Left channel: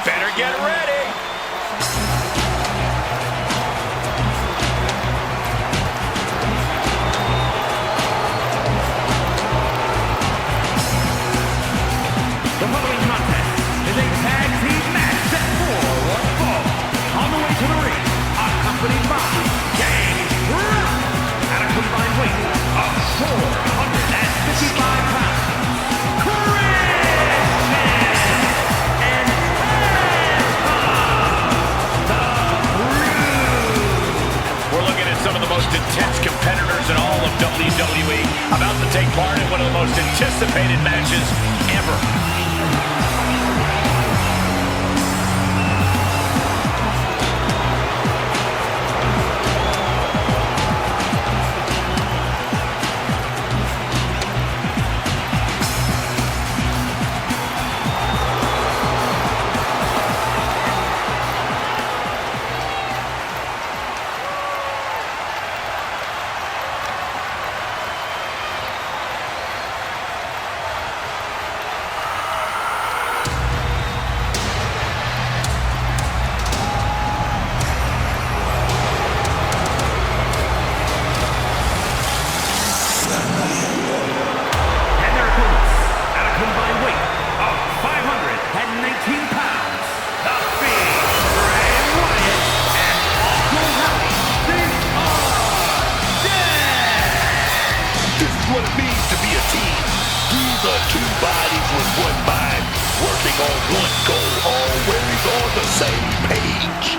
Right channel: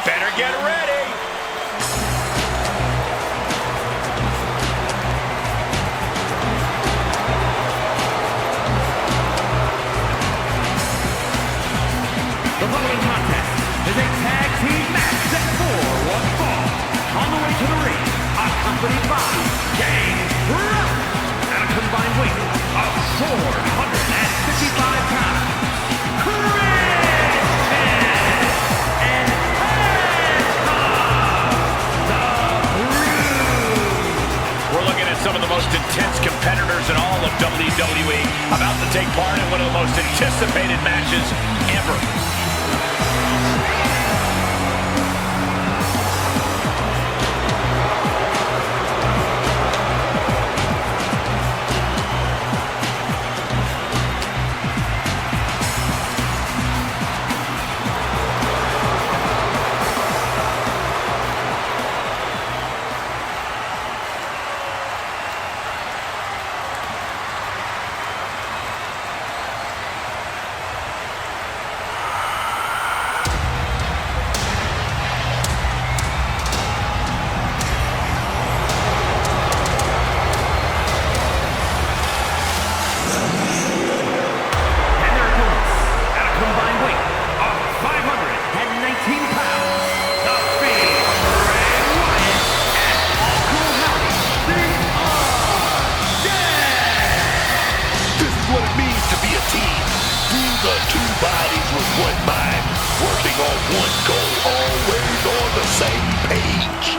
Better get ready. The following contest is a tag team match set for one fall. On the way to the ring, accompanied by Kingston at a combined weight of 455 pounds. And we're looking at some of the most intense competitors in all of WWE about to take part in one of the most anticipated matches ever. combined weight of 519 pounds, the Fiend, Bray, Wyatt, and Uncle Howdy, the Undead! This is what it means to be a team. These are two bodies with one mind, working on one goal, always on the same page.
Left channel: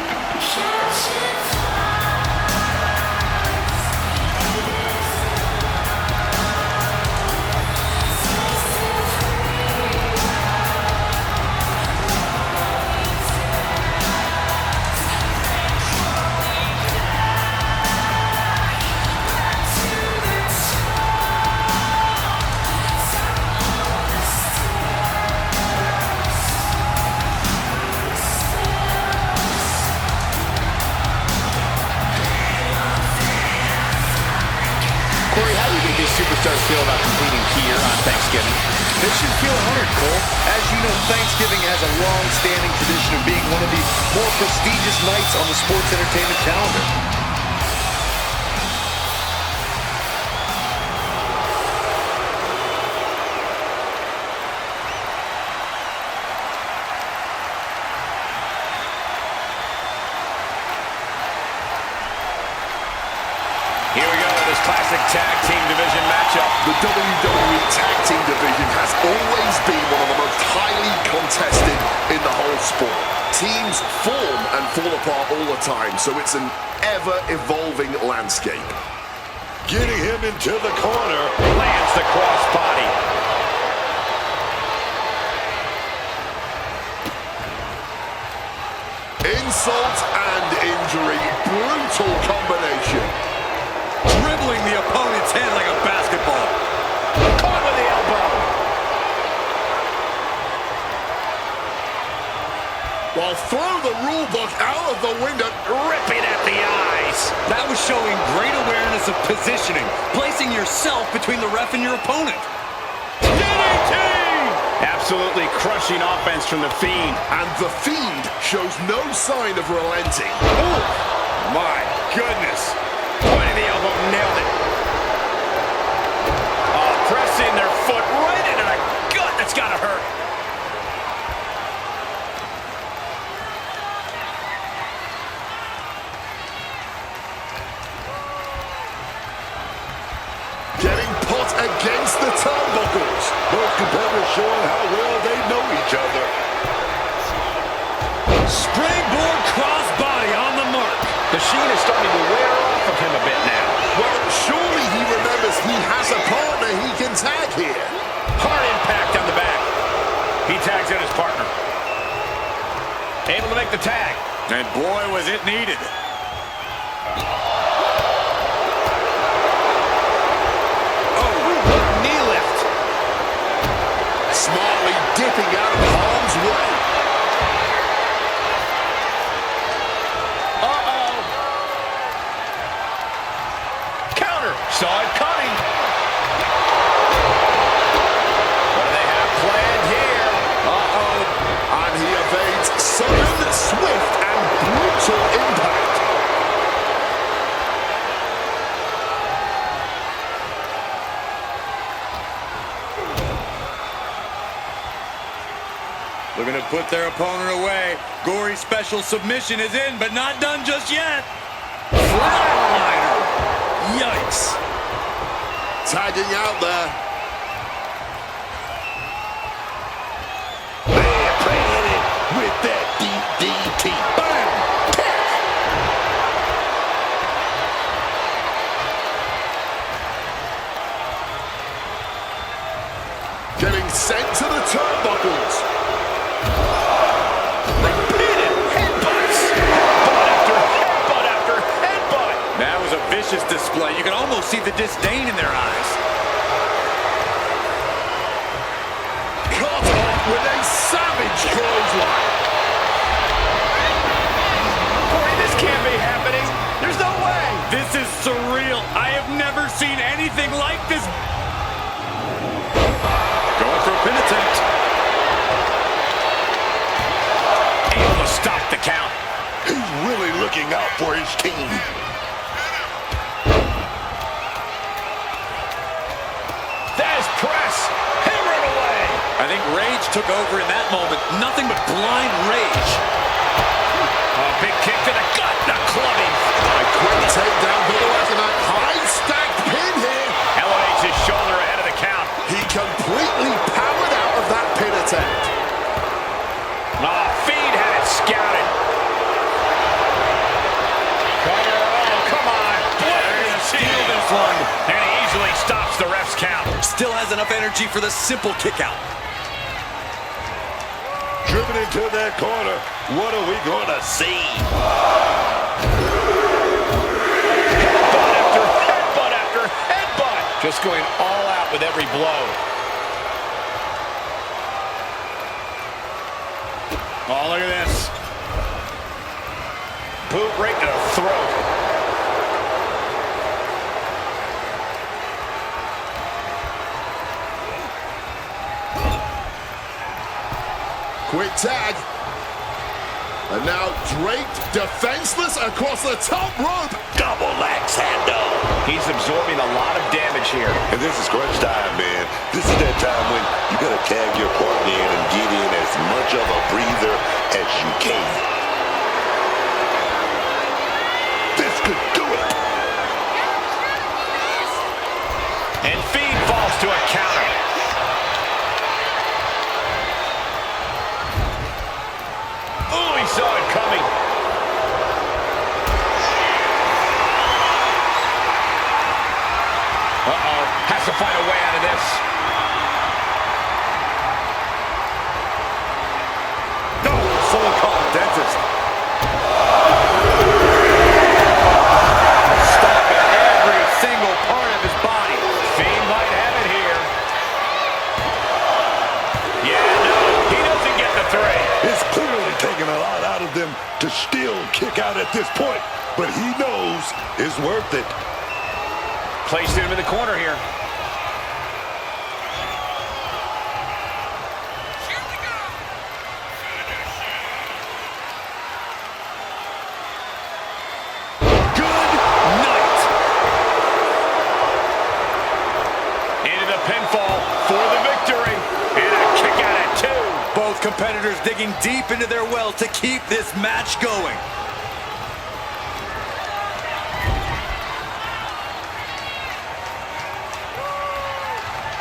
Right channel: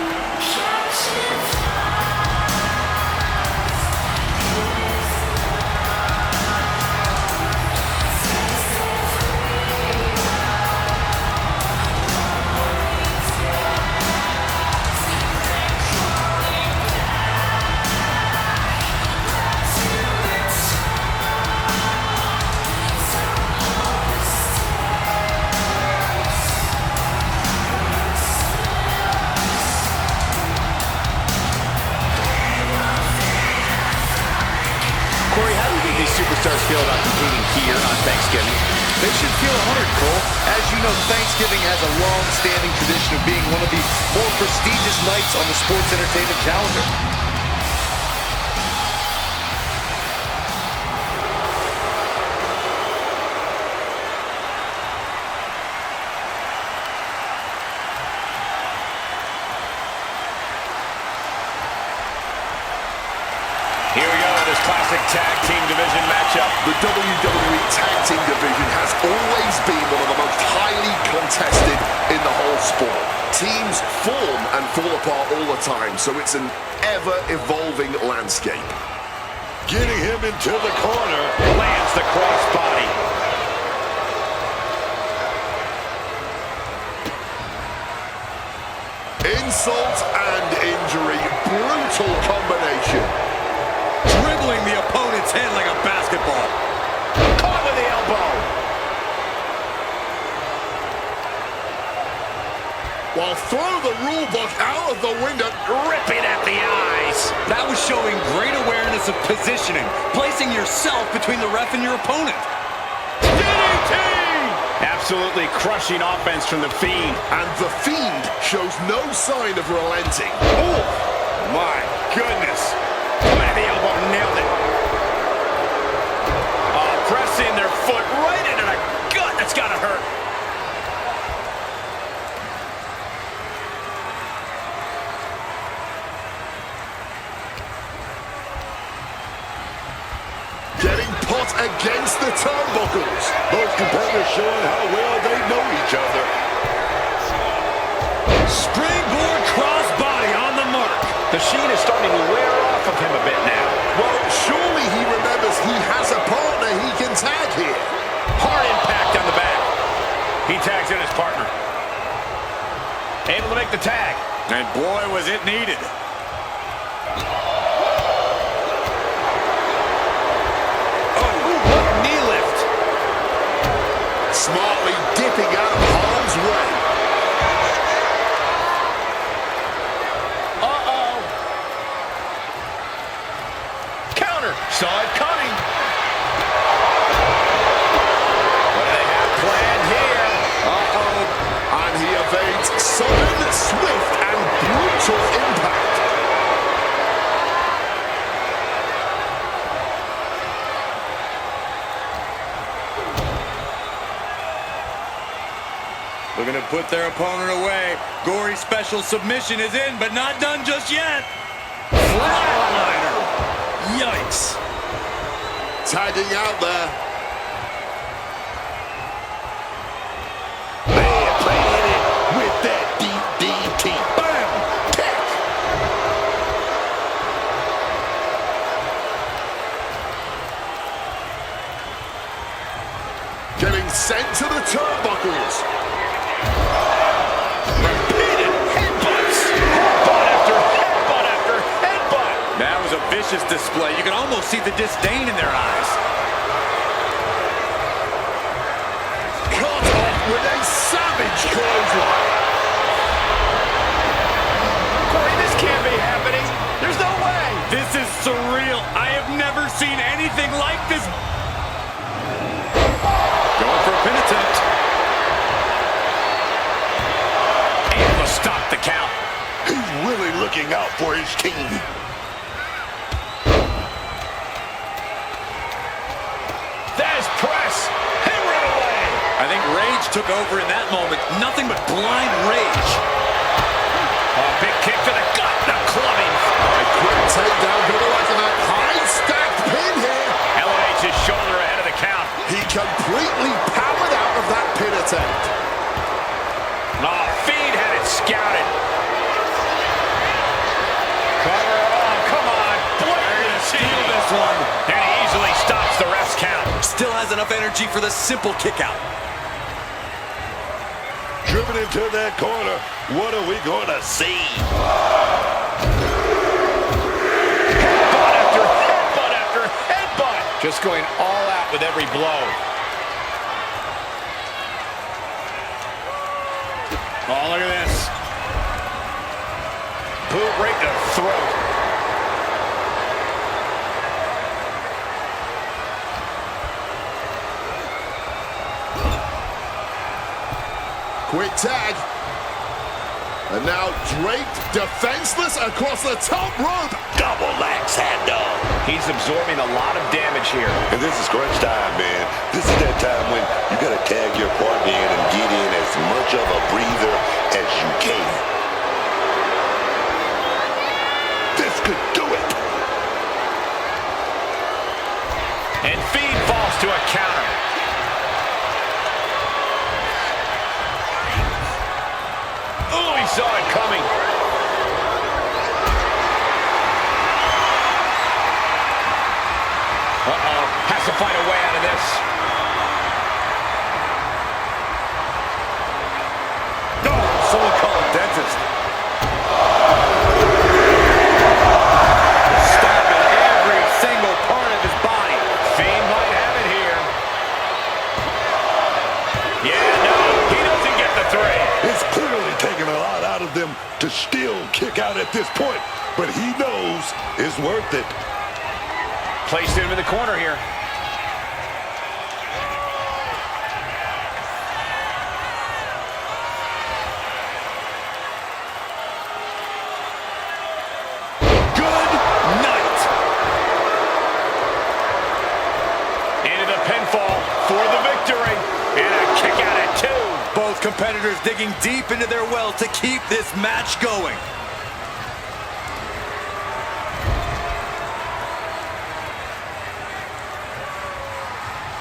Corey, how do you think these superstars feel about competing here on Thanksgiving? They should feel honored, Cole. As you know, Thanksgiving has a long-standing tradition of being one of the more prestigious nights on the sports entertainment calendar. Here we go with this classic tag team division matchup. The WWE Tag Team division has always been one of the most highly contested in the whole sport. Teams form and fall apart all the time, so it's an ever-evolving landscape. Getting him into the corner. Lands the crossbody. Insult and injury. Brutal combination. Dribbling the opponent's head like a basketball. Caught with the elbow. While throw the rule book out of the window. Ripping at the eyes. That was showing great awareness of positioning, placing yourself between the ref and your opponent. DDT! Absolutely crushing offense from the Fiend. And the Fiend shows no sign of relenting. Oh, my goodness. Point of the elbow, nailed it. Oh, pressing their foot right into the gut. That's gotta hurt. Getting pot against the turnbuckles. Both competitors showing how well they know each other. Springboard crossbody on the mark. The sheen is starting to wear off of him a bit now. Well, surely he remembers he has a partner he can tag here. Hard impact on the back. He tags in his partner. Able to make the tag. And boy, was it needed. Oh, what a knee lift. Smartly dipping out of harm's way. Saw it coming. What do they have planned here? And he evades put their opponent away. Gory's special submission is in, but not done just yet. Flatliner. Yikes. Tagging out there. Man, playing it with that DDT. Bam! Tech! Getting sent to the turnbuckles. Repeated headbutts. Headbutt after headbutt after headbutt. That was a vicious display. You can almost see the disdain in their eyes. Cut off with a savage clothesline. Corey, this can't be happening. There's no way. This is surreal. I have never seen anything like this. Going for a pin attempt. Able to stop the count. He's really looking out for his team. There's press. Hammering away. I think rage took over in that moment. Nothing but blind rage. A big kick to the gut. The clubbing. A quick takedown for the Reckonite. High stacked pin here. Elevates his shoulder ahead of the count. He completely powered out of that pin attempt. Oh, Fiend had it scouted. Cover. Oh, come on. They're gonna steal this one. And he easily stops the ref's count. Still has enough energy for the simple kick out. Driven into that corner. What are we going to see? Headbutt after headbutt after headbutt. Just going all out with every blow. Oh, look at this. Boot right to the throat. Quick tag. And now draped, defenseless across the top rope. Double axe handle. He's absorbing a lot of damage here. And this is crunch time, man. This is that time when you got to tag your partner in and get in as much of a breather as you can. This could do it. And Fiend falls to a counter. Oh, he saw it coming. Uh-oh, has to find a way out of this. No, someone call a dentist. Stopping every single part of his body. Fiend might have it here. Yeah, no, he doesn't get the three. It's clearly taking a lot out of them to still kick out at this point, but he knows it's worth it. Placed him in the corner here. Good night. Into the pinfall for the victory. And a kick out at 2. Both competitors digging deep into their well to keep this match going.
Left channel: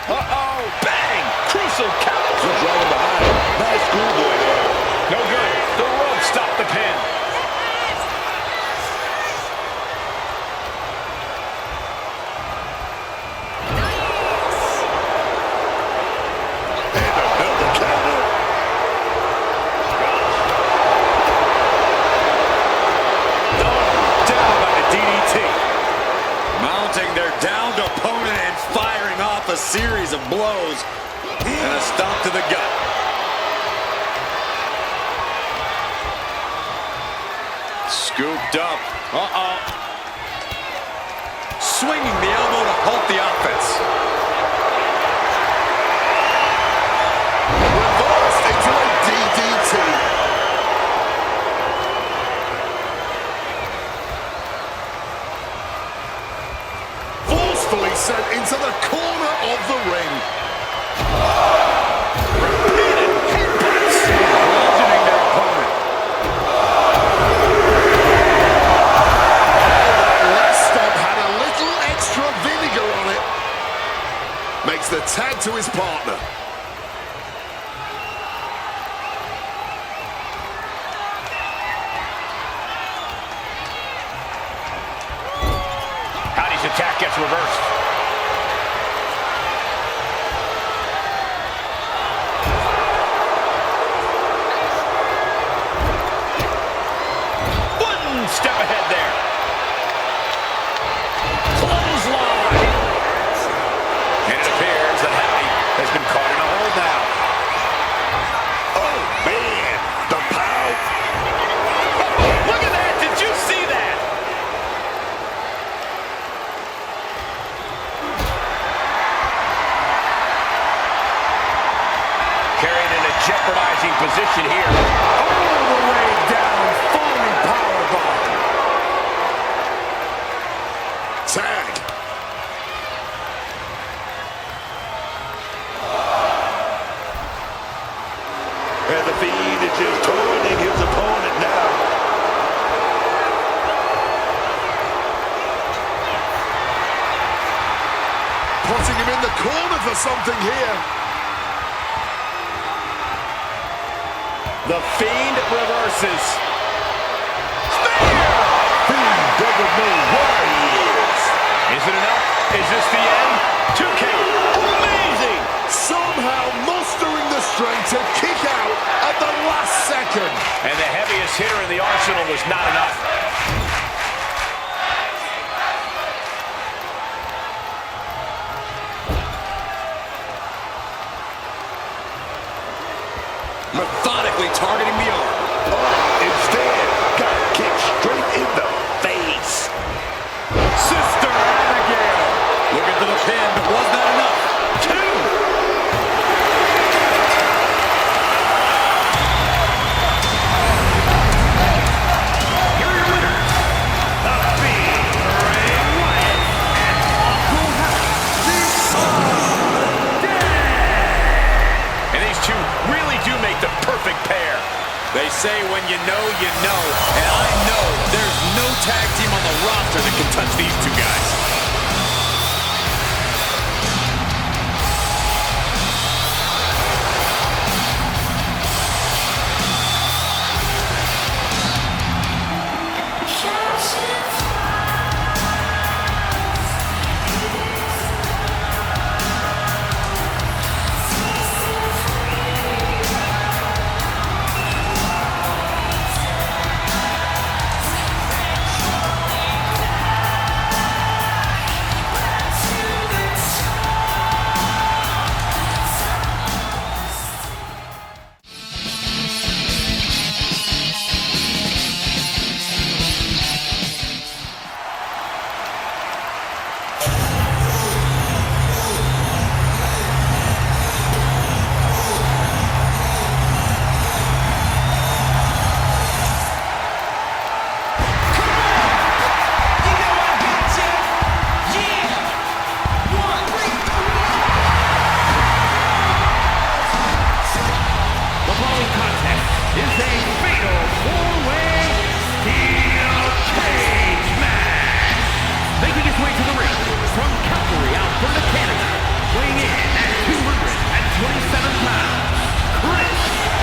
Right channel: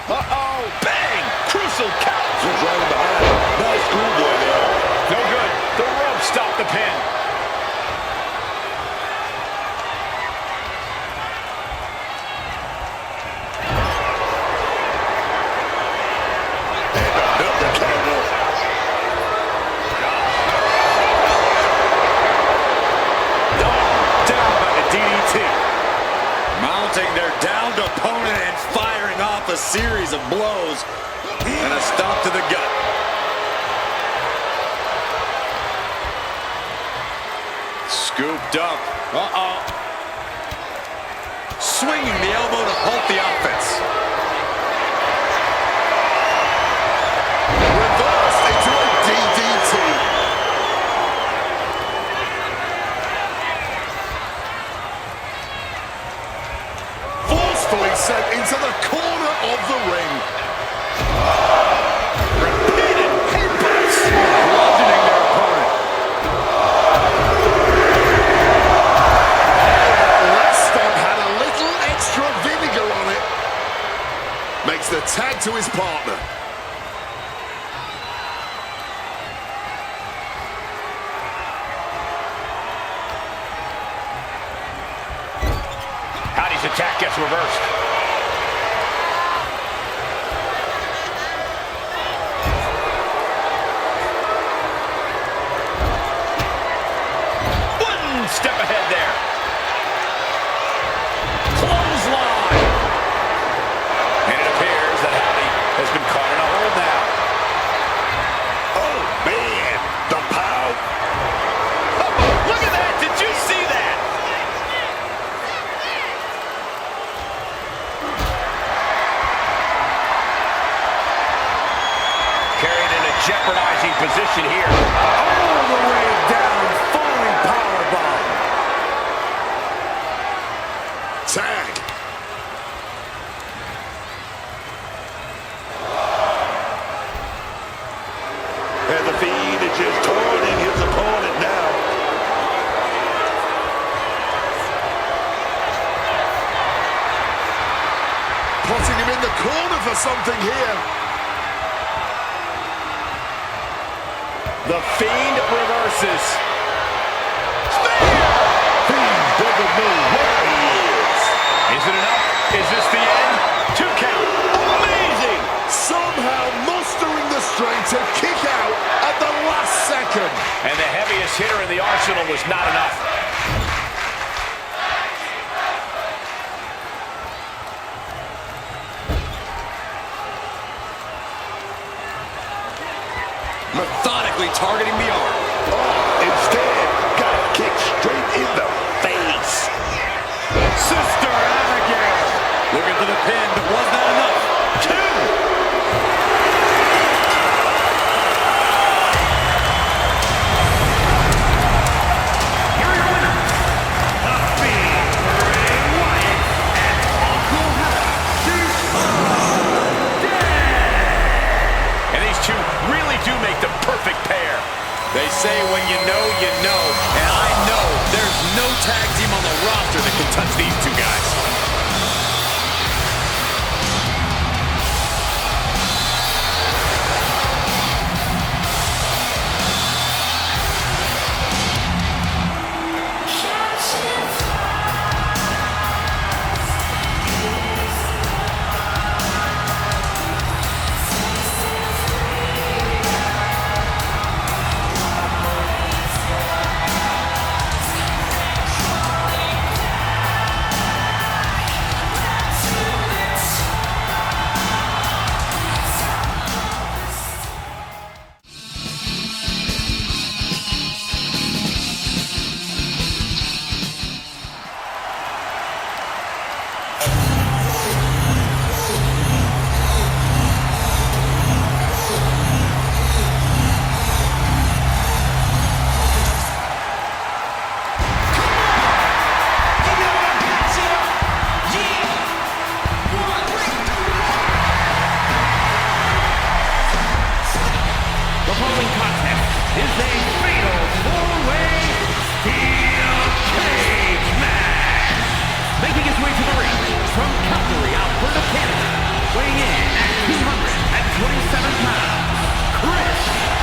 Uh-oh, bang! Crucial count. Just right in behind. Nice schoolboy there. No good. The rope stopped the pin. And another counter. Gosh. Down by the DDT. Mounting their downed opponent and firing off a series of blows. And a stomp to the gut. Scooped up. Uh-oh. Swinging the elbow to halt the offense. Reversed into a DDT. Forcefully sent into the corner of the ring. Repeated headbutts. to his partner. Howdy's attack gets reversed. One step ahead there. Clothesline. And it appears that Howdy has been caught in a hold now. Oh, man. The pow. Oh, look at that. Did you see that? Carried in a jeopardizing position here. All the way down, falling powerbomb. Tag. And the Fiend is just taunting his opponent now. Potting him in the corner for something here. The Fiend reverses. Spear! Fiend doesn't know where he is. Is it enough? Is this the end? 2 count. Amazing! Somehow mustering the strength to kick out at the last second. And the heaviest hitter in the arsenal was not enough. Methodically targeting the arm. Oh, instead, got kicked straight in the face. Sister Abigail. Looking for the pin, but was that enough? 2. Here are your winners. The Fiend, Bray Wyatt, and Uncle Howdy, the Undead. And these two really do make the perfect pair. They say when you know, and I know there's no tag team on the roster that can touch these two guys. The following contest is a fatal 4-way steel cage match. Making his way to the ring from Calgary, Alberta, Canada, weighing in at 227 pounds, Chris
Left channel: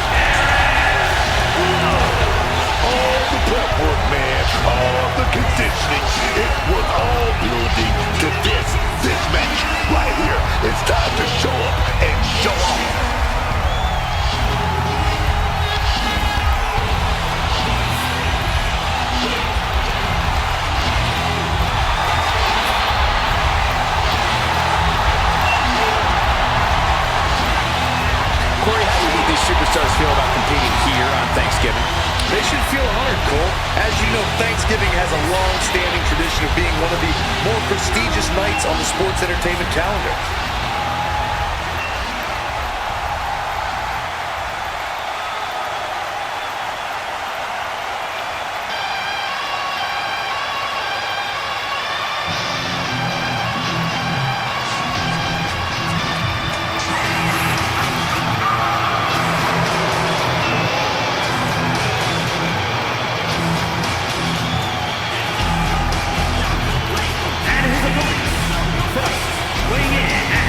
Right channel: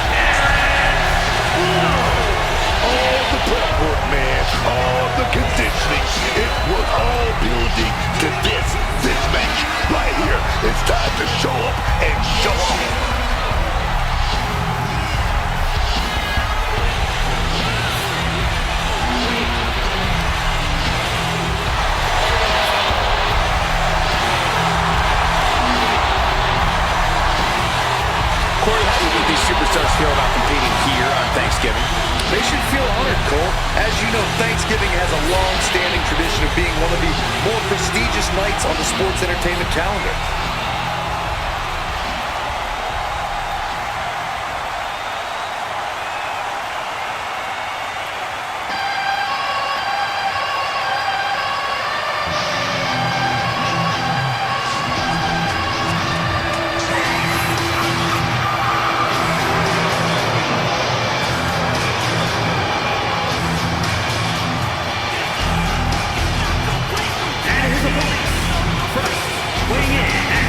Jarrett. All the prep work, man, all the conditioning, it was all building to this match right here. It's time to show up and show off. Corey, how do you think these superstars feel about competing here on Thanksgiving? They should feel honored, Cole. As you know, Thanksgiving has a long-standing tradition of being one of the more prestigious nights on the sports entertainment calendar. Weighing in at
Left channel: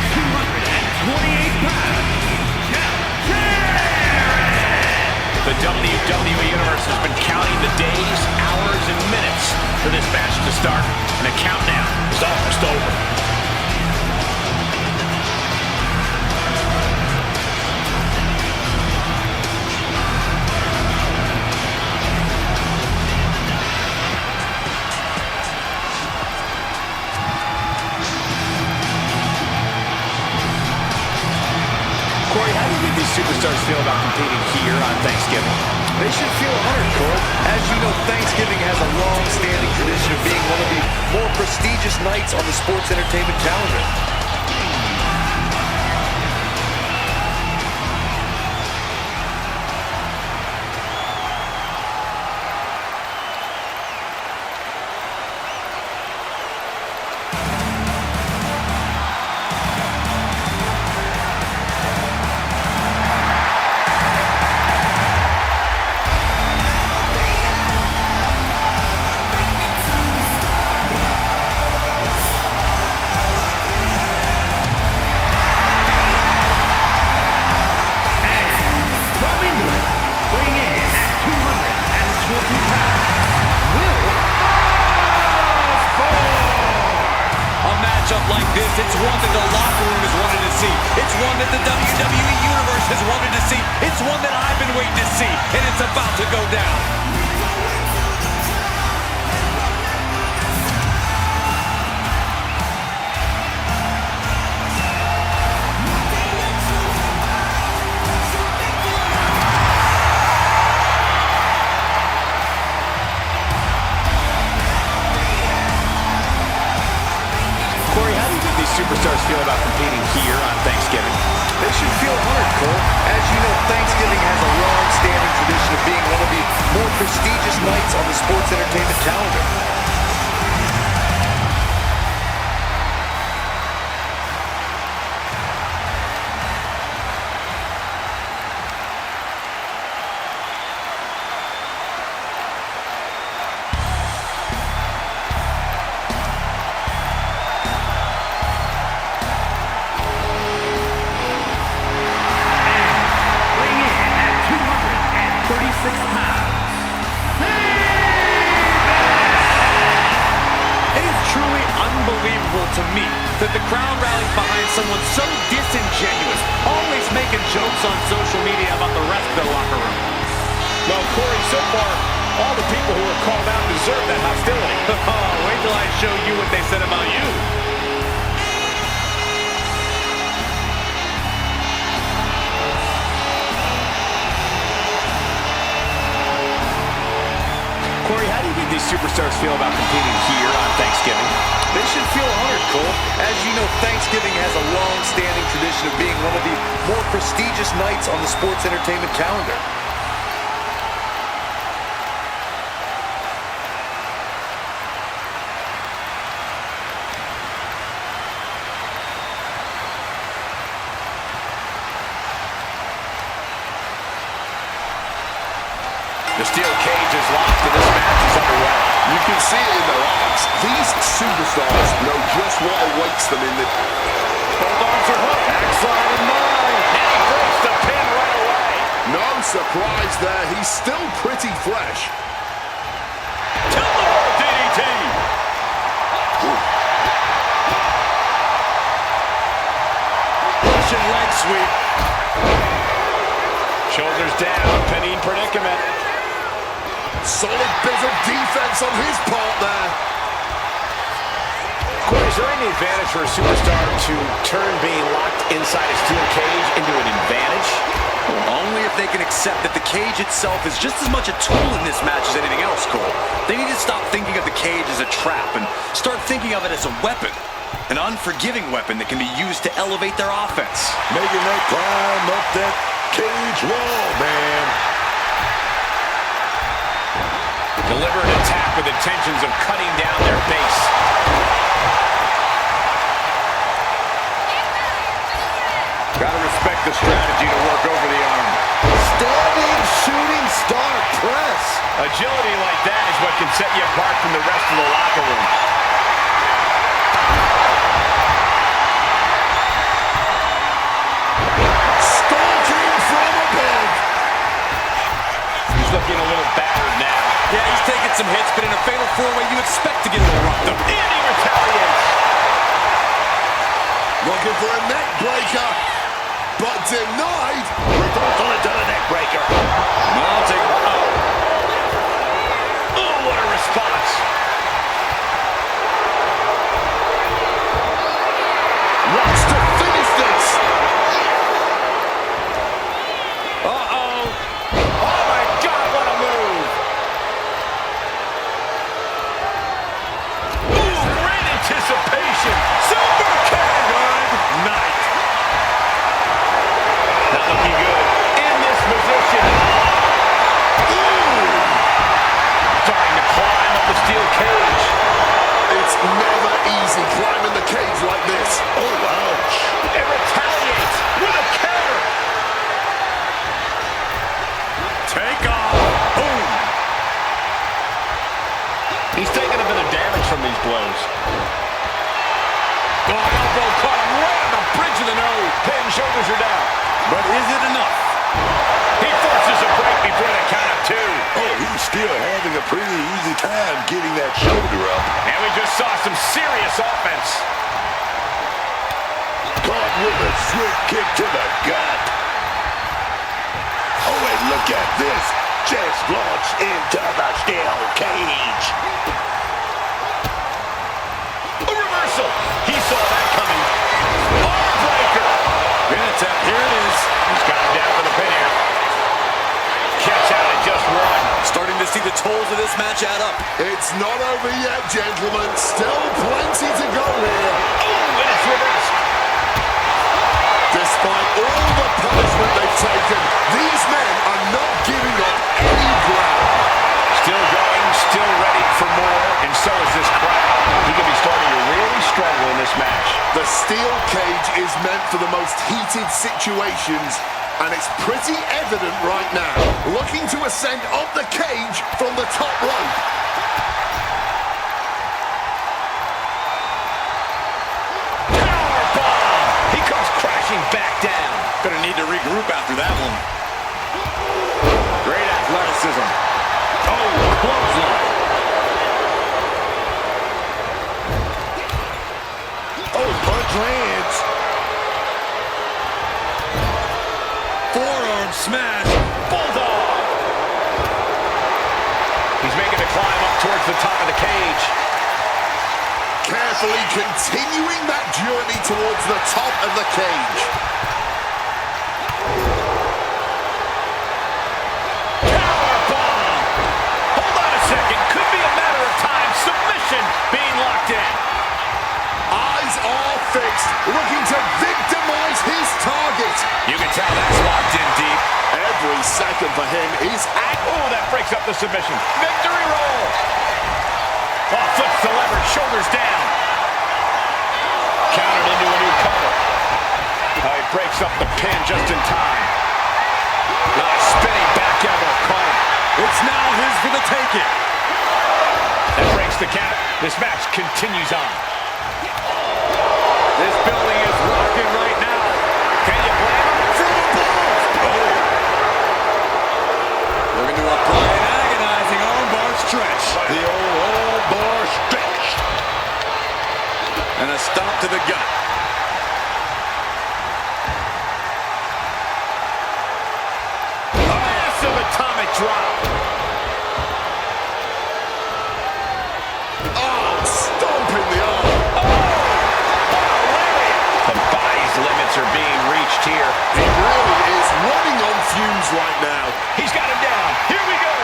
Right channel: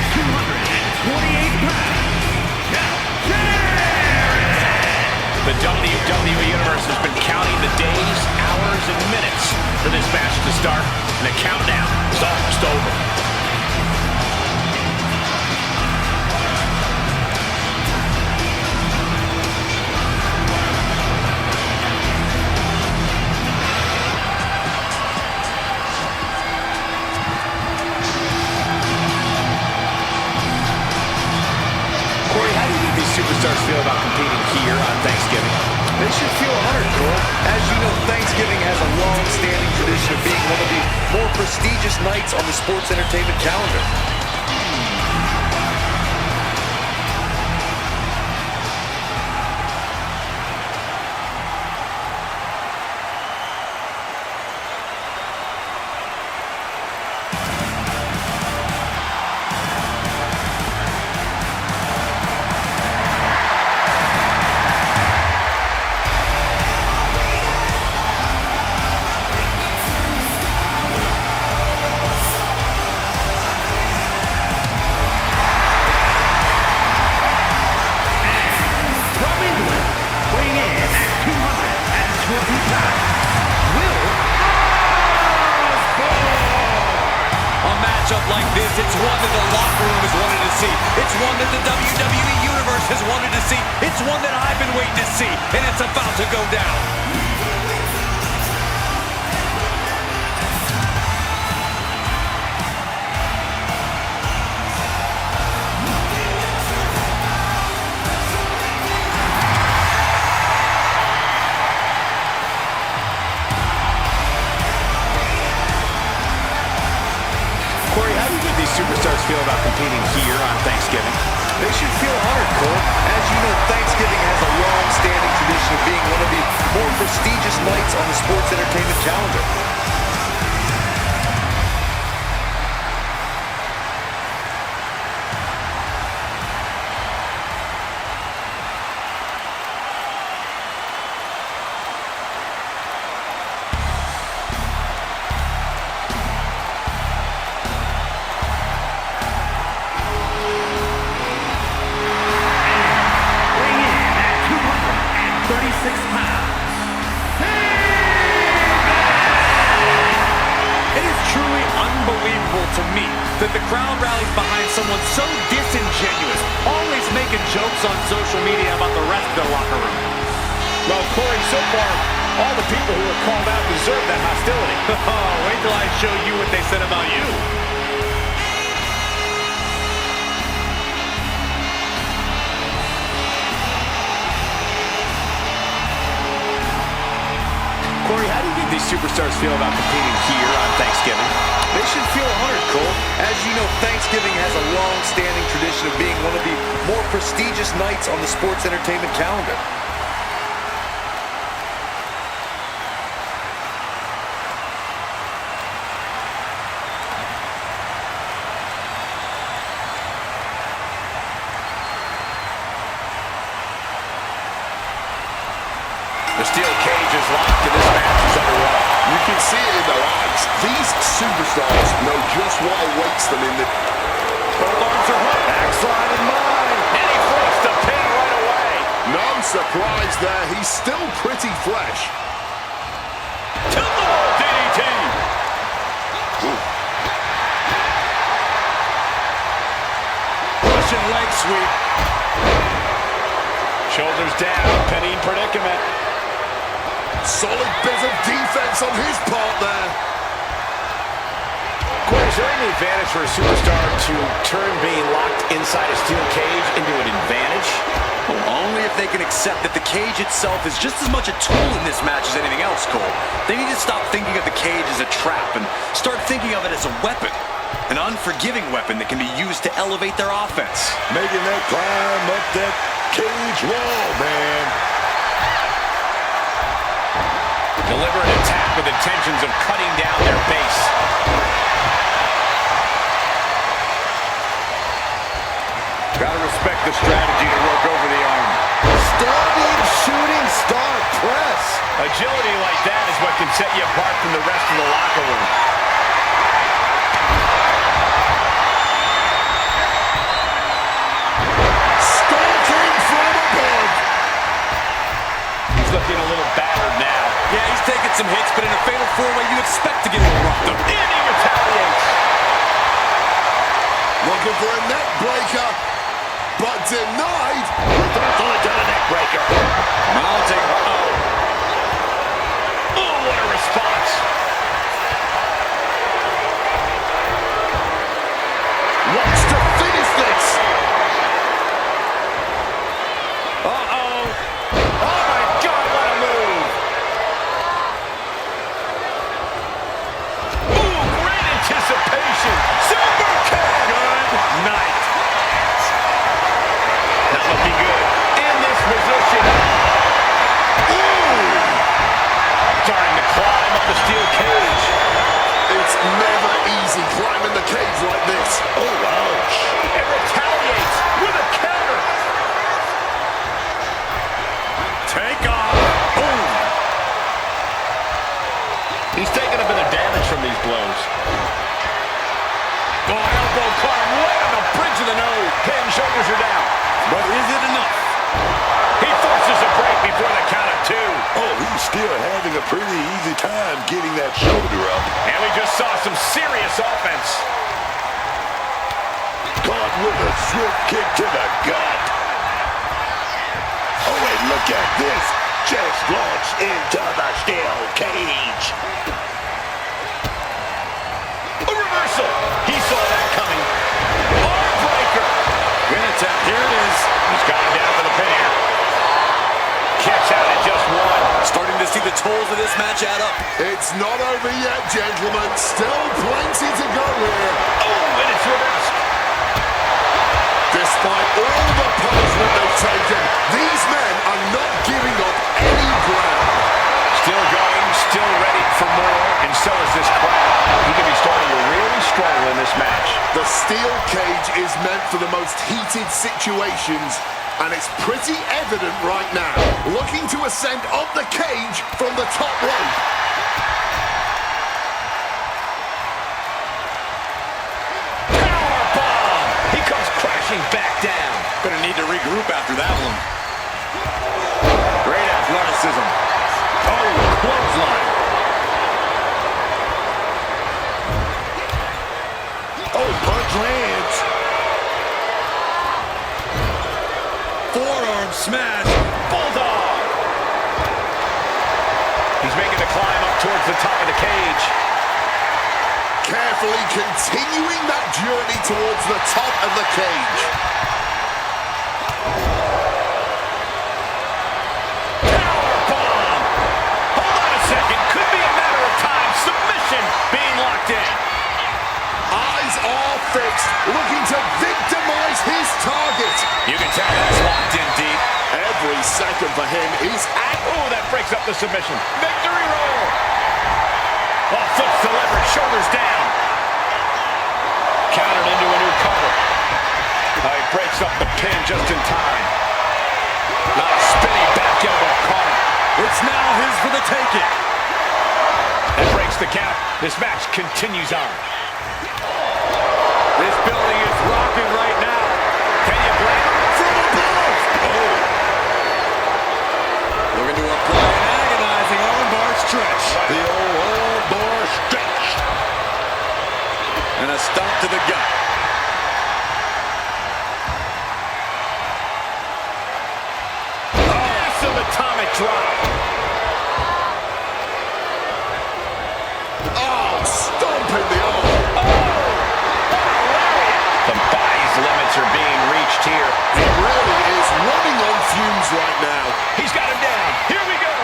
WWE Universe has been counting the days, hours, and minutes for this match to start, and the countdown is almost over. Corey, how do you think these superstars feel about competing here on Thanksgiving? They should feel honored, Cole. As you know, Thanksgiving has a long-standing tradition of being one of the more prestigious nights on the sports entertainment calendar. Like this, it's one that the locker room has wanted to see. It's one that the WWE Universe has wanted to see. It's one that I've been waiting to see, and it's about to go down. Corey, how do you think these superstars feel about competing here on Thanksgiving? They should feel honored, Cole. As you know, Thanksgiving has a long-standing tradition of being one of the more prestigious nights on the sports entertainment calendar. Unbelievable to me that the crowd rallies behind someone so disingenuous, always making jokes on social media about the rest of the locker room. Well, Corey, so far, all the people who were called out deserve that hostility. Oh, wait till I show you what they said about you. Corey, how do you think these superstars feel about competing here on Thanksgiving? They should feel honored, Cole. As you know, Thanksgiving has a long-standing tradition of being one of the more prestigious nights on the sports entertainment calendar. The steel cage is locked and this match is underway. You can see it in their eyes. These superstars know just what awaits them in the... Both arms are hooked. Backslide in mind. And he breaks the pin right away. No surprise there. He's still pretty fresh. Tilt-a-whirl DDT. Russian leg sweep. Shoulders down. Pinning predicament. Solid bit of defense on his part there. Corey, is there any advantage for a superstar to turn being locked inside a steel cage into an advantage? Well, only if they can accept that the cage itself is just as much a tool in this match as anything else, Cole. They need to stop thinking of the cage as a trap and start thinking of it as a weapon. An unforgiving weapon that can be used to elevate their offense. Making that climb up that cage wall, man. Deliberate attack with intentions of cutting down their base. Gotta respect the strategy to work over the arm. Standing shooting star press. Agility like that is what can set you apart from the rest of the locker room. Stalking from above. looking a little battered now. Yeah, he's taking some hits, but in a fatal four-way, you expect to get a little roughed up. And he retaliates. Looking for a neck breaker, but denied. Reversal into the neck breaker. Mounting. Oh, what a response. Wants to finish this. Uh-oh. Oh, my God, what a move. Ooh, great anticipation. Super kick. Good night. Not looking good. In this position. Ooh. Starting to climb up the steel cage. It's never easy climbing the cage like this. Oh, ouch. And retaliates with a counter. Take off. Boom. He's taking a bit of damage from these blows. Oh, elbow caught him right on the bridge of the nose. Pin, shoulders are down. But is it enough? He forces a break before the count of two. Oh, he's still having a pretty easy time getting that shoulder up. And we just saw some serious offense. Caught with a swift kick to the gut. Oh, and look at this. Just launched into the steel cage. A reversal. He saw that coming. Arm breaker. Here it is. He's got him down for the pin here. Kicks out at just one. Starting to see the tolls of this match add up. It's not over yet, gentlemen. Still plenty to go here. Oh, and it's reversed. Despite all the punishment they've taken, these men are not giving up any ground. Still going, still ready for more, and so is this crowd. He could be starting to really struggle in this match. The steel cage is meant for the most heated situations, and it's pretty evident right now. Looking to ascend up the cage from the top rope. Powerbomb! He comes crashing back down. Gonna need to regroup after that one. Great athleticism. Oh, clothesline. Oh, punch lands. Forearm smash. Bulldog. He's making the climb up towards the top of the cage. Carefully continuing that journey towards the top of the cage. Powerbomb. Hold on a second. Could be a matter of time. Submission being locked in. Eyes are fixed, looking to victimize his target. You can tell that's locked in deep. Every second for him is at... Oh, that breaks up the submission. Victory roll. Oh, flips the leverage, shoulders down. Countered into a new cover. Oh, he breaks up the pin just in time. Not a spinning back elbow caught him. It's now his for the taking. That breaks the count. This match continues on. This building is rocking right now. Can you blame him? From above! Oh. Looking to apply an agonizing armbar stretch. The old armbar stretch. And a stomp to the gut. Massive atomic drop. Oh, stomping the arm. Oh, what a lariat. The body's limits are being reached here. He really is running on fumes right now. He's got him down. Here we go.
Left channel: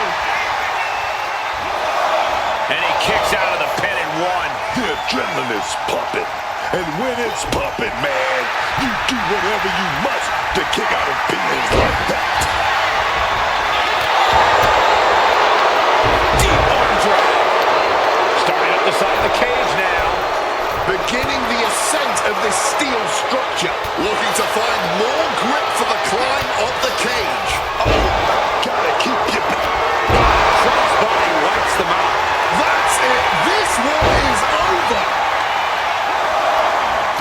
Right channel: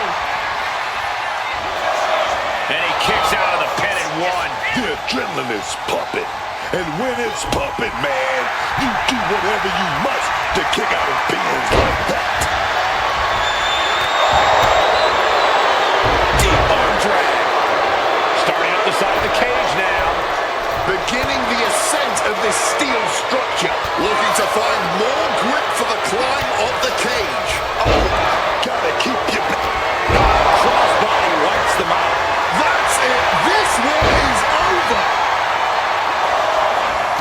And he kicks out of the pin at one. The adrenaline is pumping. And when it's pumping, man, you do whatever you must to kick out of pins like that. Deep arm drag. Starting up the side of the cage now. Beginning the ascent of this steel structure. Looking to find more grip for the climb of the cage. Oh, gotta keep you back. Crossbody wipes them out. That's it. This one is over.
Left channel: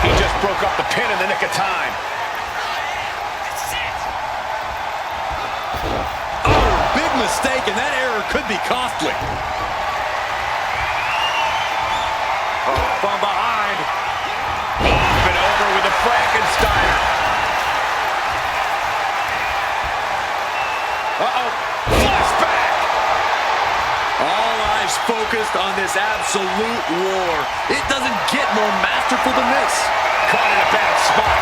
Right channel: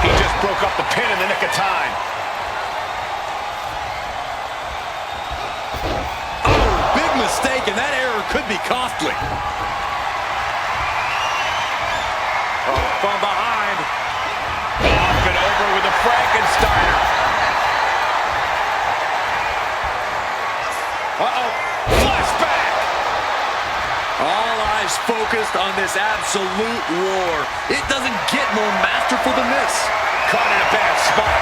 He just broke up the pin in the nick of time. Oh, big mistake. mistake, and that error could be costly. Oh, from behind. Off and over with the Frankensteiner. Uh-oh. Flashback. All eyes focused on this absolute war. It doesn't get more masterful than this. Caught in a bad spot.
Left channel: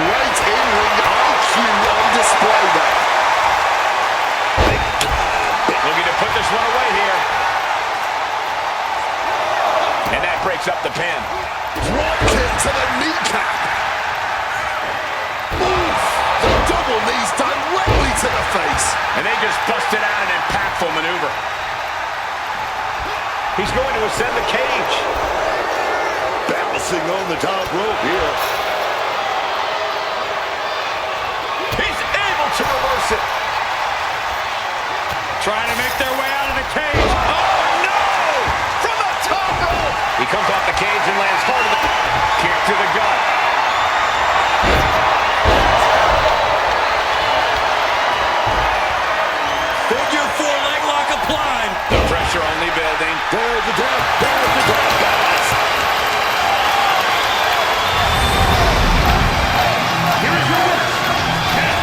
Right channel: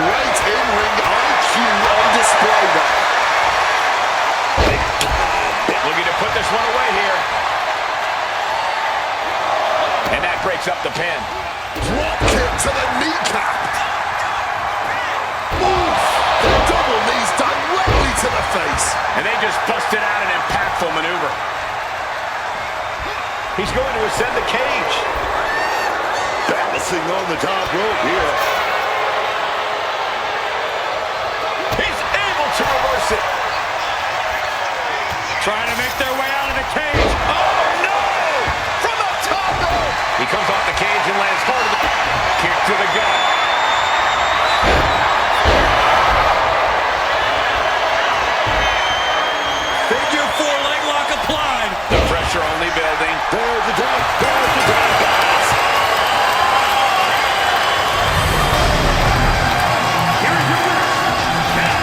Great in-ring IQ on display there. Big time. Looking to put this one away here. And that breaks up the pin. Drop kick to the kneecap. Oof! The double knees directly to the face. And they just busted out an impactful maneuver. He's going to ascend the cage. Balancing on the top rope here. He's able to reverse it. Trying to make their way out of the cage. Oh, no! From the top rope. He comes off the cage and lands hard to the kick to the gut. Figure 4 leg lock applied. The pressure only building. There's the tap. There's the tap, guys. Here is your winner, Jarrett.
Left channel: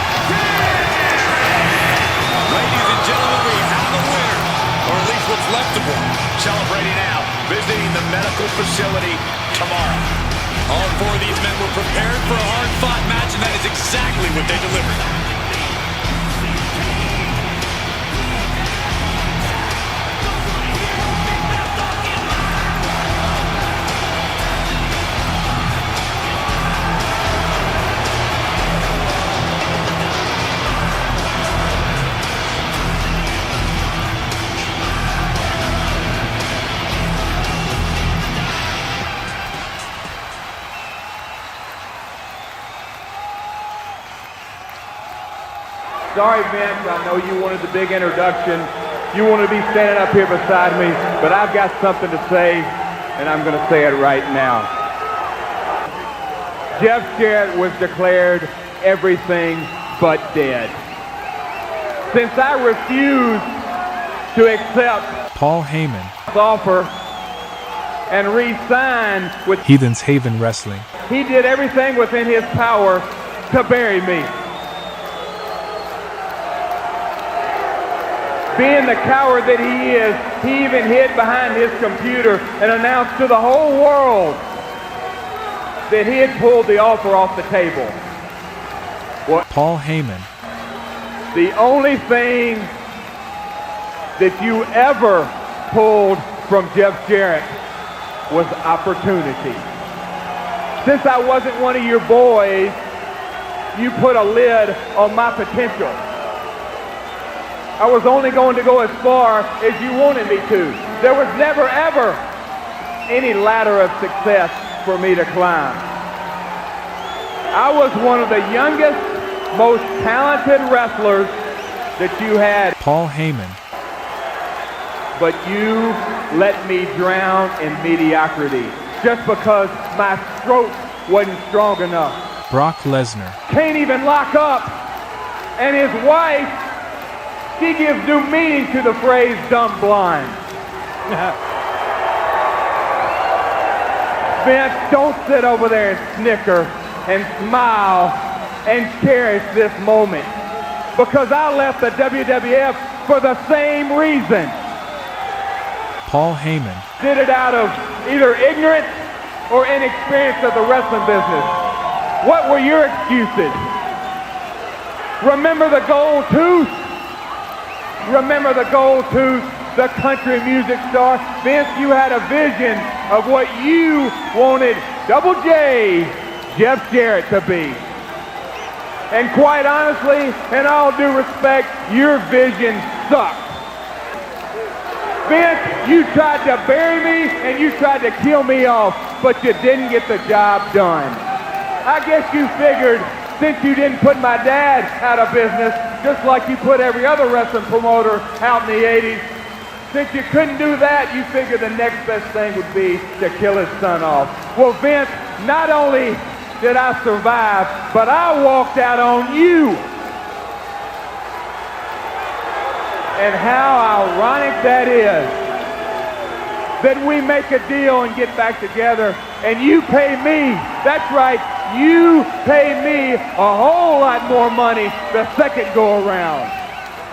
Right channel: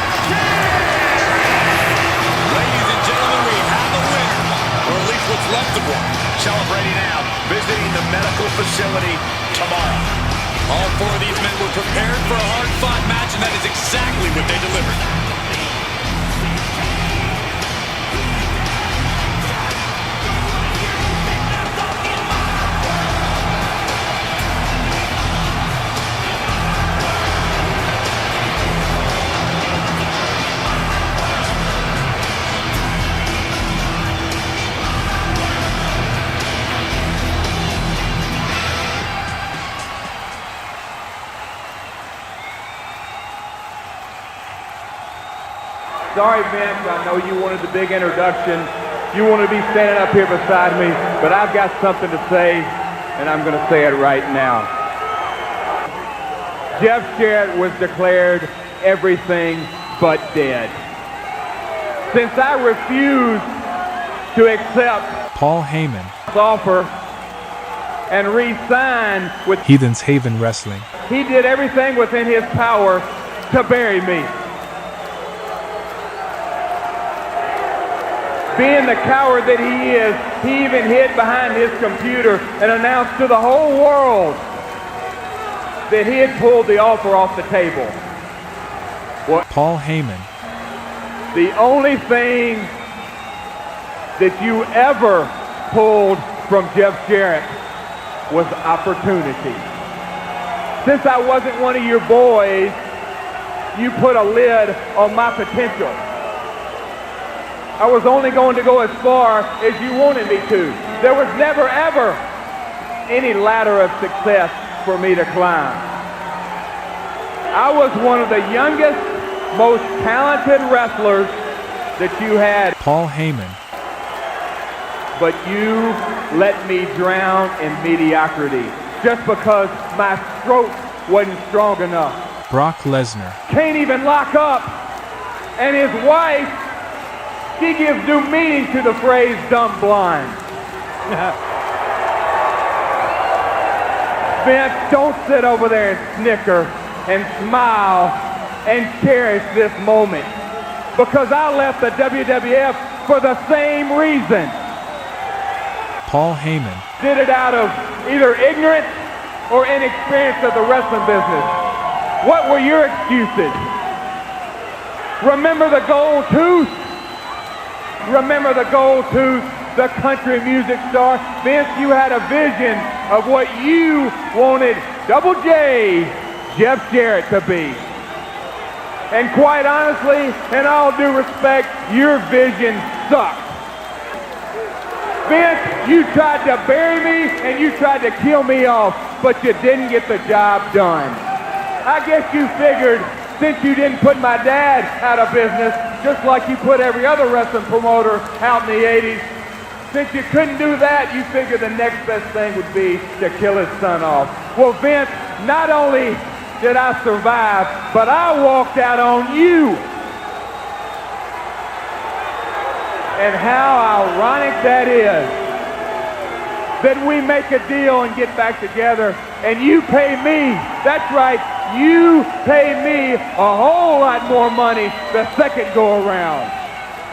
Ladies and gentlemen, we have a winner. Or at least what's left of one. Celebrating now, visiting the medical facility tomorrow. All 4 of these men were prepared for a hard-fought match, and that is exactly what they delivered. Sorry, Vince, I know you wanted the big introduction. You want to be standing up here beside me, but I've got something to say, and I'm going to say it right now. Jeff Jarrett was declared everything but dead. Since I refused to accept Paul Heyman, his offer and re-sign with Heathen's Haven Wrestling. he did everything within his power to bury me. Being the coward that he is, he even hid behind his computer and announced to the whole world that he had pulled the offer off the table. Paul Heyman, The only thing that you ever pulled from Jeff Jarrett was opportunity. Since I wasn't one of your boys, you put a lid on my potential. I was only going to go as far as you wanted me to. There was never, ever any ladder of success for me to climb. I was one of the youngest, most talented wrestlers that you had. Paul Heyman, But you let me drown in mediocrity just because my stroke wasn't strong enough. Brock Lesnar, Can't even lock up. And his wife, she gives new meaning to the phrase dumb blind. Vince, don't sit over there and snicker and smile and cherish this moment. Because I left the WWF for the same reason. Paul Heyman, Did it out of either ignorance or inexperience of the wrestling business. What were your excuses? Remember the gold tooth? Remember the gold tooth, the country music star? Vince, you had a vision of what you wanted Double J, Jeff Jarrett, to be. And quite honestly, in all due respect, your vision sucked. Vince, you tried to bury me and you tried to kill me off, but you didn't get the job done. I guess you figured since you didn't put my dad out of business, just like you put every other wrestling promoter out in the 80s, since you couldn't do that, you figured the next best thing would be to kill his son off. Well, Vince, not only did I survive, but I walked out on you. And how ironic that is that we make a deal and get back together and you pay me, that's right, you pay me a whole lot more money the second go around.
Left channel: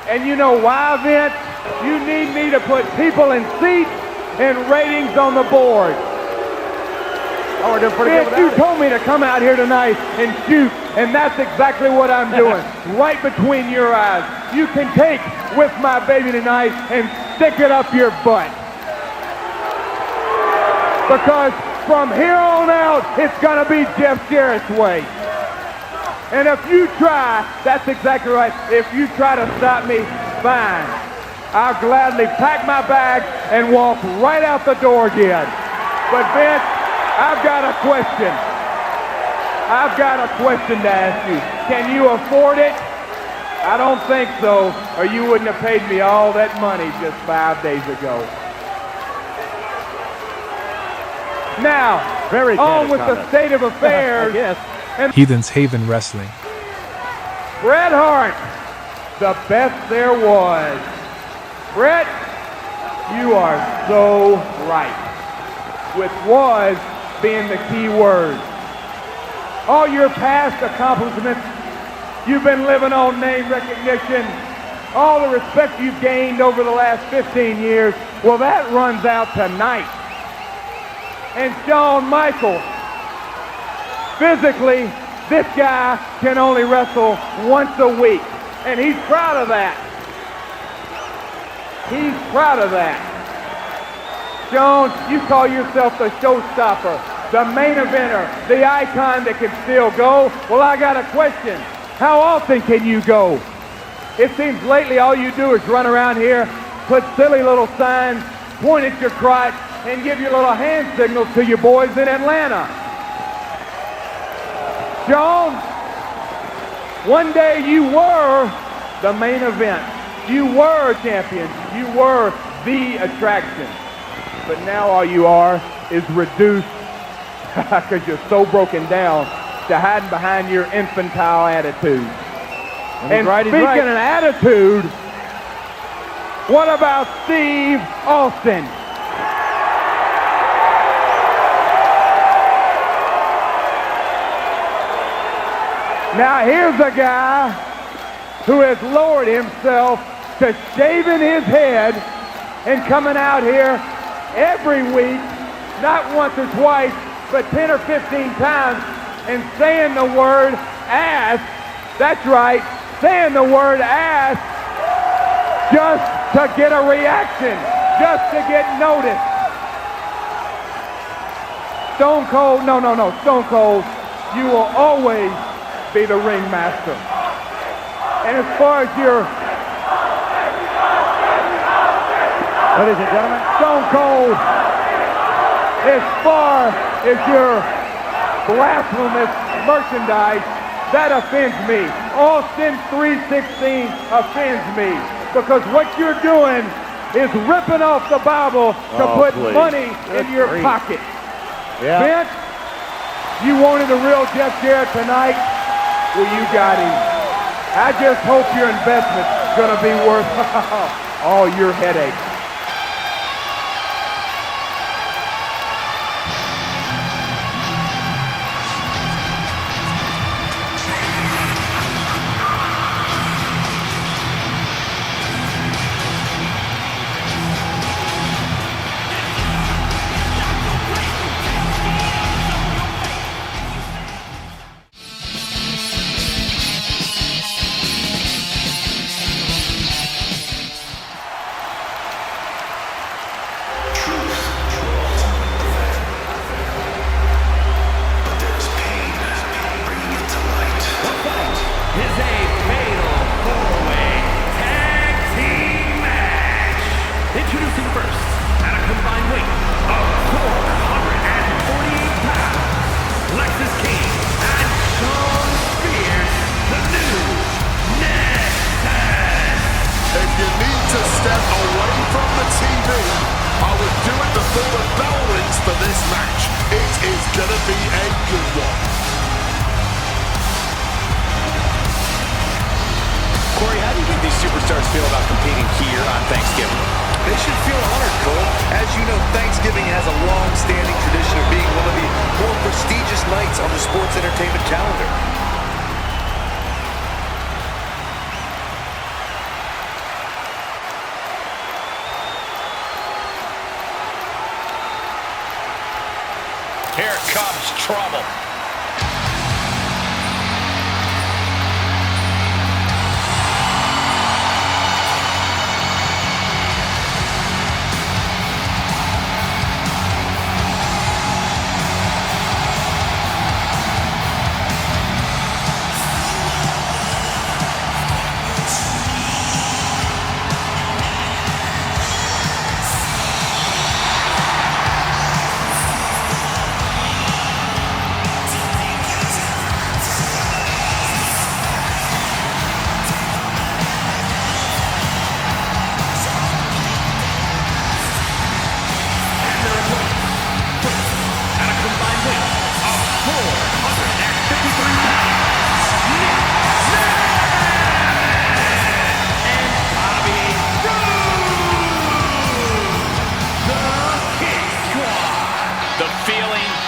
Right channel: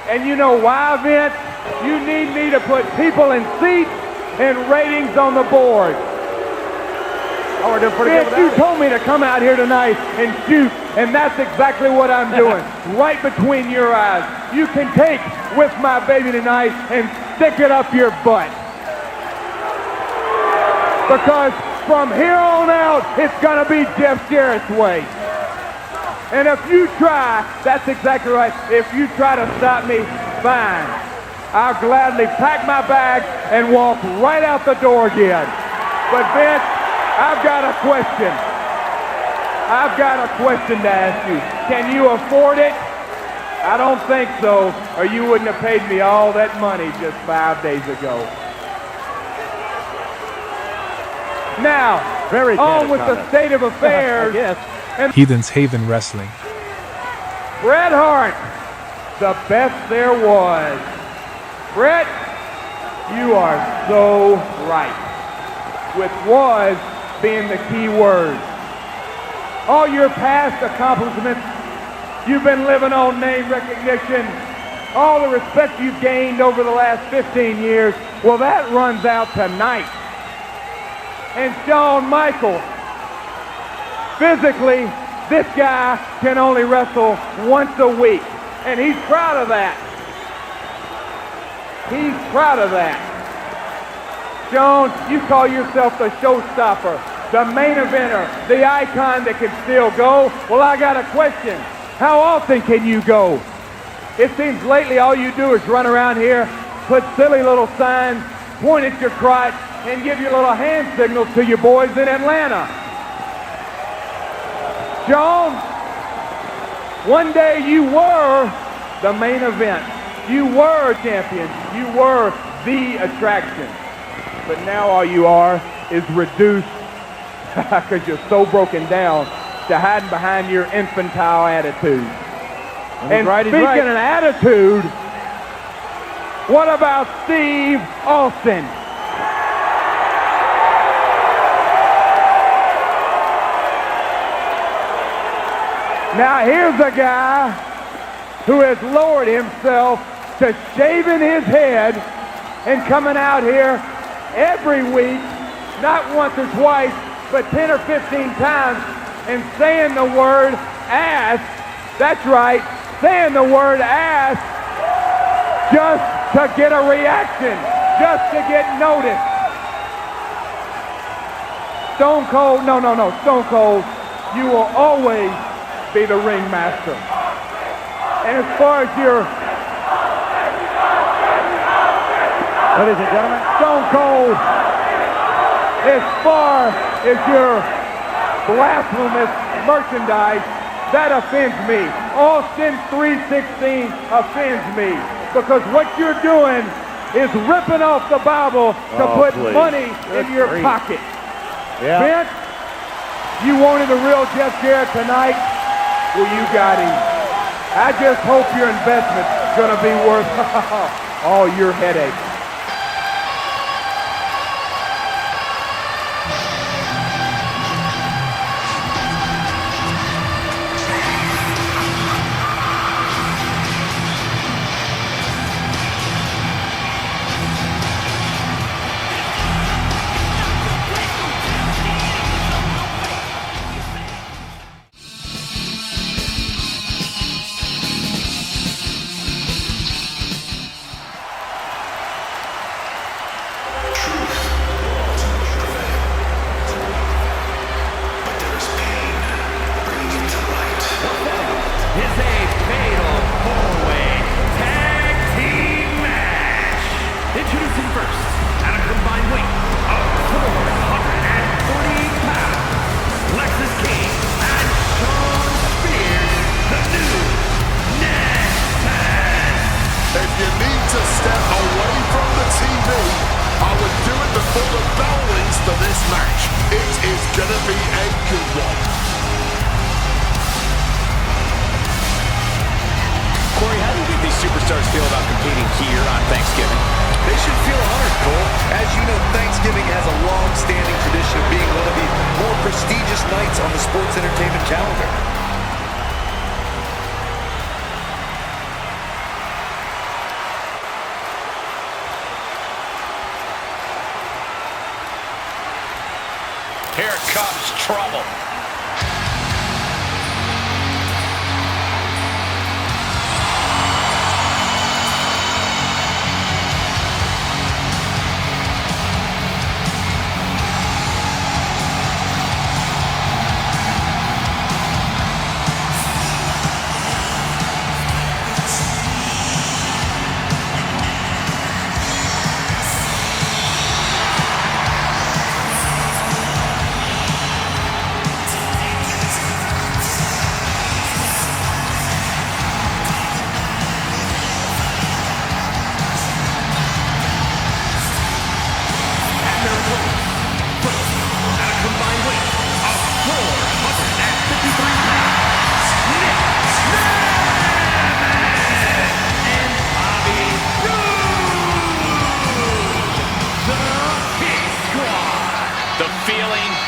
And you know why, Vince? You need me to put people in seats and ratings on the board. Vince, you told me to come out here tonight and shoot, and that's exactly what I'm doing, right between your eyes. You can take With My Baby tonight and stick it up your butt. Because from here on out, it's gonna be Jeff Jarrett's way. And if you try, that's exactly right, if you try to stop me, fine. I'll gladly pack my bags and walk right out the door again. But Vince, I've got a question. I've got a question to ask you. Can you afford it? I don't think so, or you wouldn't have paid me all that money just 5 days ago. Now, on with the state of affairs. And Heathen's Haven Wrestling. Bret Hart, the best there was. Bret, you are so right. With was being the key word. All your past accomplishments, you've been living on name recognition, all the respect you've gained over the last 15 years, well, that runs out tonight. And Shawn Michaels, physically, this guy can only wrestle once a week, and he's proud of that. He's proud of that. Shawn, you call yourself the showstopper, the main eventer, the icon that can still go. Well, I got a question. How often can you go? It seems lately all you do is run around here, put silly little signs, point at your crotch, and give your little hand signals to your boys in Atlanta. Shawn, one day you were the main event. You were champion. You were the attraction. But now all you are is reduced, because you're so broken down, to hiding behind your infantile attitude. And speaking of attitude, what about Steve Austin? Now here's a guy who has lowered himself to shaving his head and coming out here every week, not once or twice, but 10 or 15 times, and saying the word ass. That's right, saying the word ass just to get a reaction, just to get noticed. Stone Cold, no, Stone Cold, you will always be the ringmaster. And as far as your, ladies and gentlemen, Stone Cold, as far as your blasphemous merchandise, that offends me. Austin 3:16 offends me, because what you're doing is ripping off the Bible to put money in your pocket. Yeah. Vince, you wanted the real Jeff Jarrett tonight? Well, you got him. I just hope your investment's gonna be worth all your headaches. Introducing first, at a combined weight of 448 pounds, Lexus King and Shawn Spears, the new Nexus. If you need to step away from the TV, I would do it before the bell rings for this match. It is gonna be a good one. Corey, how do you think these superstars feel about competing here on Thanksgiving? They should feel honored, Cole. As you know, Thanksgiving has a long-standing tradition of being one of the more prestigious nights on the sports entertainment calendar. Here comes trouble.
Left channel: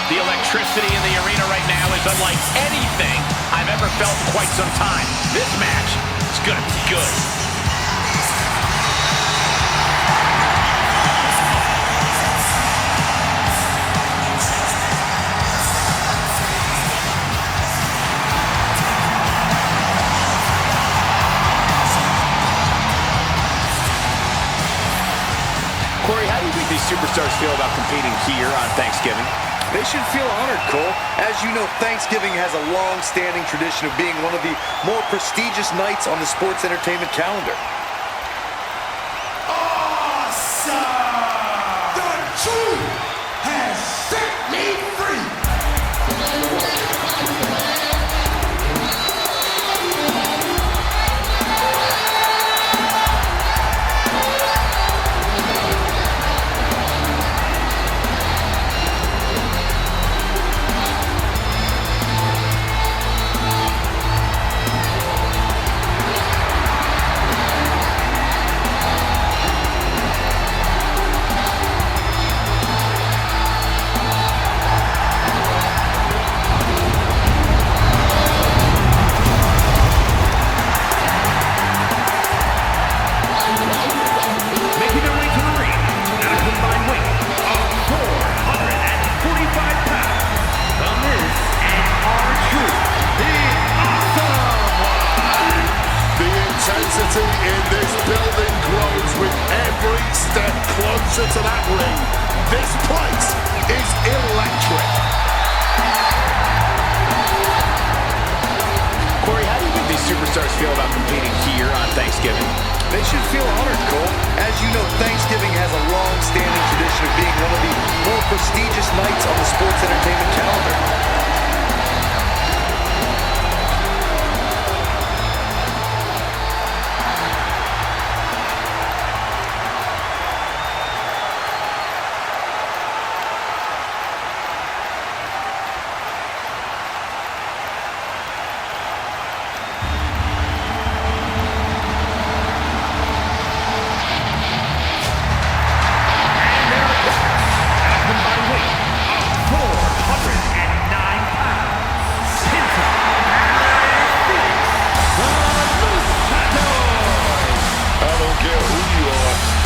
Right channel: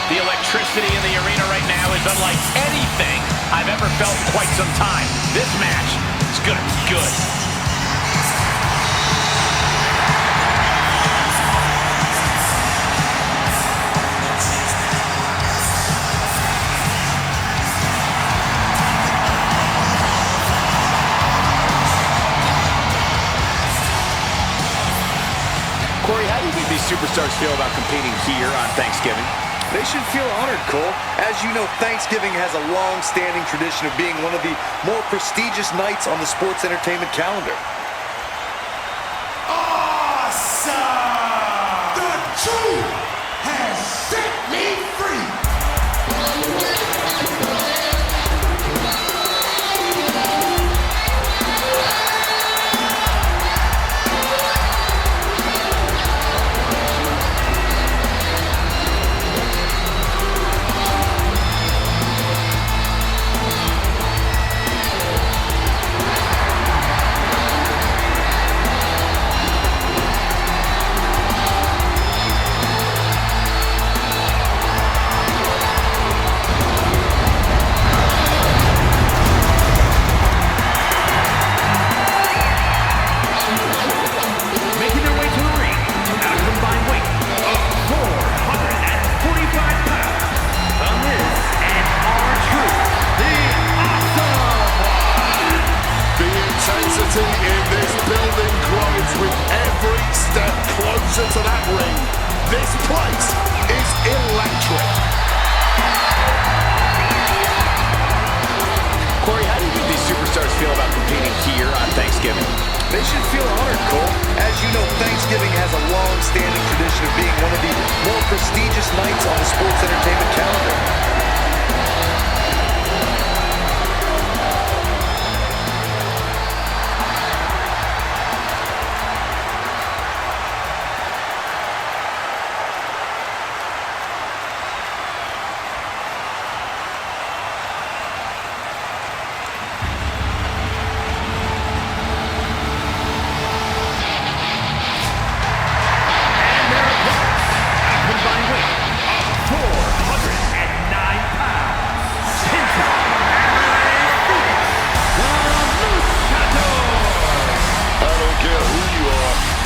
The electricity in the arena right now is unlike anything I've ever felt in quite some time. This match is going to be good. Corey, how do you think these superstars feel about competing here on Thanksgiving? They should feel honored, Cole. As you know, Thanksgiving has a long-standing tradition of being one of the more prestigious nights on the sports entertainment calendar. Awesome! The truth has set me free! In this building grows with every step closer to that ring. This place is electric. Corey, how do you think these superstars feel about competing here on Thanksgiving? They should feel honored, Cole. As you know, Thanksgiving has a long-standing tradition of being one of the more prestigious nights on the sports entertainment calendar.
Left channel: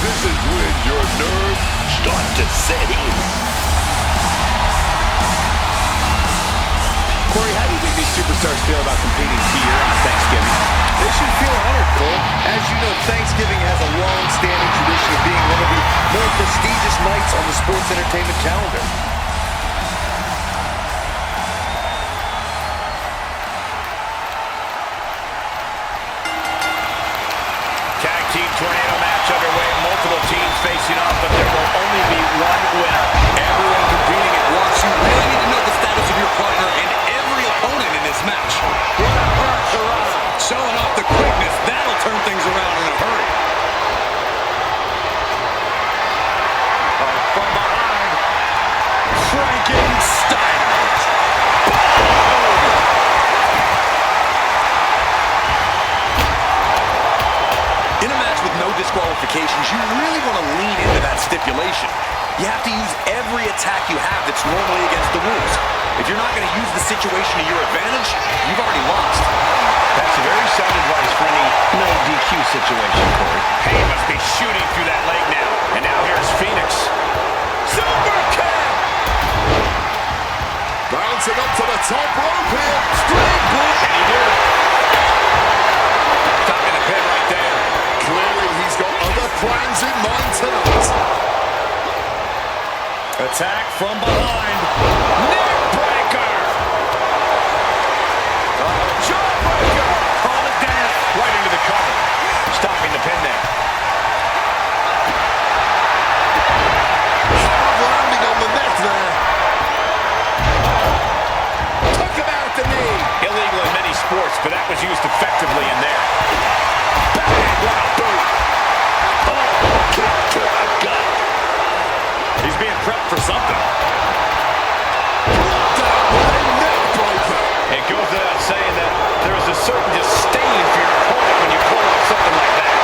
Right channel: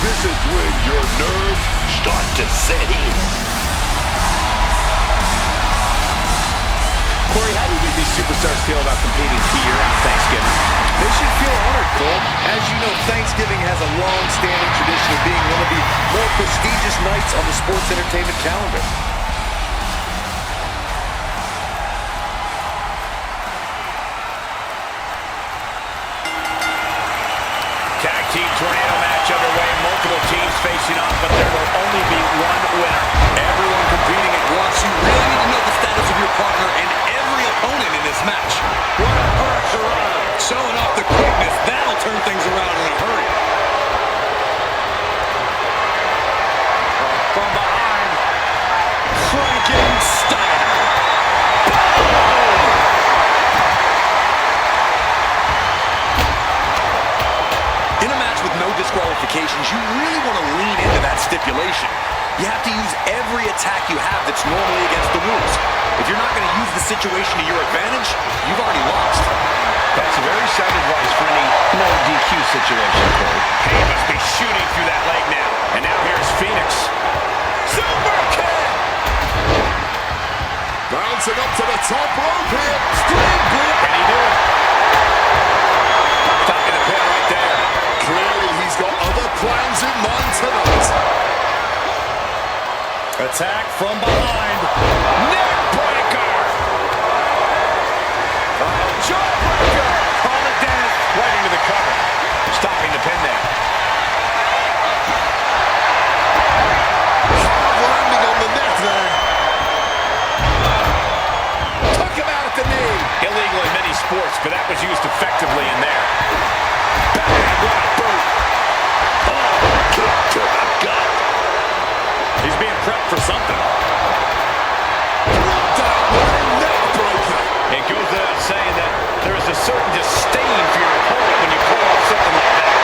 This is when your nerves start to set in. Corey, how do you think these superstars feel about competing here on Thanksgiving? They should feel honored, Cole. As you know, Thanksgiving has a long-standing tradition of being one of the more prestigious nights on the sports entertainment calendar. Tag team tornado match underway. Multiple teams facing off, but there will only be one winner. Everyone competing at once. You really need to know the status of your partner and every opponent in this match. What a hurricane! Showing off the quickness. That'll turn things around in a hurry. From behind, Frankensteiner. disqualifications, you really want to lean into that stipulation. You have to use every attack you have that's normally against the rules. If you're not going to use the situation to your advantage, you've already lost. That's very sound advice for any no DQ situation, Corey. Payne must be shooting through that leg now. And now here's Phoenix. Super kick! Bouncing up to the top rope here. Springboard. Can he do it? Stopping the pin right there. Clearly he's got other plans in mind tonight. Attack from behind. Neck breaker! Jawbreaker! Call it death. Right into the cover. Stopping the pin there. Hard landing on the neck there. Took him out at the knee. Illegal in many sports, but that was used effectively in there. Bang! What a boot! Oh, kick to the gut. He's being prepped for something. Brought down with a neck breaker. It goes without saying that there is a certain disdain for your opponent when you pull off something like that.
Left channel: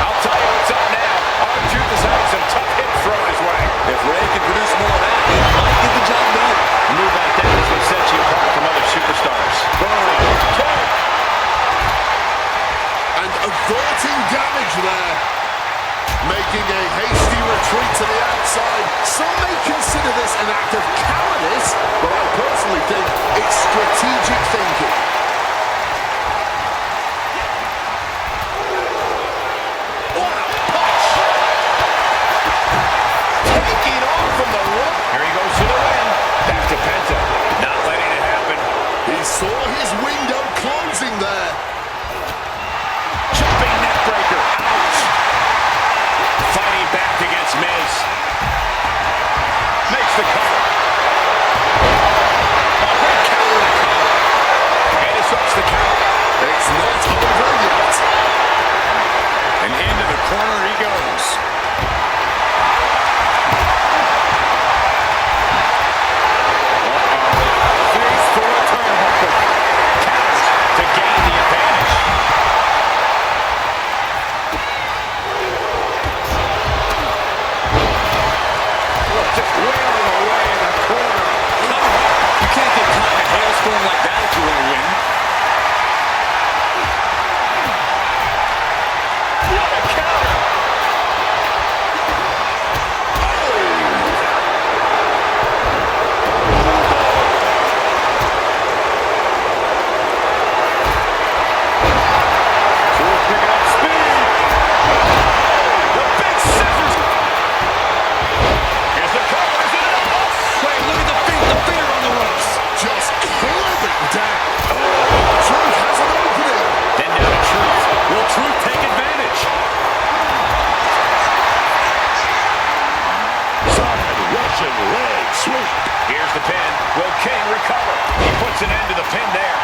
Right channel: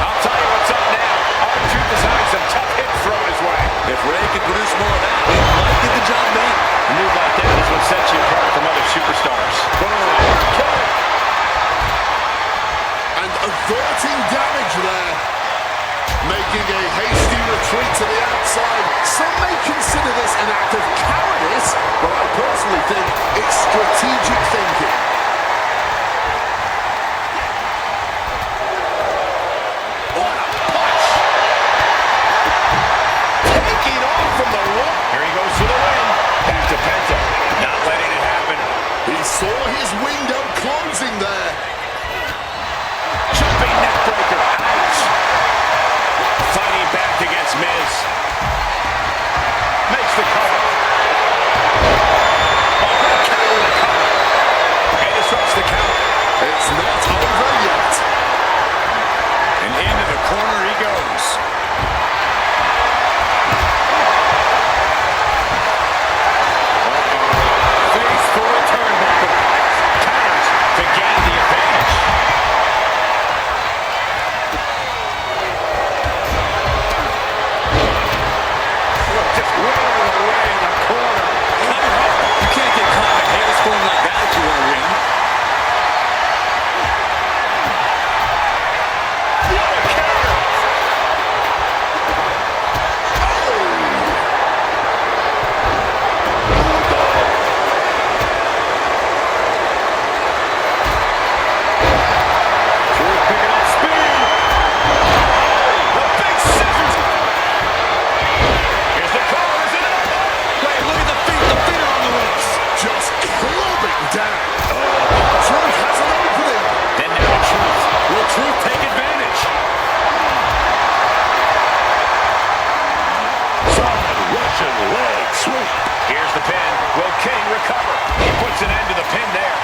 I'll tell you what's up now. R-Truth is having some tough hits thrown his way. If Ray can produce more of that, it might get the job done. A move like that is what sets you apart from other superstars. Okay. And averting damage there. Making a hasty retreat to the outside. Some may consider this an act of cowardice, but I personally think it's strategic thinking. What a punch! Taking off from the rope. Here he goes for the win. Back to Penta. Not letting it happen. He saw his window closing there. Jumping neck breaker. Ouch! Fighting back against Miz. Makes the cover. A great counter to the cover. And disrupts the count. It's not over yet. And into the corner he goes. Uh-oh. Face for a turnbuckle. Counters to gain the advantage. Just wailing away in the corner. Cover up. You can't get caught in a hailstorm like that if you want to win. What a counter! Truth picking up speed. Oh, the big scissors. Here's the cover. Is it enough? Wait, look at the feet. The feet are on the ropes. Just clubbing down. Oh, Truth has an opening. Then down to Truth. Will Truth take advantage? Solid Russian leg sweep. Here's the pin. Will King recover? He puts an end to the pin there.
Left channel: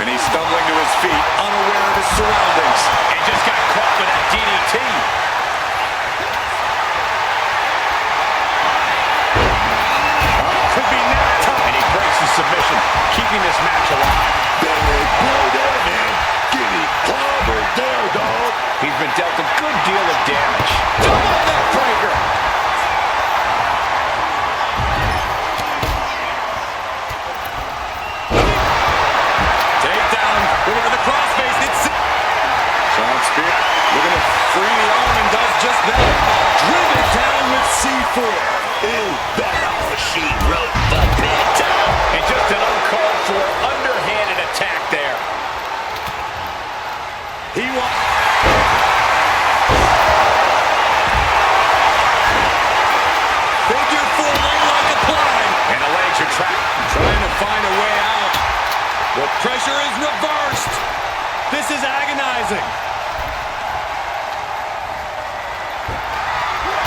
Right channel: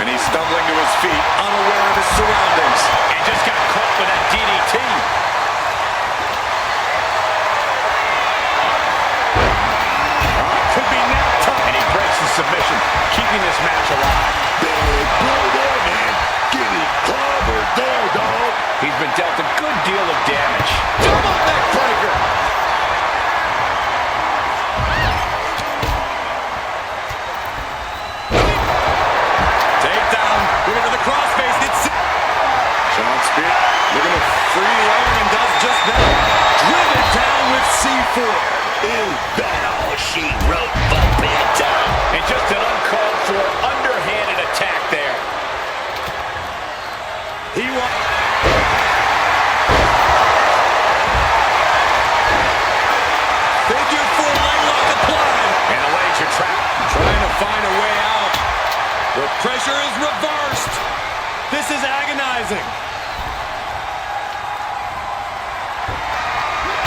And he's stumbling to his feet, unaware of his surroundings. And just got caught with that DDT. Could be now time. And he breaks the submission, keeping this match alive. Big blow there, man. Getting clobbered there, dog. He's been dealt a good deal of damage. Double neck breaker. Looking for the crossface. It's Sean Spear looking to free the arm and does just that. Driven down with C4. Is that all she wrote for bedtime? And just an uncalled for, underhanded attack there. He won. Figure 4 leg lock applied. And the legs are trapped. Trying to find a way out. The pressure is reversed. This is agonizing.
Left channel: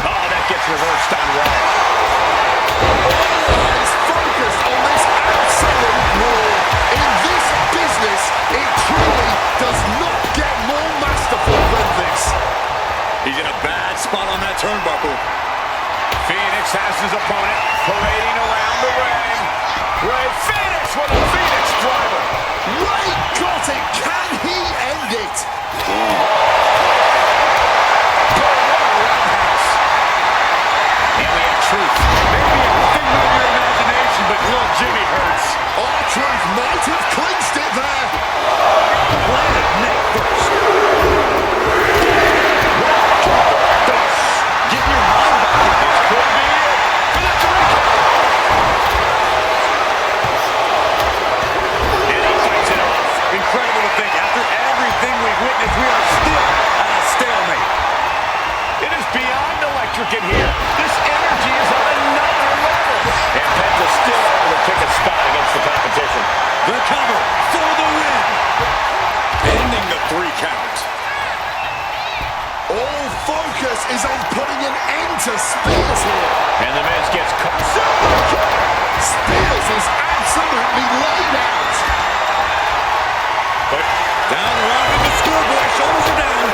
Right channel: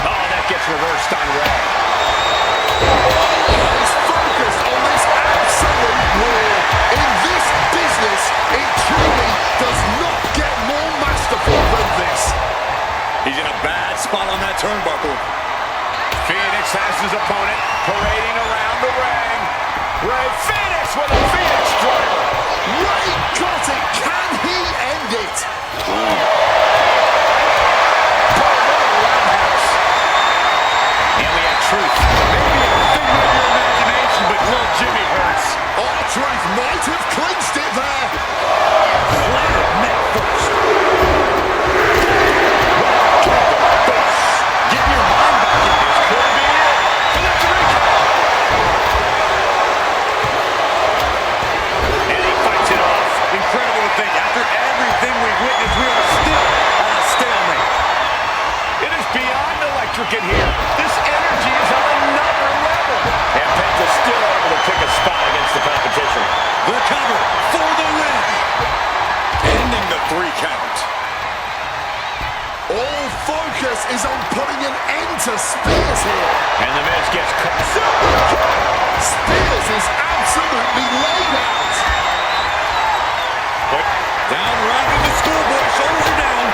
Oh, that gets reversed on Ray. He's focused on this absolute war. In this business, it truly does not get more masterful than this. He's in a bad spot on that turnbuckle. Phoenix has his opponent parading around the ring. Ray Phoenix with a Phoenix driver. Ray got it. Can he end it? And we have Truth. Maybe a figment of your imagination, but little Jimmy hurts. R-Truth might have clinched it there. Planted neck first. Right to the face. Getting your mind back in this. Could be it for the 3 count. And he fights it off. Incredible to think, after everything we've witnessed, we are still at a stalemate. It is beyond electric in here. This energy is on another level. And Penta's still able to pick a spot against the competition. The cover for the win. Ending the 3 count. All focus is on putting an end to Spears here. And the Miz gets caught. Super kick! Spears is absolutely laid out. But down around in the schoolboy. Shoulders are down.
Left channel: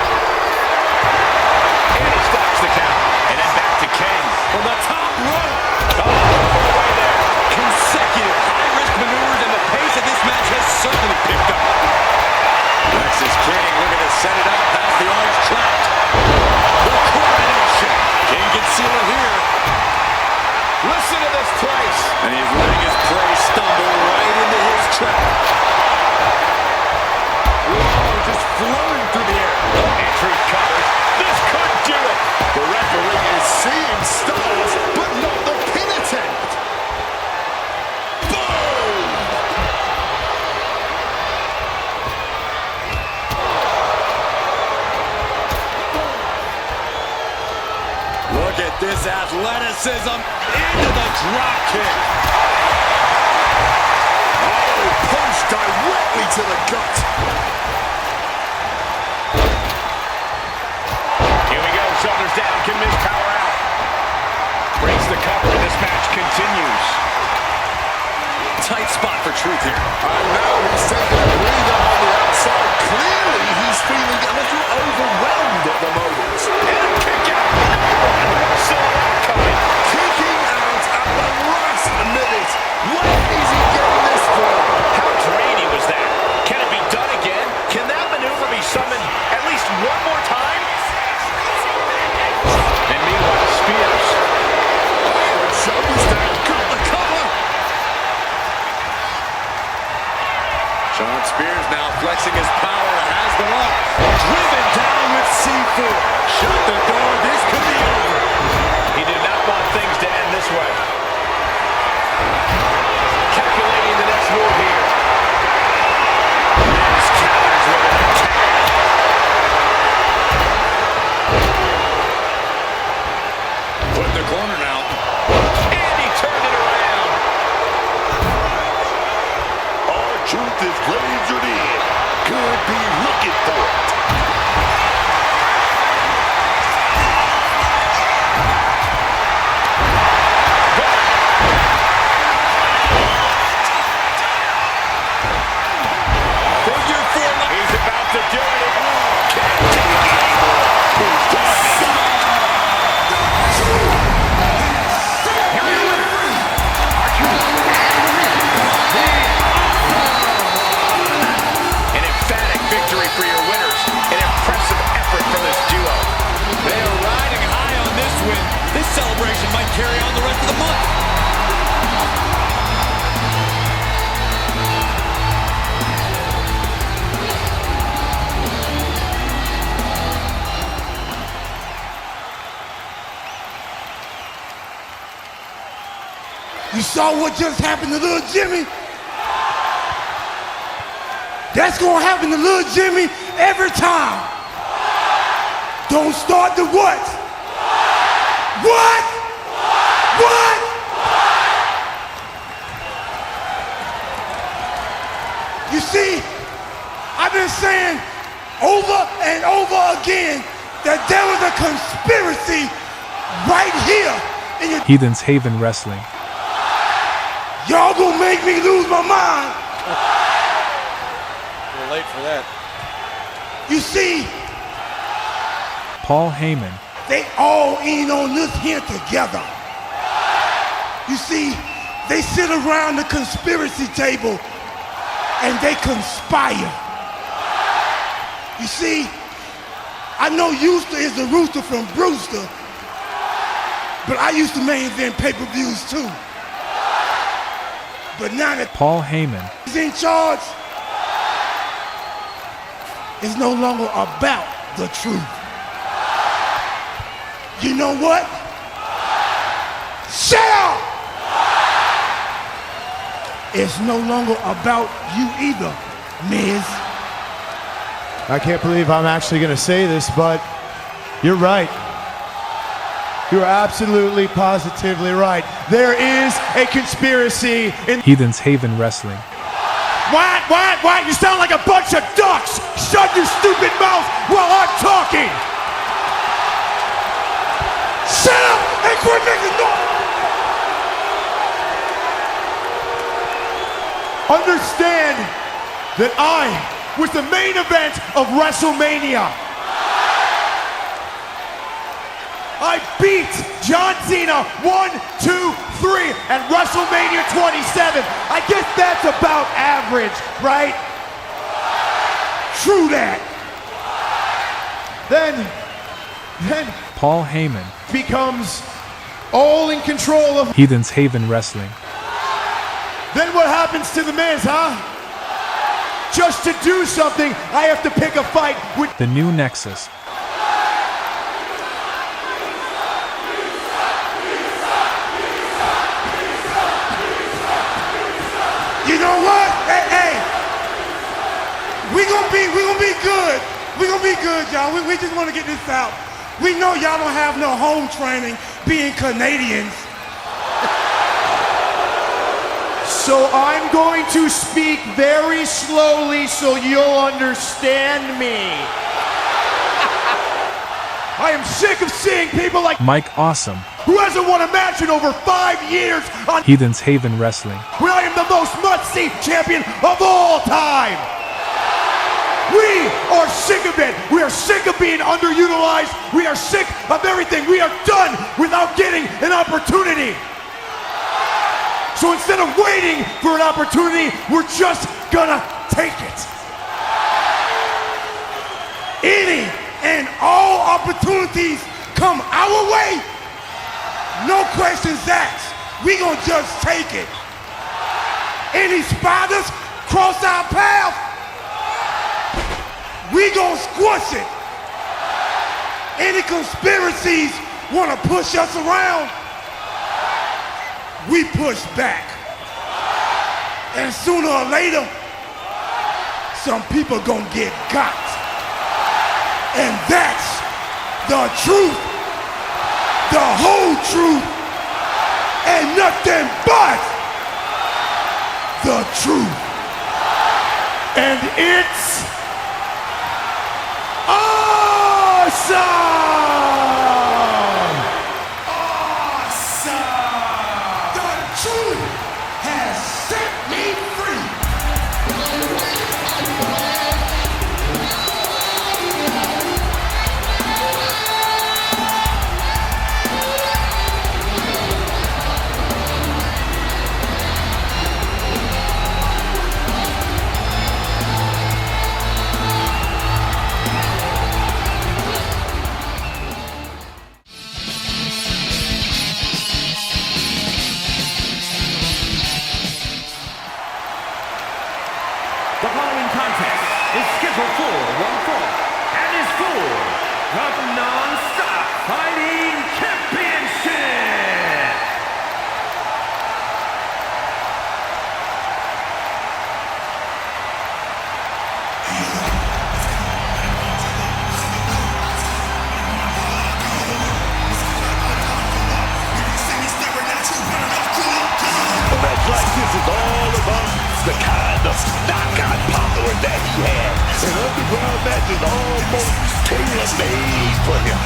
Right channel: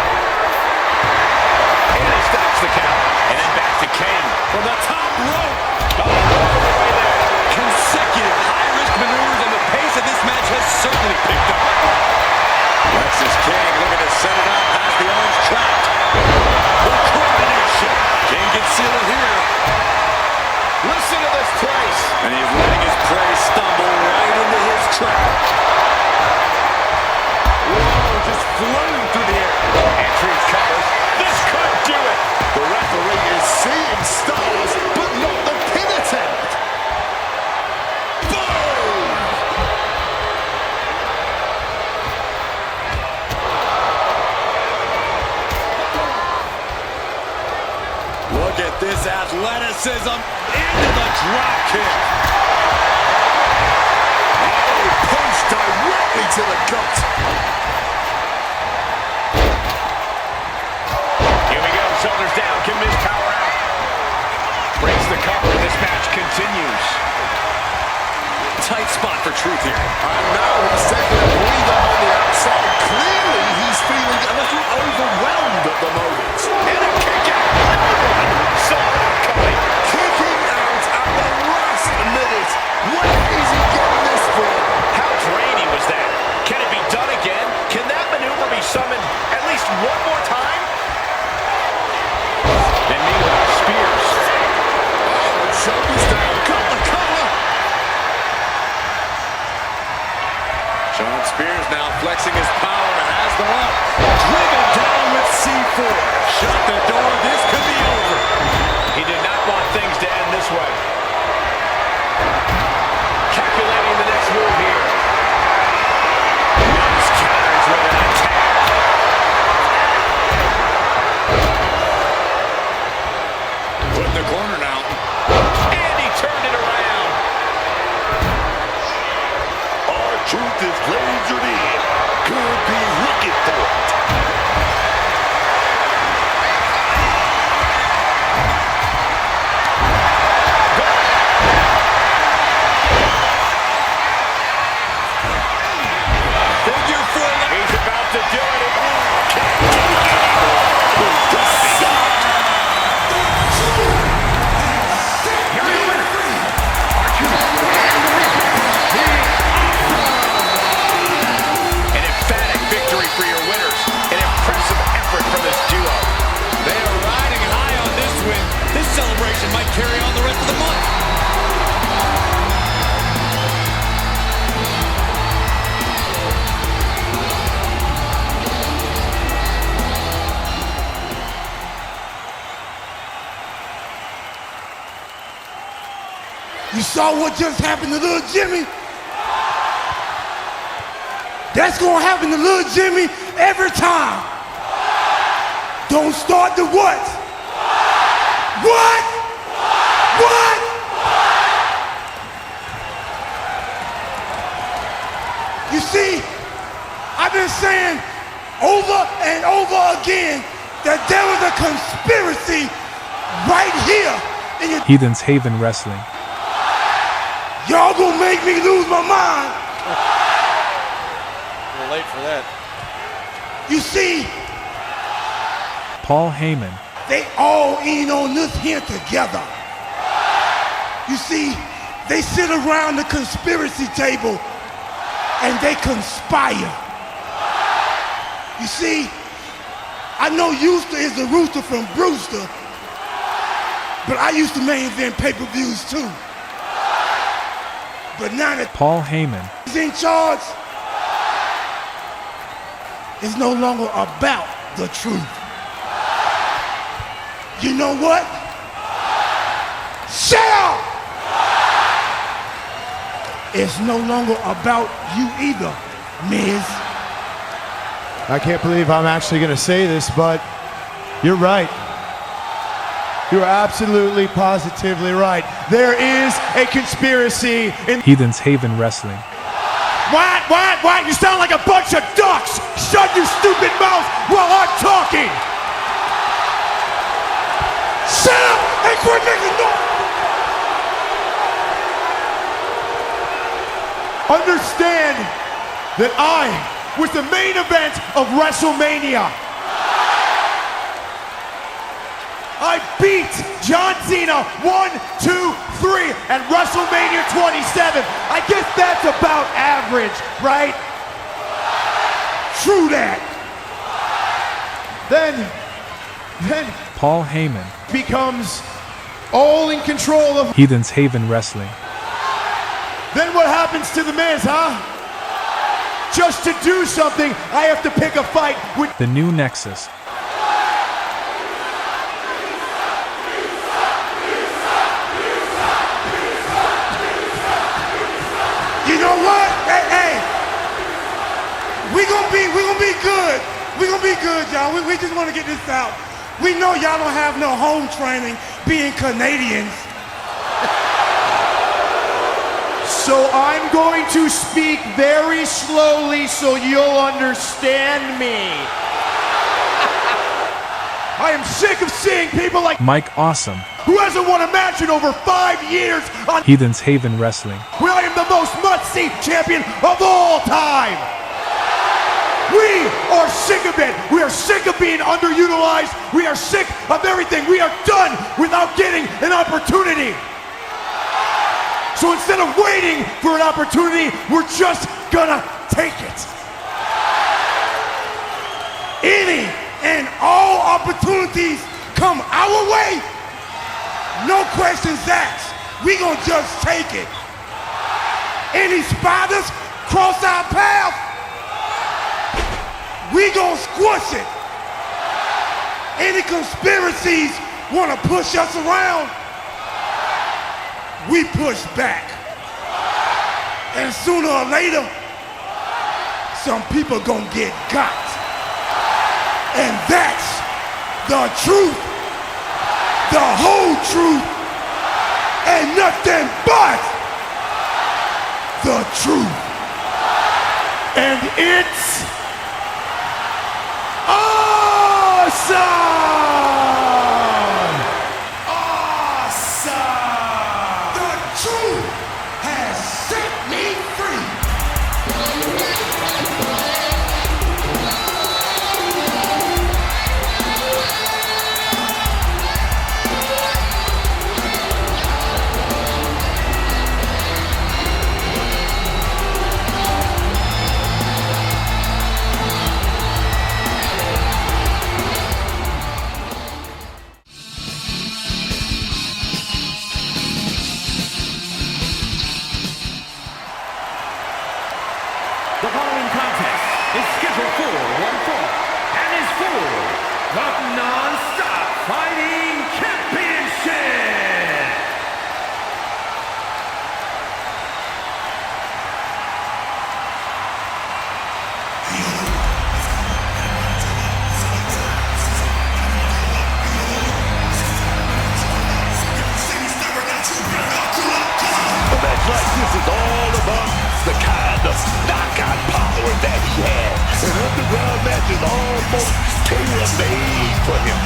And he stops the count. And then back to King. From the top rope. Oh, over the way there. Consecutive high-risk maneuvers, and the pace of this match has certainly picked up. Lexus King looking to set it up past the orange trapped. The coronation. King can seal it here. Listen to this place. And he's letting his prey stumble right into his trap. Whoa, just floating through the air. And Truth covers. This could do it. The referee is seeing stars, but not the pin attempt. Boom! Look at this athleticism into the drop kick. Oh, punch directly to the gut. Here we go, shoulders down, can Miz power out. Breaks the cover, and this match continues. Tight spot for Truth here. And now he's taking a breather on the outside. Clearly, he's feeling a little overwhelmed at the moment. And a kick out. No one saw that coming. Kicking out at the last minute. Where is he getting this from? How draining was that? Can it be done again? Can that maneuver be summoned at least one more time? And meanwhile, Spears. Oh, and shoulders down. Got the cover. Shawn Spears now flexing his power, has them up. Driven down with C4. Shut the door, this could be over. He did not want things to end this way. Calculating the next move here. Miz counters with an attack. Put in the corner now. And he turned it around. R-Truth is lasered in. Could be looking for it. Figure 4. He's about to do it. Can't take it anymore. Who's gonna be out? Here are your winners. R-Truth and the Miz. The An emphatic victory for your winners. An impressive effort from this duo. They are riding high on this win. This celebration might carry on the rest of the month. You saw what just happened to little Jimmy? That's gonna happen to little Jimmy every time. Don't start the what? What? What? You see, I've been saying over and over again that there was a conspiracy right here Heathens Haven Wrestling. Y'all gonna make me lose my mind. We're late for that. You see, Paul Heyman. they all in on this here together. You see, they sit around the conspiracy table and they conspire. You see, I know Euster is the rooster from Brewster, but I used to main event pay-per-views too. But now that Paul Heyman. he's in charge, it's no longer about the truth. You know what? Shut up! It's no longer about you either, Miz. I can't believe I'm actually going to say this, but you're right. You're absolutely, positively right. There is a conspiracy in Heathens Haven Wrestling. What? You sound like a bunch of ducks! Shut your stupid mouth while I'm talking! Shut up and quit making noise! Understand that I was the main event of WrestleMania. I beat John Cena 1, 2, 3 at WrestleMania 27. I guess that's about average, right? True that. Then Paul Heyman. becomes all in control of. Heathens Haven Wrestling. Then what happens to the Miz, huh? Just to do something, I have to pick a fight with. The new Nexus. You know what? Hey, we gonna be good. We gonna be good, y'all. We just want to get this out. We know y'all don't have no home training being Canadians. So I'm going to speak very slowly so you'll understand me. I am sick of seeing people like Mike Awesome. who hasn't won a match in over 5 years on Heathens Haven Wrestling. when I am the most must-see champion of all time. We are sick of it. We are sick of being underutilized. We are sick of everything. We are done without getting an opportunity. So instead of waiting for an opportunity, we're just gonna take it. Any and all opportunities come our way. No questions asked. We gonna just take it. Any spiders cross our path, we gonna squish it. Any conspiracies wanna push us around, we push back. And sooner or later, some people gonna get got. And that's the truth, the whole truth, and nothing but the truth. And it's awesome! The truth has set me free. The following contest is scheduled for one fall and is for the Non-Stop Fighting Championship. A match like this is all about the kind of knockout power that he had. An underground match is almost tailor-made for him.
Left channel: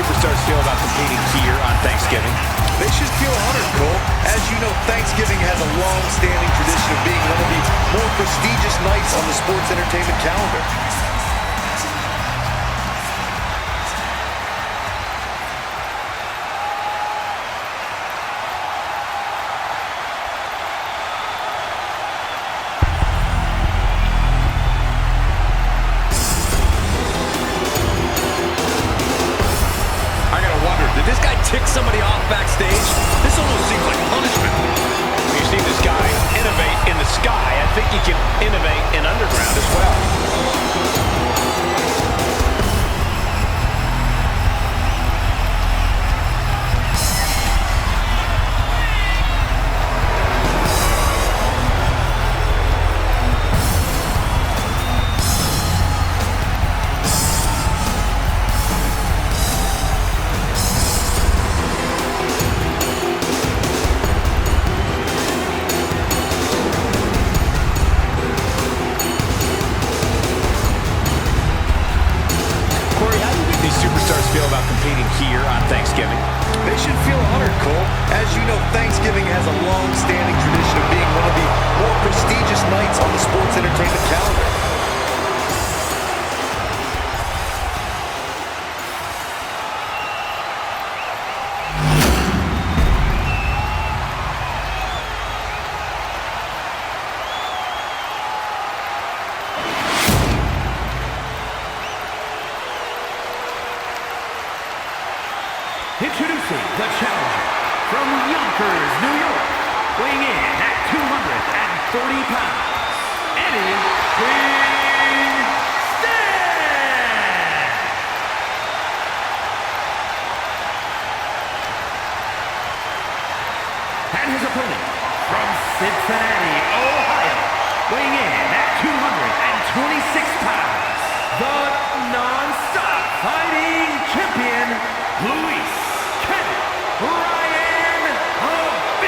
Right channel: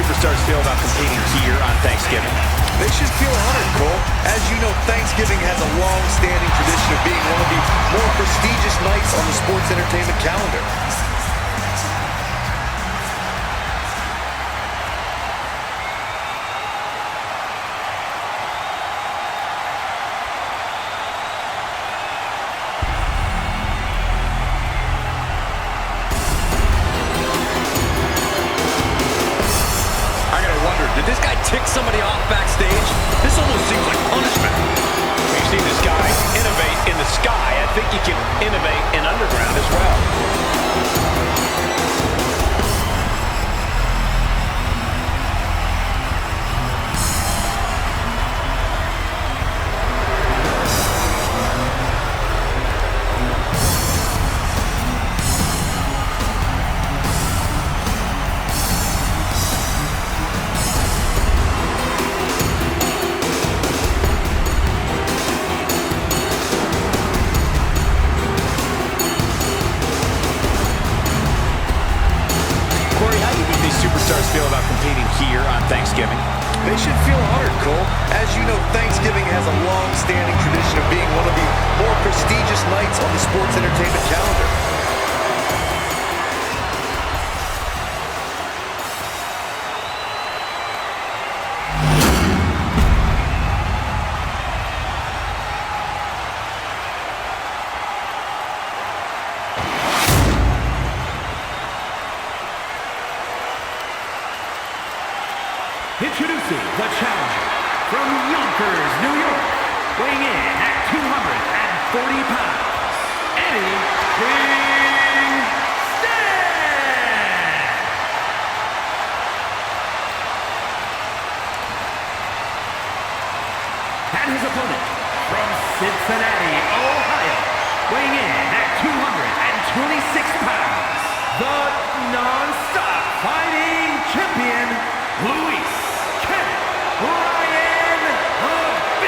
superstars feel about competing here on Thanksgiving? They should feel honored, Cole. As you know, Thanksgiving has a long-standing tradition of being one of the more prestigious nights on the sports entertainment calendar. Did this guy tick somebody off backstage? This almost seems like punishment. We've seen this guy innovate in the sky. I think he can innovate in underground as well. Superstars feel about competing here on Thanksgiving? They should feel honored, Cole. As you know, Thanksgiving has a long-standing tradition of being one of the more prestigious nights on the sports entertainment calendar. Introducing the challenger from Yonkers, New York, weighing in at 240 pounds, Eddie Kingston! And his opponent from Cincinnati, Ohio, weighing in at 226 pounds, the non-stop fighting champion, Luis Ryan Pillman.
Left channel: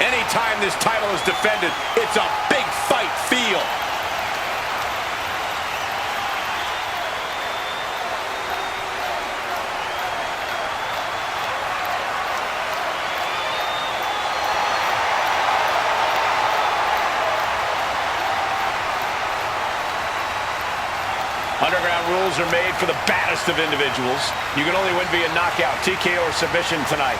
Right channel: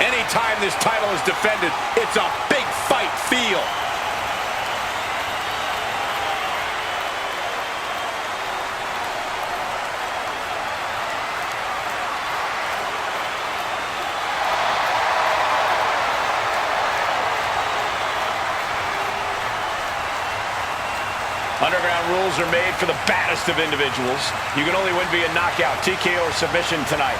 Anytime this title is defended, it's a big fight feel. Underground rules are made for the baddest of individuals. You can only win via knockout, TKO, or submission tonight.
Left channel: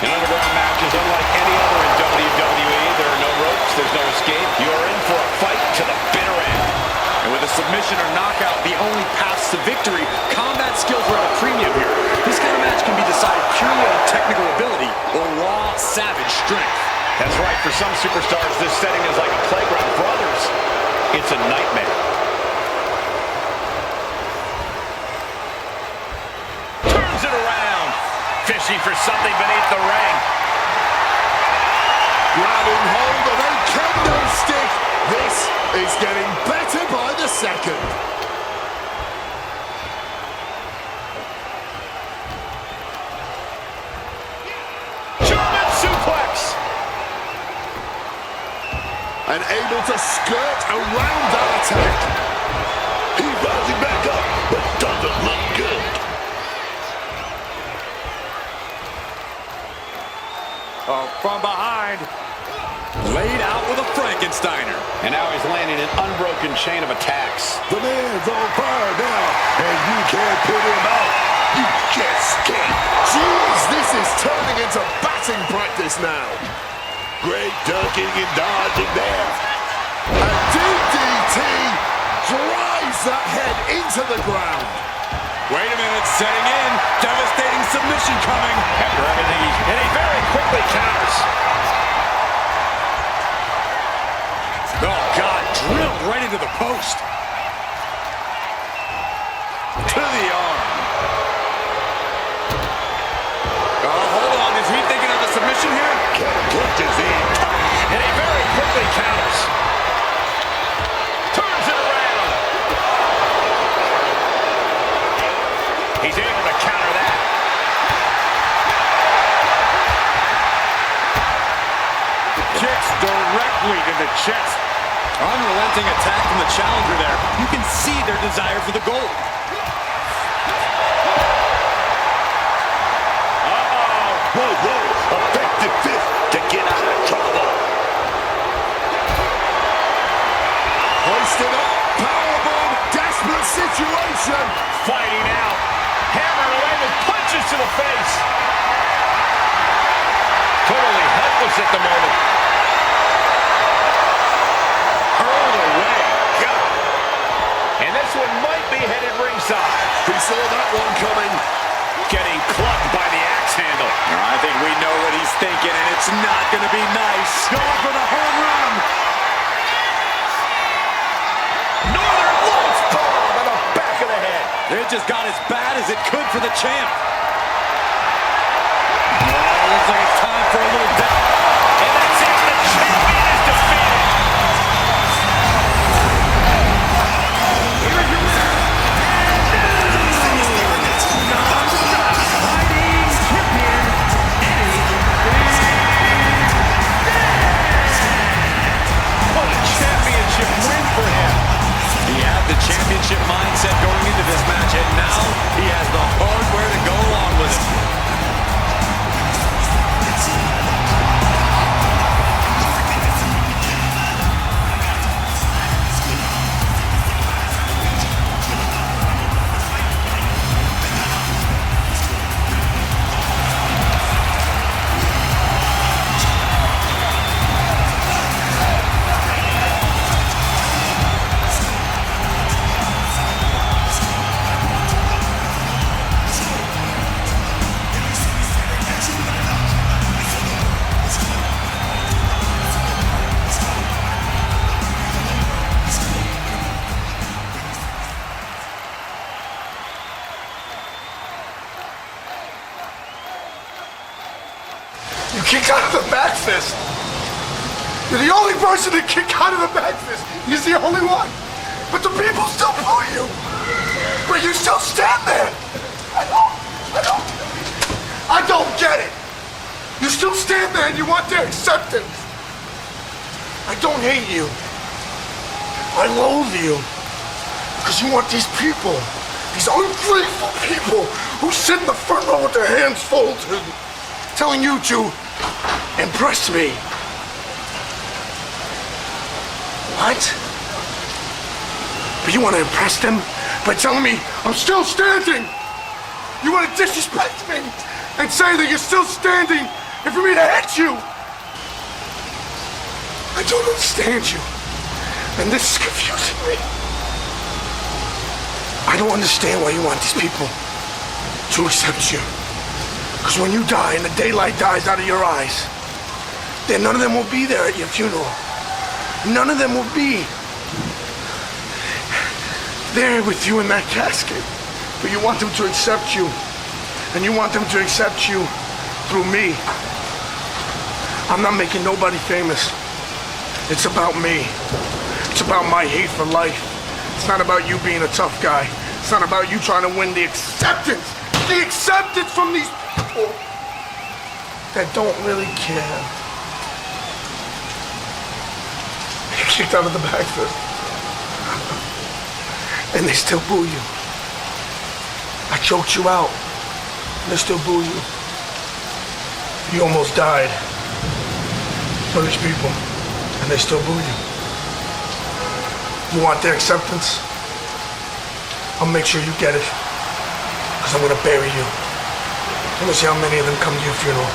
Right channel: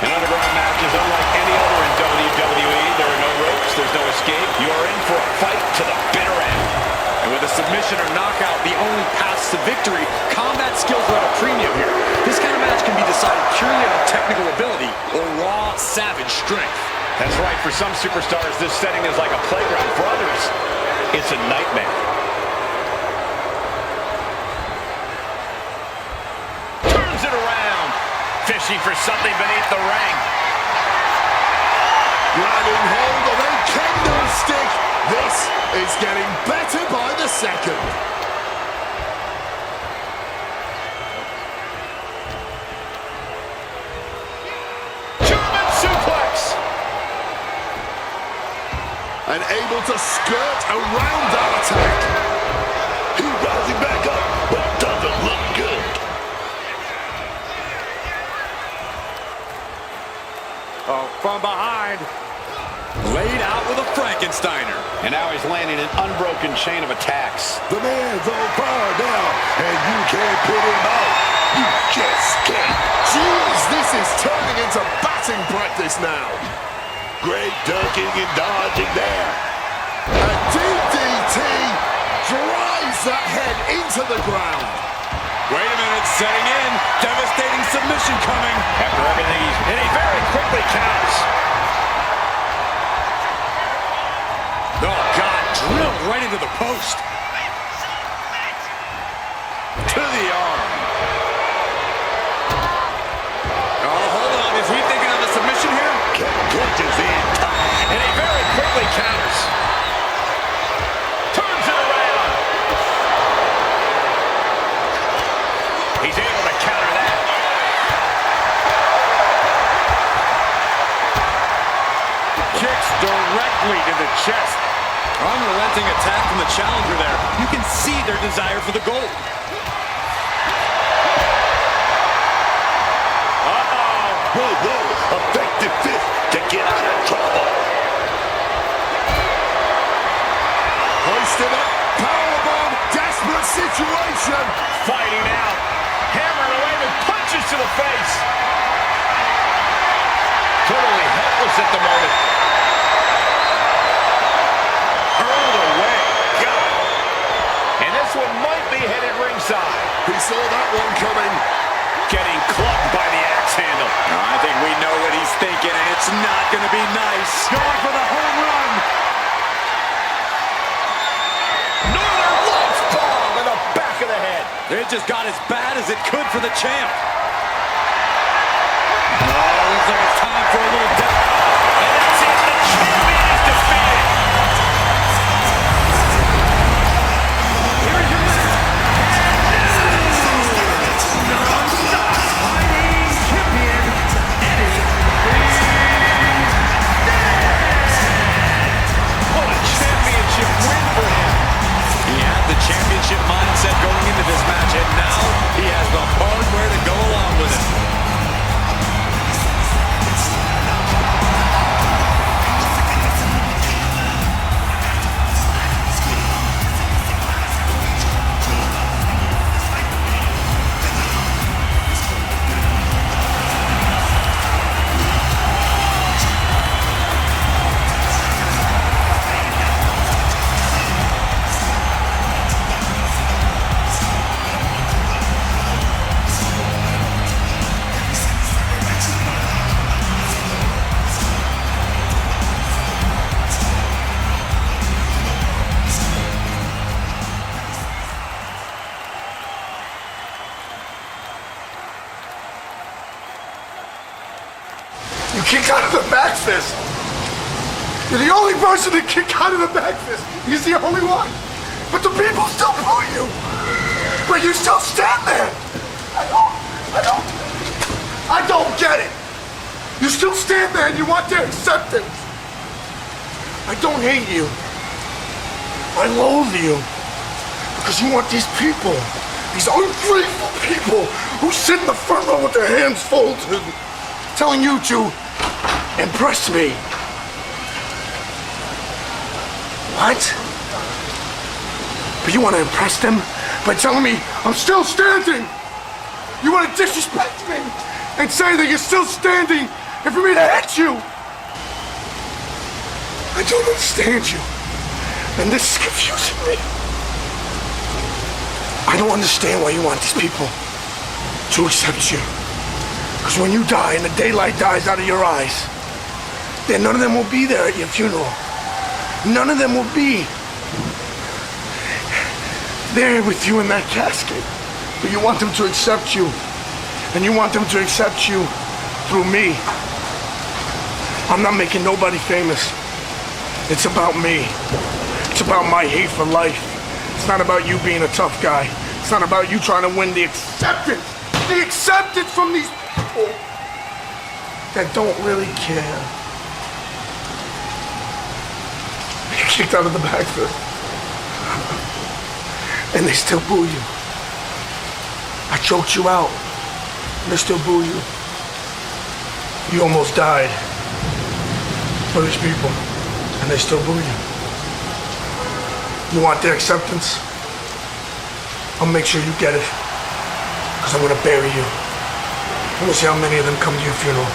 An underground match is unlike any other in WWE. There are no ropes, there's no escape. You are in for a fight to the bitter end. And with a submission or knockout, the only paths to victory, combat skills are at a premium here. This kind of match can be decided purely on technical ability or raw, savage strength. That's right. For some superstars, this setting is like a playground. For others, it's a nightmare. Turns it around. Fishing for something beneath the ring. Grabbing hold of a kendo stick. This is getting better by the second. German suplex. And able to skirt around that attack. He's rising back up, but doesn't look good. Oh, from behind. Laid out with a Frankensteiner. And now he's landing an unbroken chain of attacks. The man's on fire now, and you can't put him out. You just can't. Jeez, this is turning into batting practice now. Great ducking and dodging there. A DDT drives that head into the ground. Wait a minute, setting in. Devastating submission coming. After everything and he very quickly counters. Oh, God, drilled right into the post. To the arm. Oh, hold on. Is he thinking of a submission here? Punches in time. And he very quickly counters. athlete in the chest. Unrelenting attack from the challenger there. You can see their desire for the gold. Whoa, effective fist to get out of trouble. Hoisted up, powerbomb, desperate situation. Fighting out, hammering away with punches to the face. Totally helpless at the moment. Hurled away, God. And this one might be headed ringside. He saw that one coming. Getting clubbed by the axe handle. I think we know what he's thinking, and it's not going to be nice. Going for the home run. Northern Lights bomb in the back of the head. It just got as bad as it could for the champ. Oh, looks like it's time for a little death. And that's it. The champion is defeated. Here is your winner, and non-stop fighting champion, Eddie Kingston. What a championship win for him. He had the championship mindset going into this match, and now he has the hardware to go along with it. You kicked out of the back fist. You're the only person to kick out of the back fist. He's the only one. But the people still boo you. But you still stand there. I don't get it. You still stand there and you want their acceptance. I don't hate you. I loathe you. Because you want these people, these ungrateful people who sit in the front row with their hands folded, telling you to impress me. What? But you want to impress them by telling me I'm still standing? You want to disrespect me and say that you're still standing and for me to hit you? I don't understand you. And this is confusing me. I don't understand why you want these people to accept you. Because when you die and the daylight dies out of your eyes, then none of them will be there at your funeral. None of them will be there with you in that casket. But you want them to accept you. And you want them to accept you through me. I'm not making nobody famous. It's about me. It's about my hate for life. It's not about you being a tough guy. It's not about you trying to win the acceptance from these people that don't really care. You kicked out of the back fist. And they still boo you. I choked you out. And they still boo you. You almost died for these people. And they still boo you. You want their acceptance? I'll make sure you get it. Because I'm going to bury you. I want to see how many of them come to your funeral.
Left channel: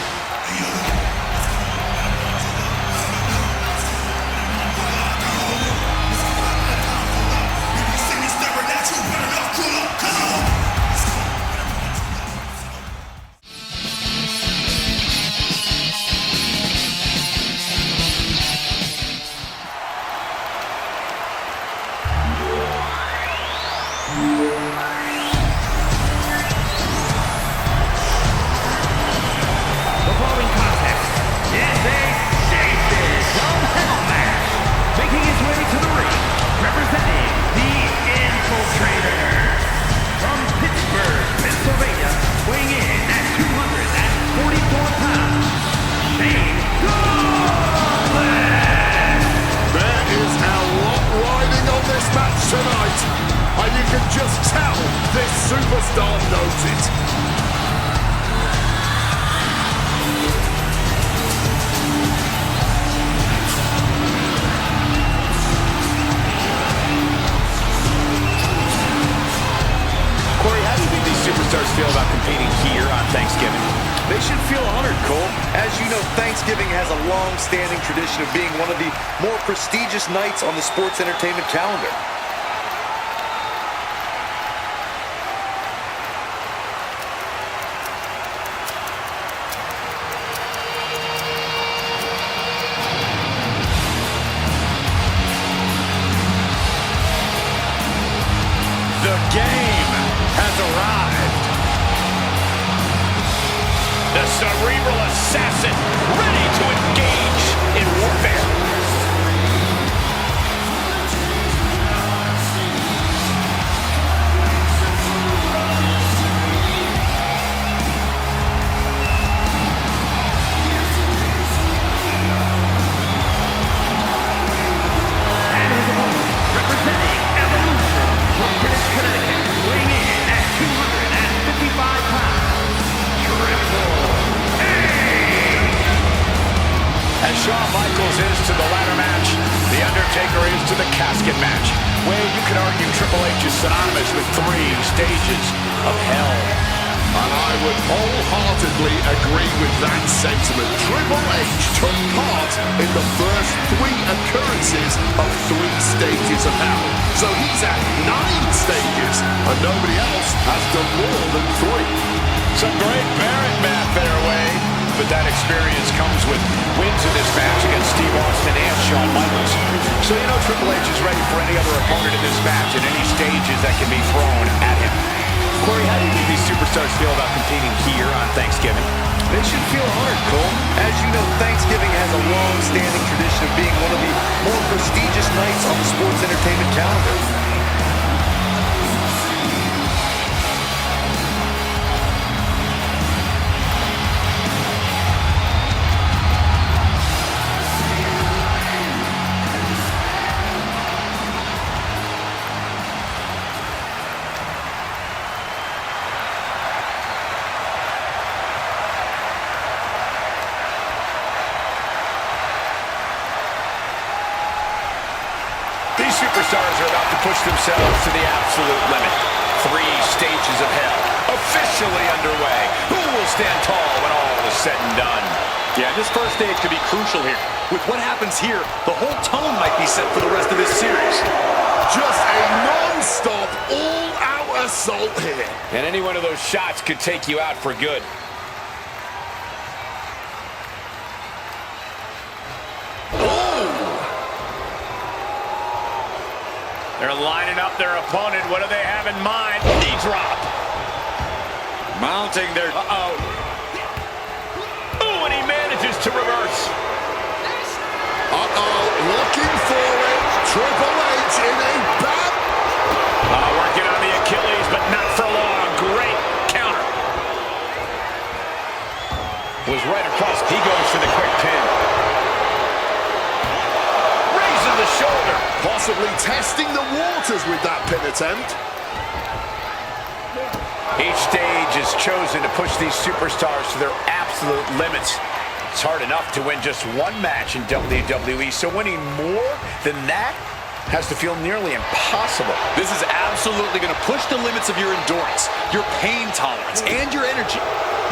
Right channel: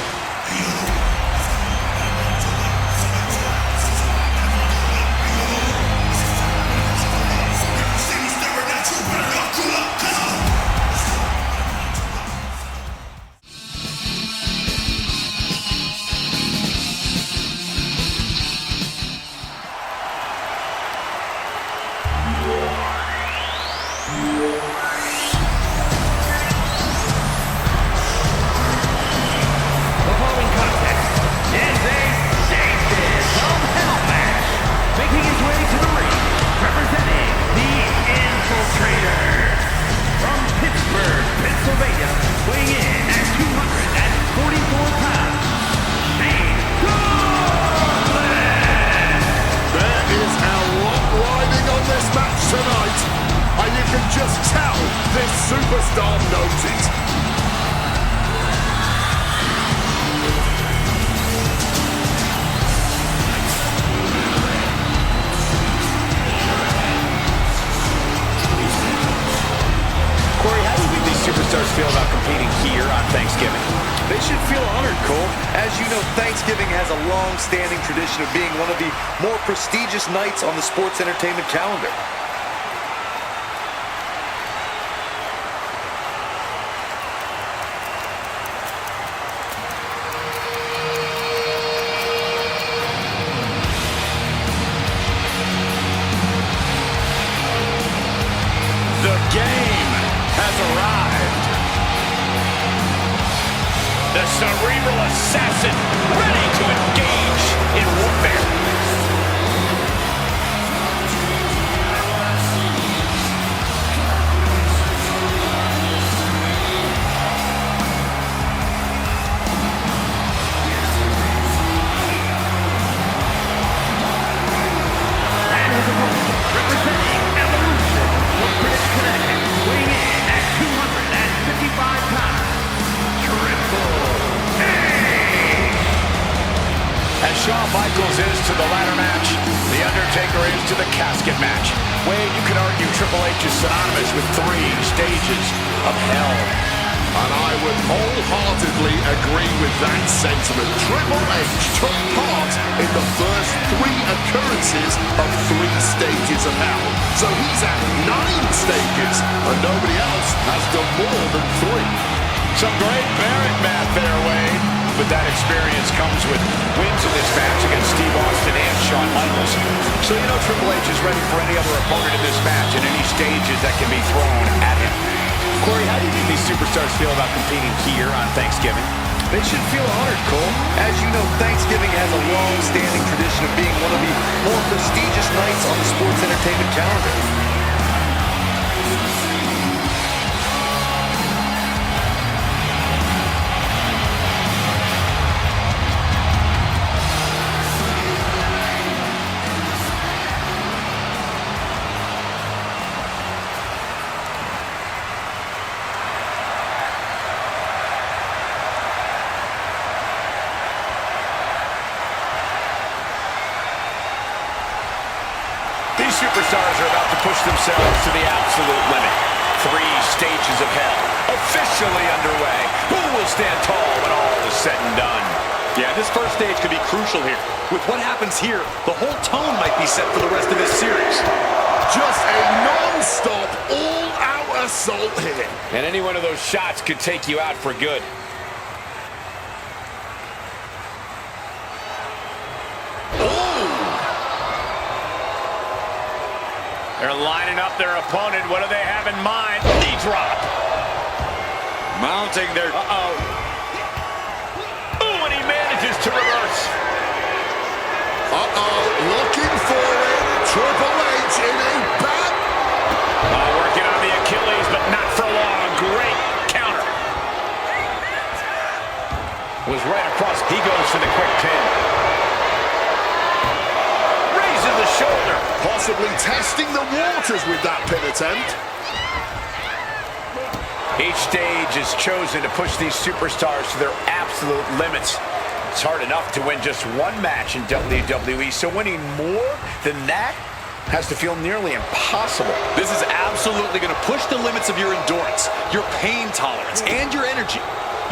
Weighing in at 244 pounds, Shane Douglas! can just tell this superstar knows it. Corey, how do you think these superstars feel about competing here on Thanksgiving? They should feel honored, Cole. As you know, Thanksgiving has a long-standing tradition of being one of the more prestigious nights on the sports entertainment calendar. The game has arrived. The cerebral assassin, ready to engage in warfare. And his opponent, representing Evolution from Greenwich, Connecticut, weighing in at 255 pounds, Triple H! As Shawn Michaels is to the ladder match, The Undertaker is to the casket match. Wade, you could argue Triple H is synonymous with 3 stages of hell. And I would wholeheartedly agree with that sentiment. Triple H took part in the first 3 occurrences of 3 stages of hell. So he's at 9 stages, and nobody else has done more than 3. Some great Barrett math there, Wade. But that experience comes with wins in this match against Steve Austin and Shawn Michaels. So you know Triple H is ready for any other opponent in this match and any stages that can be thrown at him. Corey, how do you think these superstars feel about competing here on Thanksgiving? They should feel honored, Cole. As you know, Thanksgiving has a long-standing tradition of being one of the more prestigious nights on the sports entertainment calendar. These superstars are about to push themselves to the absolute limit. 3 stages of hell officially underway. Who will stand tall when all is said and done? Yeah, this first stage could be crucial here. With what happens here, the whole tone might be set for the rest of this series. Just a non-stop, all-out assault here. And any one of those shots could take you out for good. They're lining up their opponent. What do they have in mind? Knee drop. Mounting their... Uh-oh. Ooh, and he manages to reverse. Uh-oh, looking for it. Triple H in a bad... Working on the Achilles, but not for long. Great counter. Was right across. He goes for the quick pin. Raises the shoulder. Possibly testing the waters with that pin attempt. Each stage is chosen to push these superstars to their absolute limits. It's hard enough to win just 1 match in WWE, so winning more than that has to feel nearly impossible. This is absolutely going to push the limits of your endurance, your pain tolerance, and your energy.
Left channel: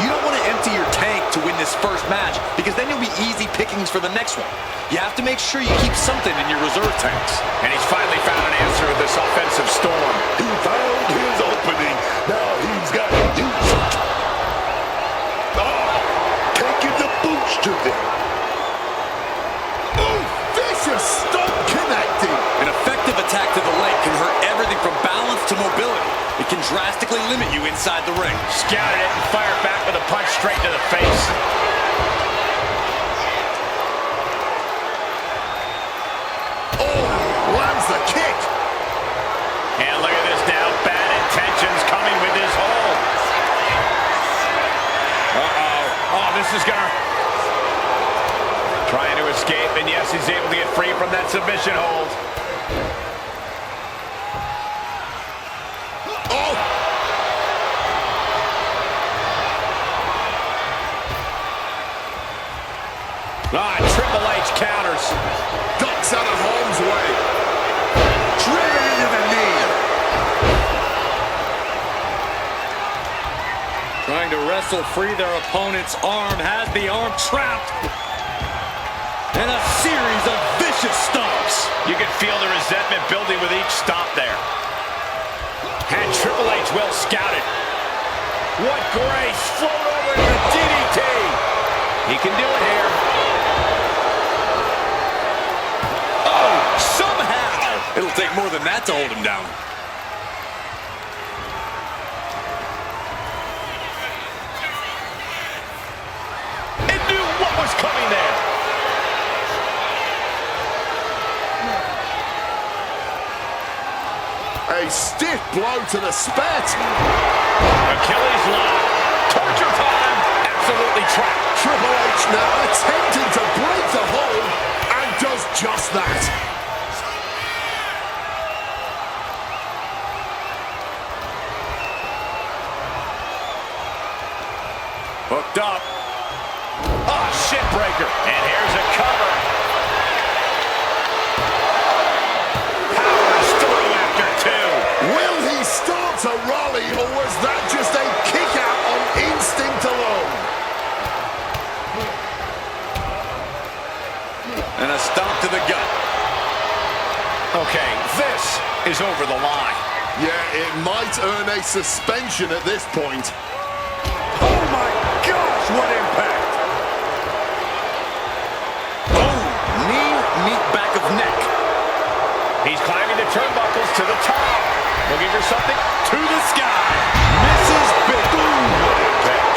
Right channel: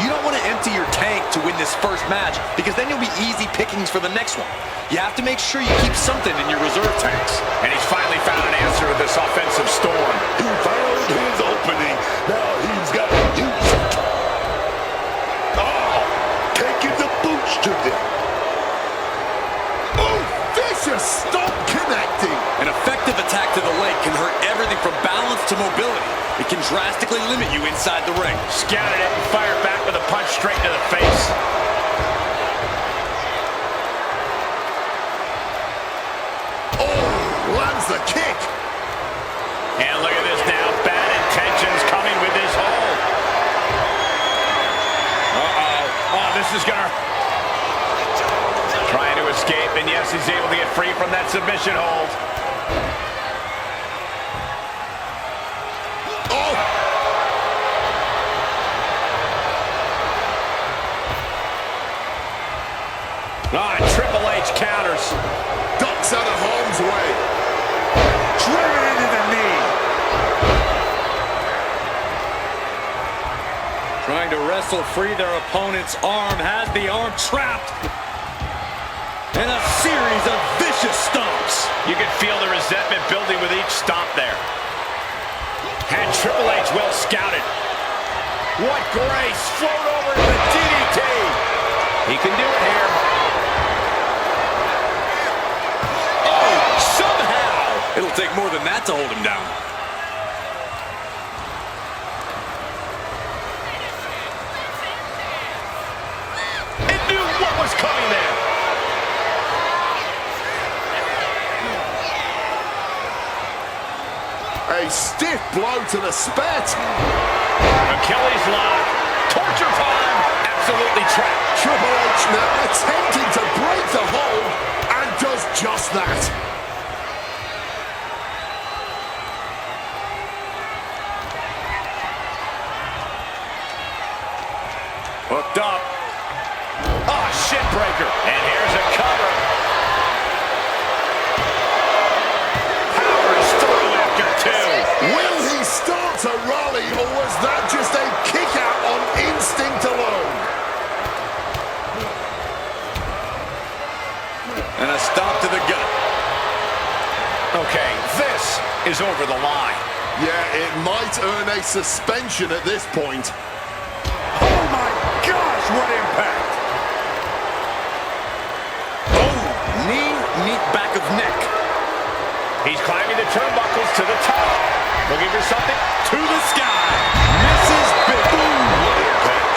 You don't want to empty your tank to win this first match, because then you'll be easy pickings for the next one. You have to make sure you keep something in your reserve tanks. And he's finally found an answer to this offensive storm. He found his opening. Now he's got to use it. Oh, taking the boots to them. Oh, vicious stop connecting. An effective attack to the leg can hurt everything from balance to mobility. It can drastically limit you inside the ring. Scouted it and fired back with a punch straight to the face. Lands the kick. And look at this now. Bad intentions coming with this hold. Uh-oh. Oh, this is gonna... Trying to escape, and yes, he's able to get free from that submission hold. Triple H counters. Ducks out of harm's way. Driven into the knee. Trying to wrestle free their opponent's arm, has the arm trapped. And a series of vicious stomps. You can feel the resentment building with each stomp there. And Triple H well scouted. What grace! Float over into the DDT. He can do it here. Oh, somehow! It'll take more than that to hold him down. And knew what was coming there. A stiff blow to the spit. Achilles lock. Torture time. Absolutely trapped. Triple H now attempting to break the hold and does just that. Hooked up. Ah, shit breaker. And here's a cover. Powers through after two. Will he start to rally, or was that just a kick out on instinct alone? And a stomp to the gut. Okay, this is over the line. Yeah, it might earn a suspension at this point. Oh my gosh, what impact! Oh, knee, back of neck. He's climbing the turnbuckles to the top. Looking for something To the sky. Misses big. Boom, what impact.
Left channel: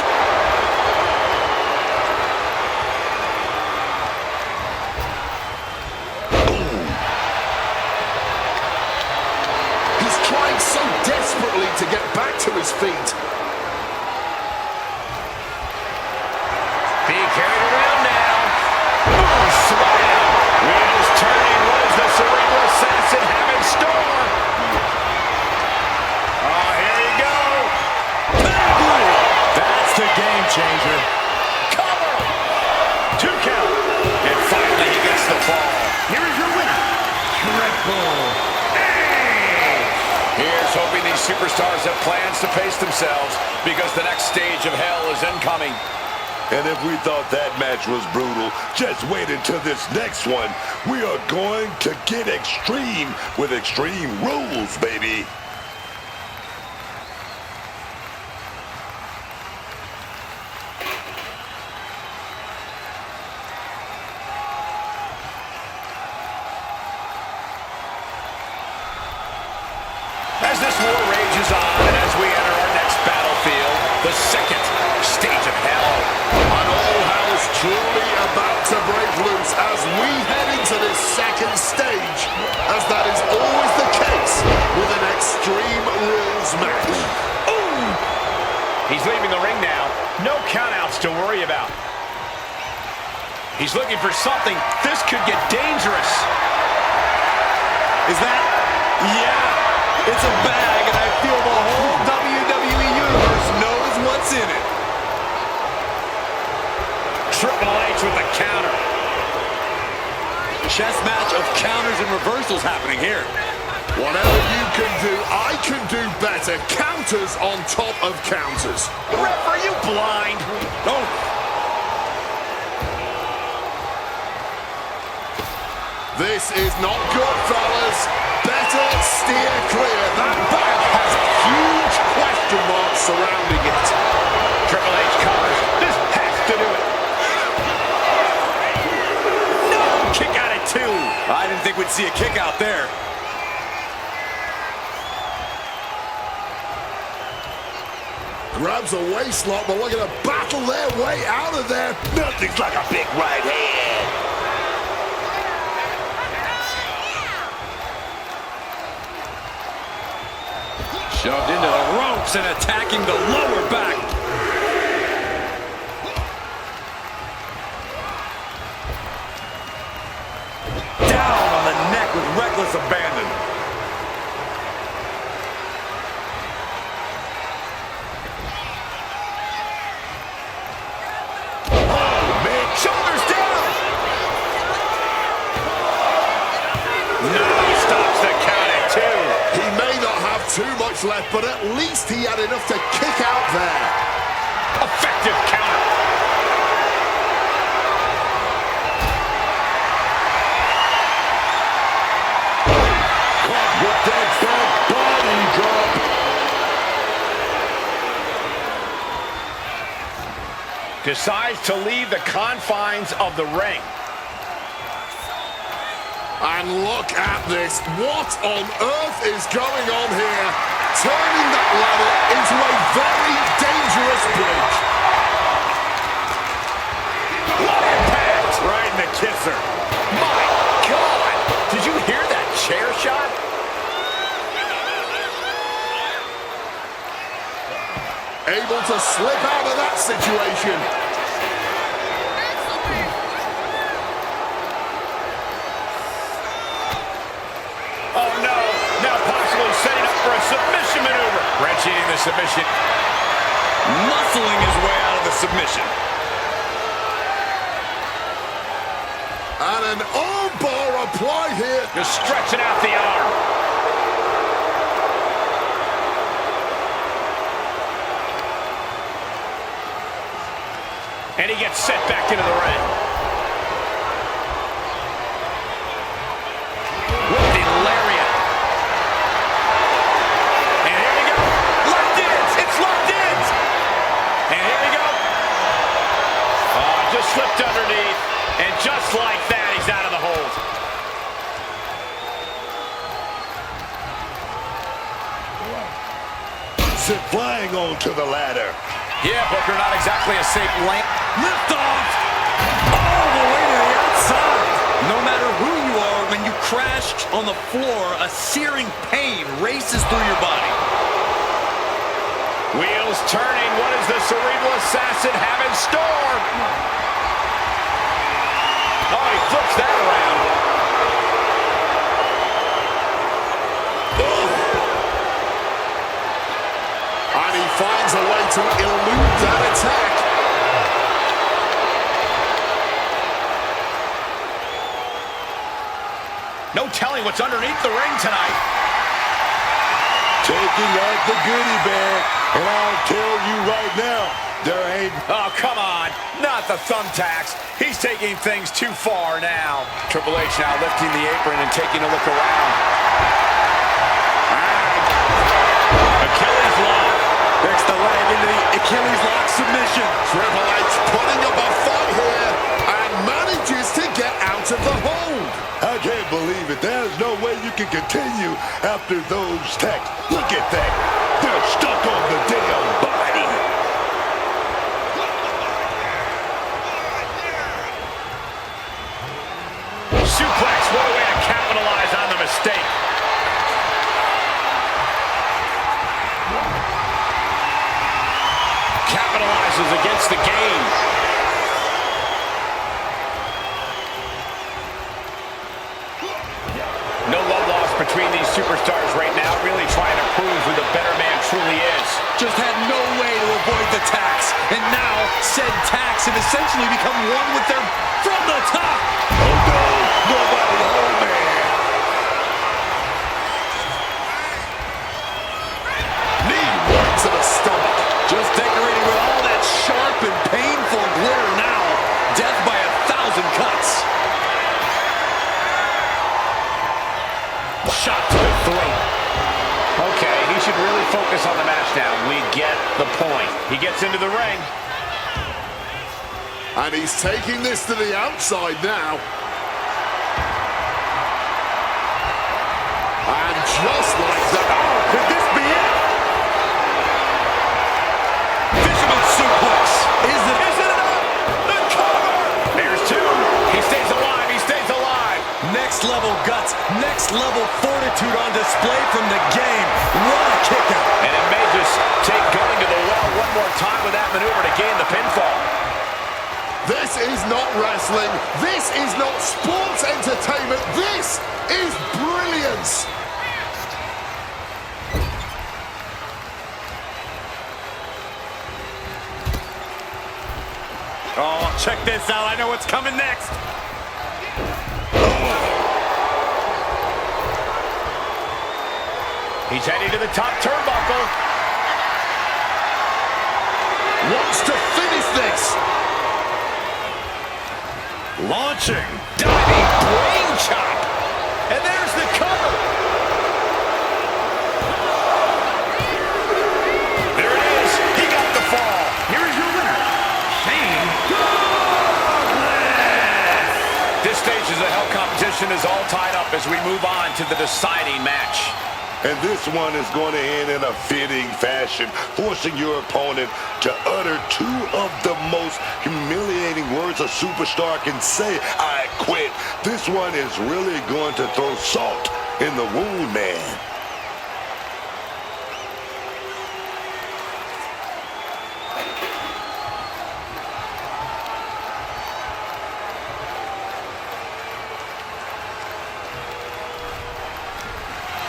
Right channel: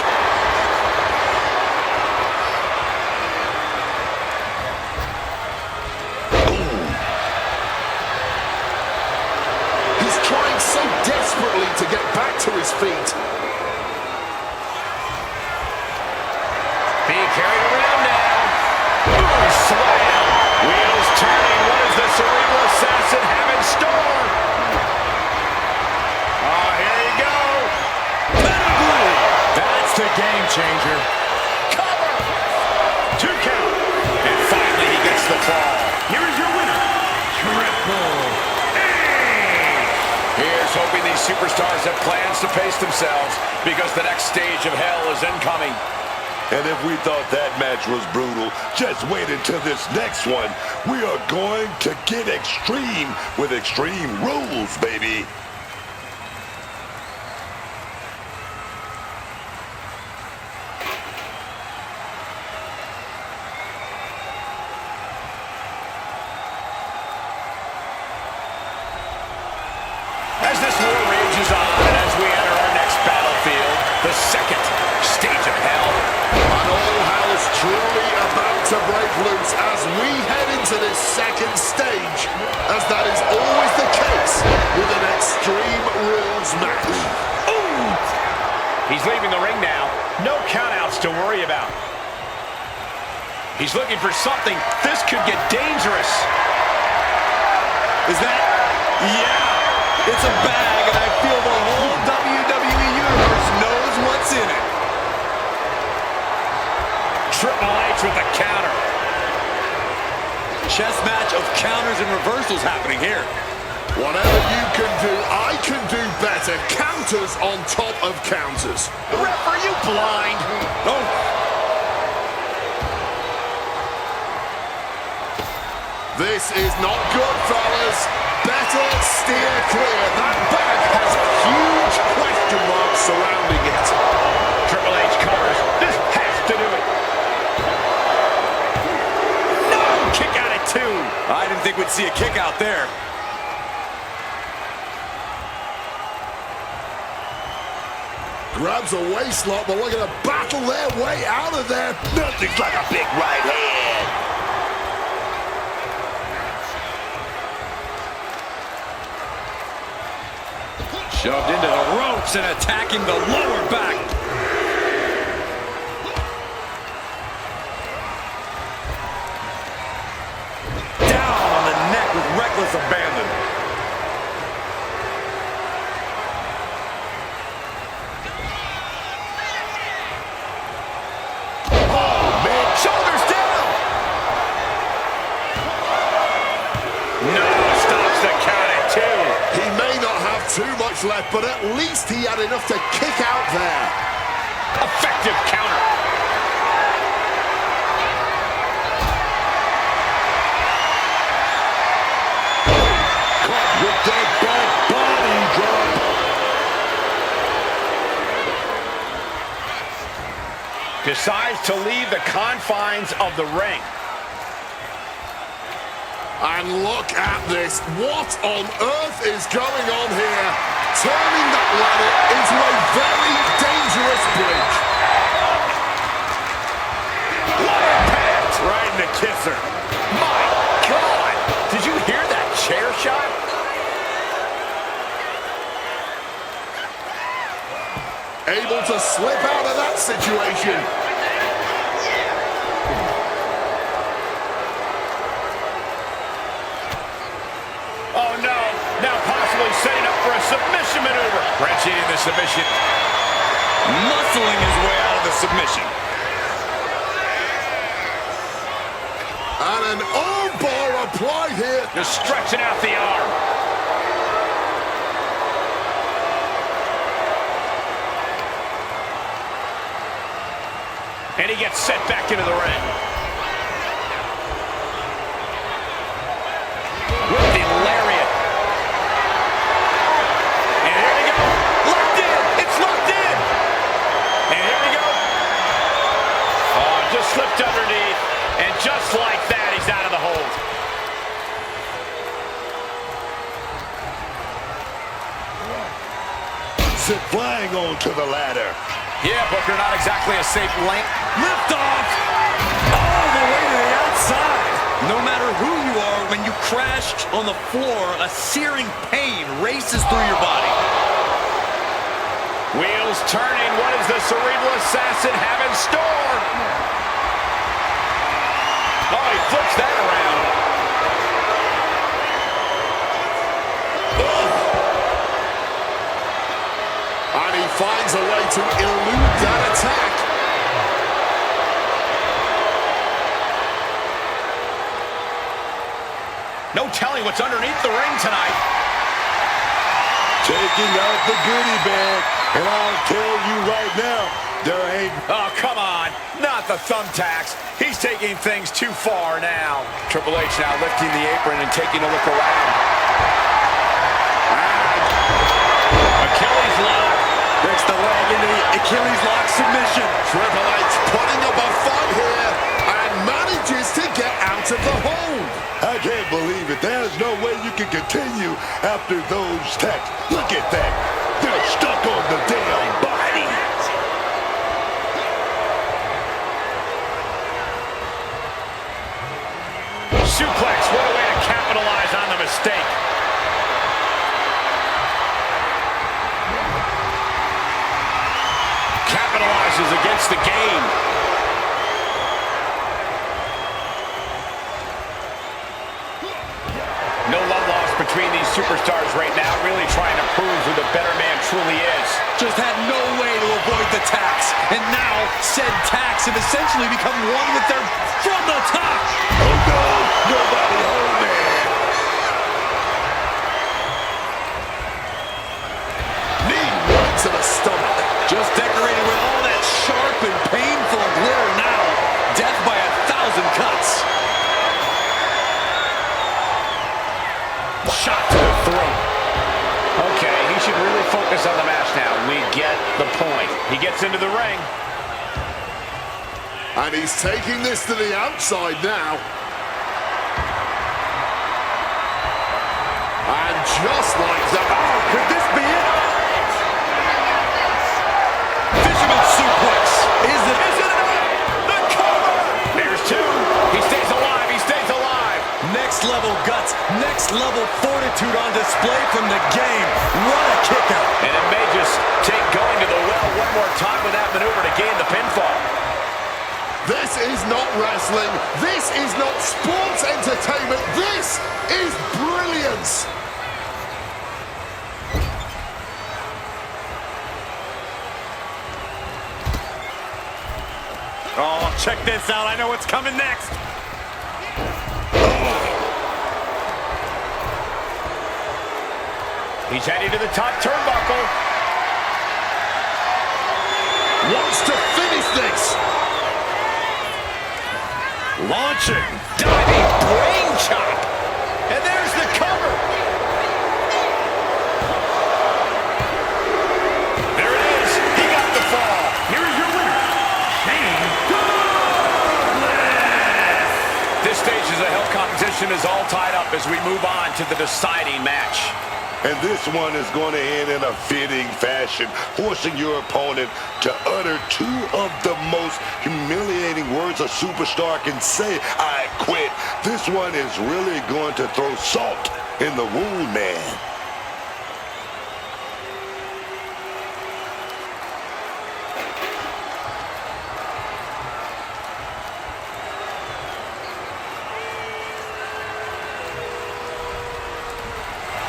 He's trying so desperately to get back to his feet. being carried around now. Ooh, slam. Wheels turning. What does the Cerebral Assassin have in store? Oh, here you go. That's the game changer. Cover. 2 count. And finally he gets the fall. Here is your winner, Triple H. Here's hoping these superstars have plans to pace themselves because the next stage of hell is incoming. And if we thought that match was brutal, just wait until this next one. We are going to get extreme with Extreme Rules, baby. As this war rages on and as we enter our next battlefield, the second stage of hell. And all hell's truly about to break loose as we head into this second stage, as that is always the case with an Extreme Rules match. Ooh! He's leaving the ring now. No countouts to worry about. He's looking for something. This could get dangerous. Is that? Yeah! It's a bag, and I feel the whole WWE Universe knows what's in it. Triple H with the counter. Chess match of counters and reversals happening here. Whatever you can do, I can do better. Counters on top of counters. Ref, are you blind? Oh. This is not good, fellas. Better steer clear. That bag has huge question marks surrounding it. Triple H covers. This has to do it. No! Kick out at 2. I didn't think we'd see a kick out there. Grabs a waist lock, but looking to battle their way out of there. Nothing's like a big right hand. Shoved into the ropes and attacking the lower back. Down on the neck with reckless abandon. Oh, man. Shoulders down. too much left, but at least he had enough to kick out there. Effective counter. Caught with that back body drop. Decides to leave the confines of the ring. And look at this. What on earth is going on here? Turning that ladder into a very dangerous bridge. What impact! Right in the kisser. My God! Did you hear that chair shot? Able to slip out of that situation. Oh no, now possibly setting up for a submission maneuver. Wrenching in the submission. Muscling his way out of the submission. And an arm bar applied here. Just stretching out the arm. And he gets set back into the ring. With the lariat. And here we go. Locked in. It's locked in. And here we go. Oh, just slipped underneath. And just like that, he's out of the hold. Sit flying onto the ladder. Yeah, Booker, not exactly a safe lane. Lift off. All the way to the outside. No matter who you are, when you crash on the floor, a searing pain races through your body. Wheels turning. What does the Cerebral Assassin have in store? Oh, he flips that around. And he finds a way to elude that attack. No telling what's underneath the ring tonight. Taking out the goodie bag. And I'll tell you right now, there ain't... Oh, come on. Not the thumbtacks. He's taking things too far now. Triple H now lifting the apron and taking a look around. Achilles lock. Breaks the leg into the Achilles lock submission. Triple H putting up a fight here and manages to get out of the hold. I can't believe it. There's no way you can continue after those tacks. Look at that. They're stuck on the damn body. Suplex. What a way to capitalize on the mistake. Capitalizes against the game. No love lost between these superstars right now, really trying to prove who the better man truly is. Just had no way to avoid the tax. And now, said tax have essentially become one with their from the top. Oh no, nobody home, man. Knee right to the stomach. Just decorated with all that sharp and painful glitter now. Death by 1,000 cuts. Shot to the throat. Okay, he should really focus on the match now. We get the point. He gets into the ring. And he's taking this to the outside now. And just like that. Oh, could this be it? Fisherman suplex. Is it enough? The cover. There's two. He stays alive. He stays alive. Next level guts. Next level fortitude on display from the game. What a kick out. And it may just take going to the well one more time with that maneuver to gain the pinfall. This is not wrestling. This is not sports entertainment. This is brilliance. Oh, check this out. I know what's coming next. He's heading to the top turnbuckle. Wants to finish this. Launching, diving brain chop. And there's the cover. There it is. He got the fall. Here is your winner, Shane Douglas. This stage of the Hell competition is all tied up as we move on to the deciding match. And this one is going to end in a fitting fashion, forcing your opponent to utter two of the most humiliating words a superstar can say, "I quit." This one is really going to throw salt in the wound, man.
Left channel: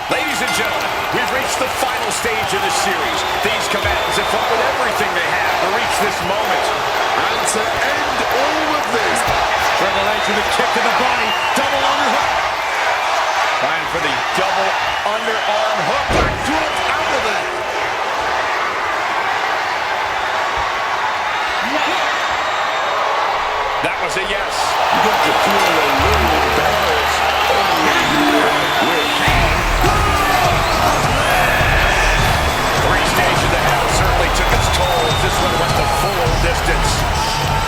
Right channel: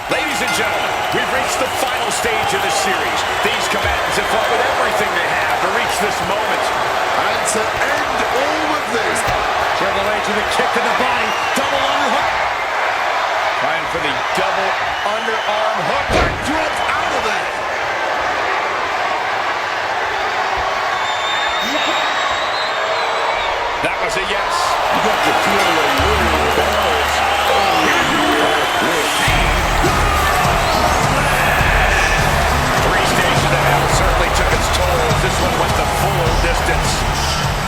Ladies and gentlemen, we've reached the final stage of this series. These combatants have fought with everything they have to reach this moment. And to end all of this, Triple H with a kick to the body, double underhook. Trying for the double underarm hook. backdrop out of there. That was a yes. You got to feel a little embarrassed. I quit. Three stages of hell certainly took its toll as this one went the full distance.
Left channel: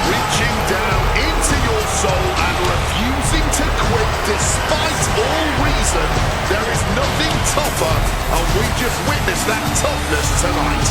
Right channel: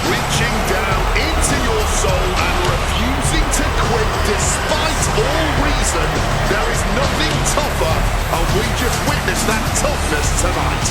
Reaching down into your soul and refusing to quit despite all reason. There is nothing tougher, and we just witnessed that toughness tonight.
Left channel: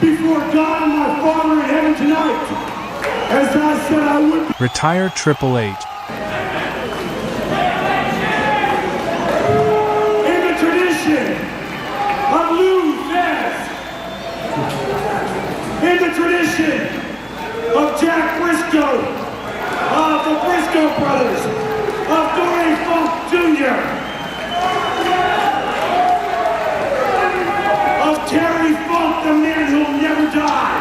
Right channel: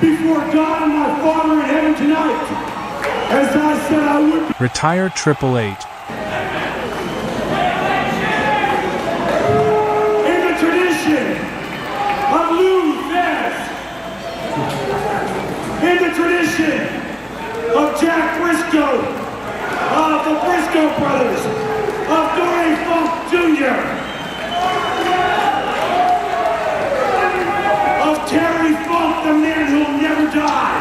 Before God and my Father in heaven tonight, as I said I would. Retire Triple H. In the tradition of Lou Thesz, in the tradition of Jack Briscoe, of the Briscoe brothers, of Dory Funk Jr., of Terry Funk, the man who'll never die.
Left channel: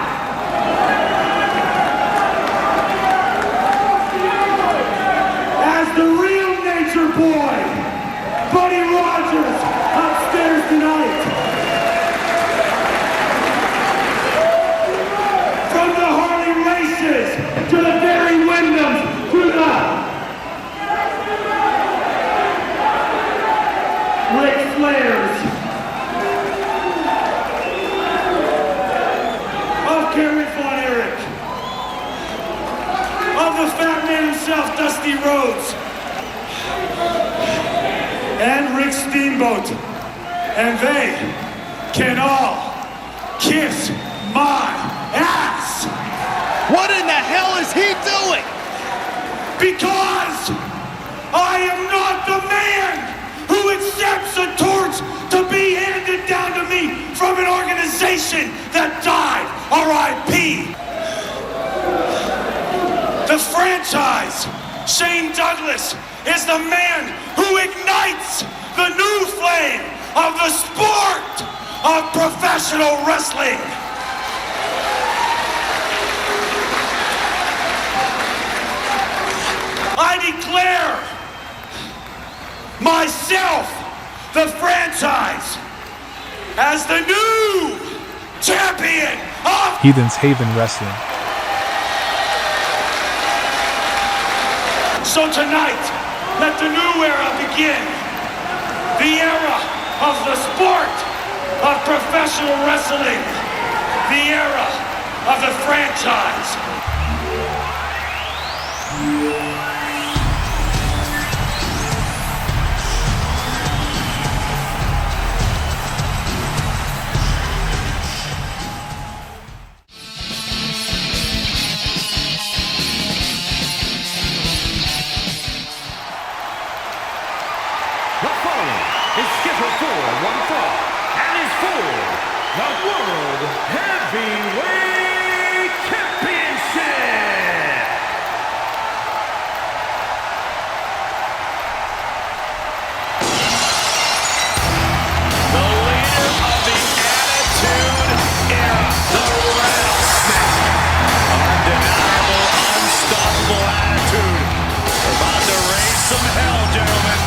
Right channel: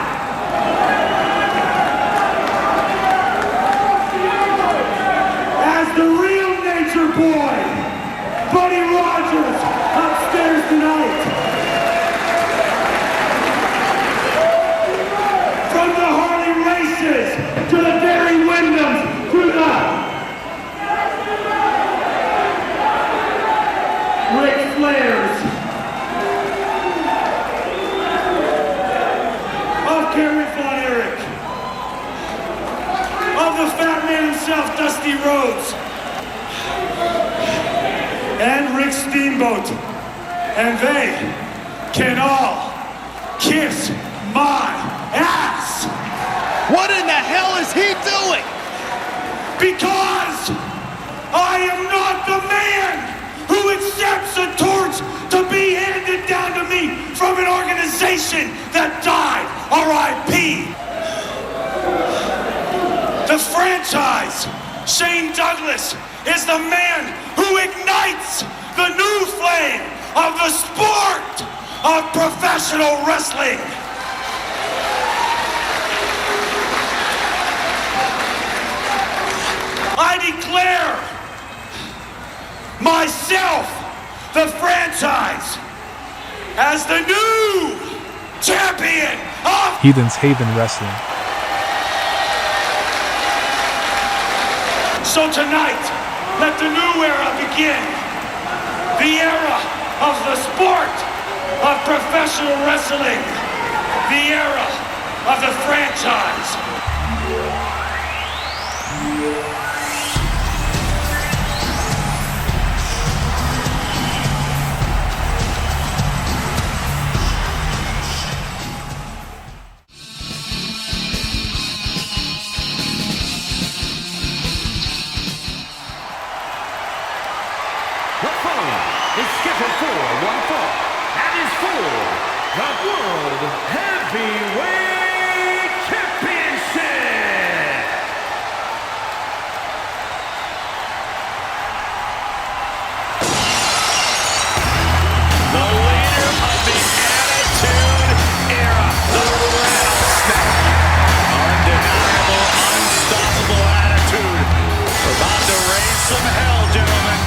As the real nature boy, Buddy Rogers, upstairs tonight. From the Harley races to the Barry Windhams to the Ric Flairs. Gary Von Erich, of the fat man himself, Dusty Rhodes, and Rick Steamboat, and they can all kiss my ass. What in the hell is he doing? Because I am not the man who accepts a torch to be handed down to me from an organization that died. R.I.P. The franchise, Shane Douglas, is the man who ignites the new flame of the sport of professional wrestling. I declare myself, the franchise, as the new champion of Heathen's Haven Wrestling. So tonight, let the new era begin. The era of the sport of professional wrestling. The era of the franchise. fought and is for the World Heavyweight Championship. The leader of the Attitude Era, the Rattlesnake. Undeniable, unstoppable attitude. About to raise some hell, gentlemen.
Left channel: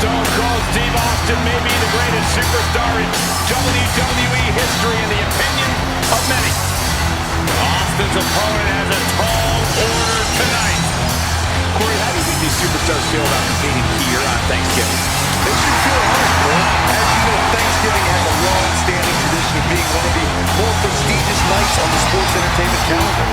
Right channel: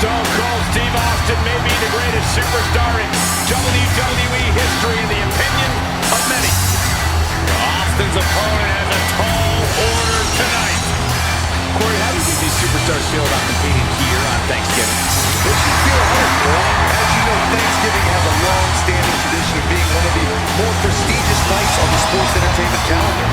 Stone Cold Steve Austin may be the greatest superstar in WWE history in the opinion of many. Austin's opponent has a tall order tonight. Corey, how do you think these superstars feel about competing here on Thanksgiving? They should feel honored, Cole. As you know, Thanksgiving has a long-standing tradition of being one of the more prestigious nights on the sports entertainment calendar.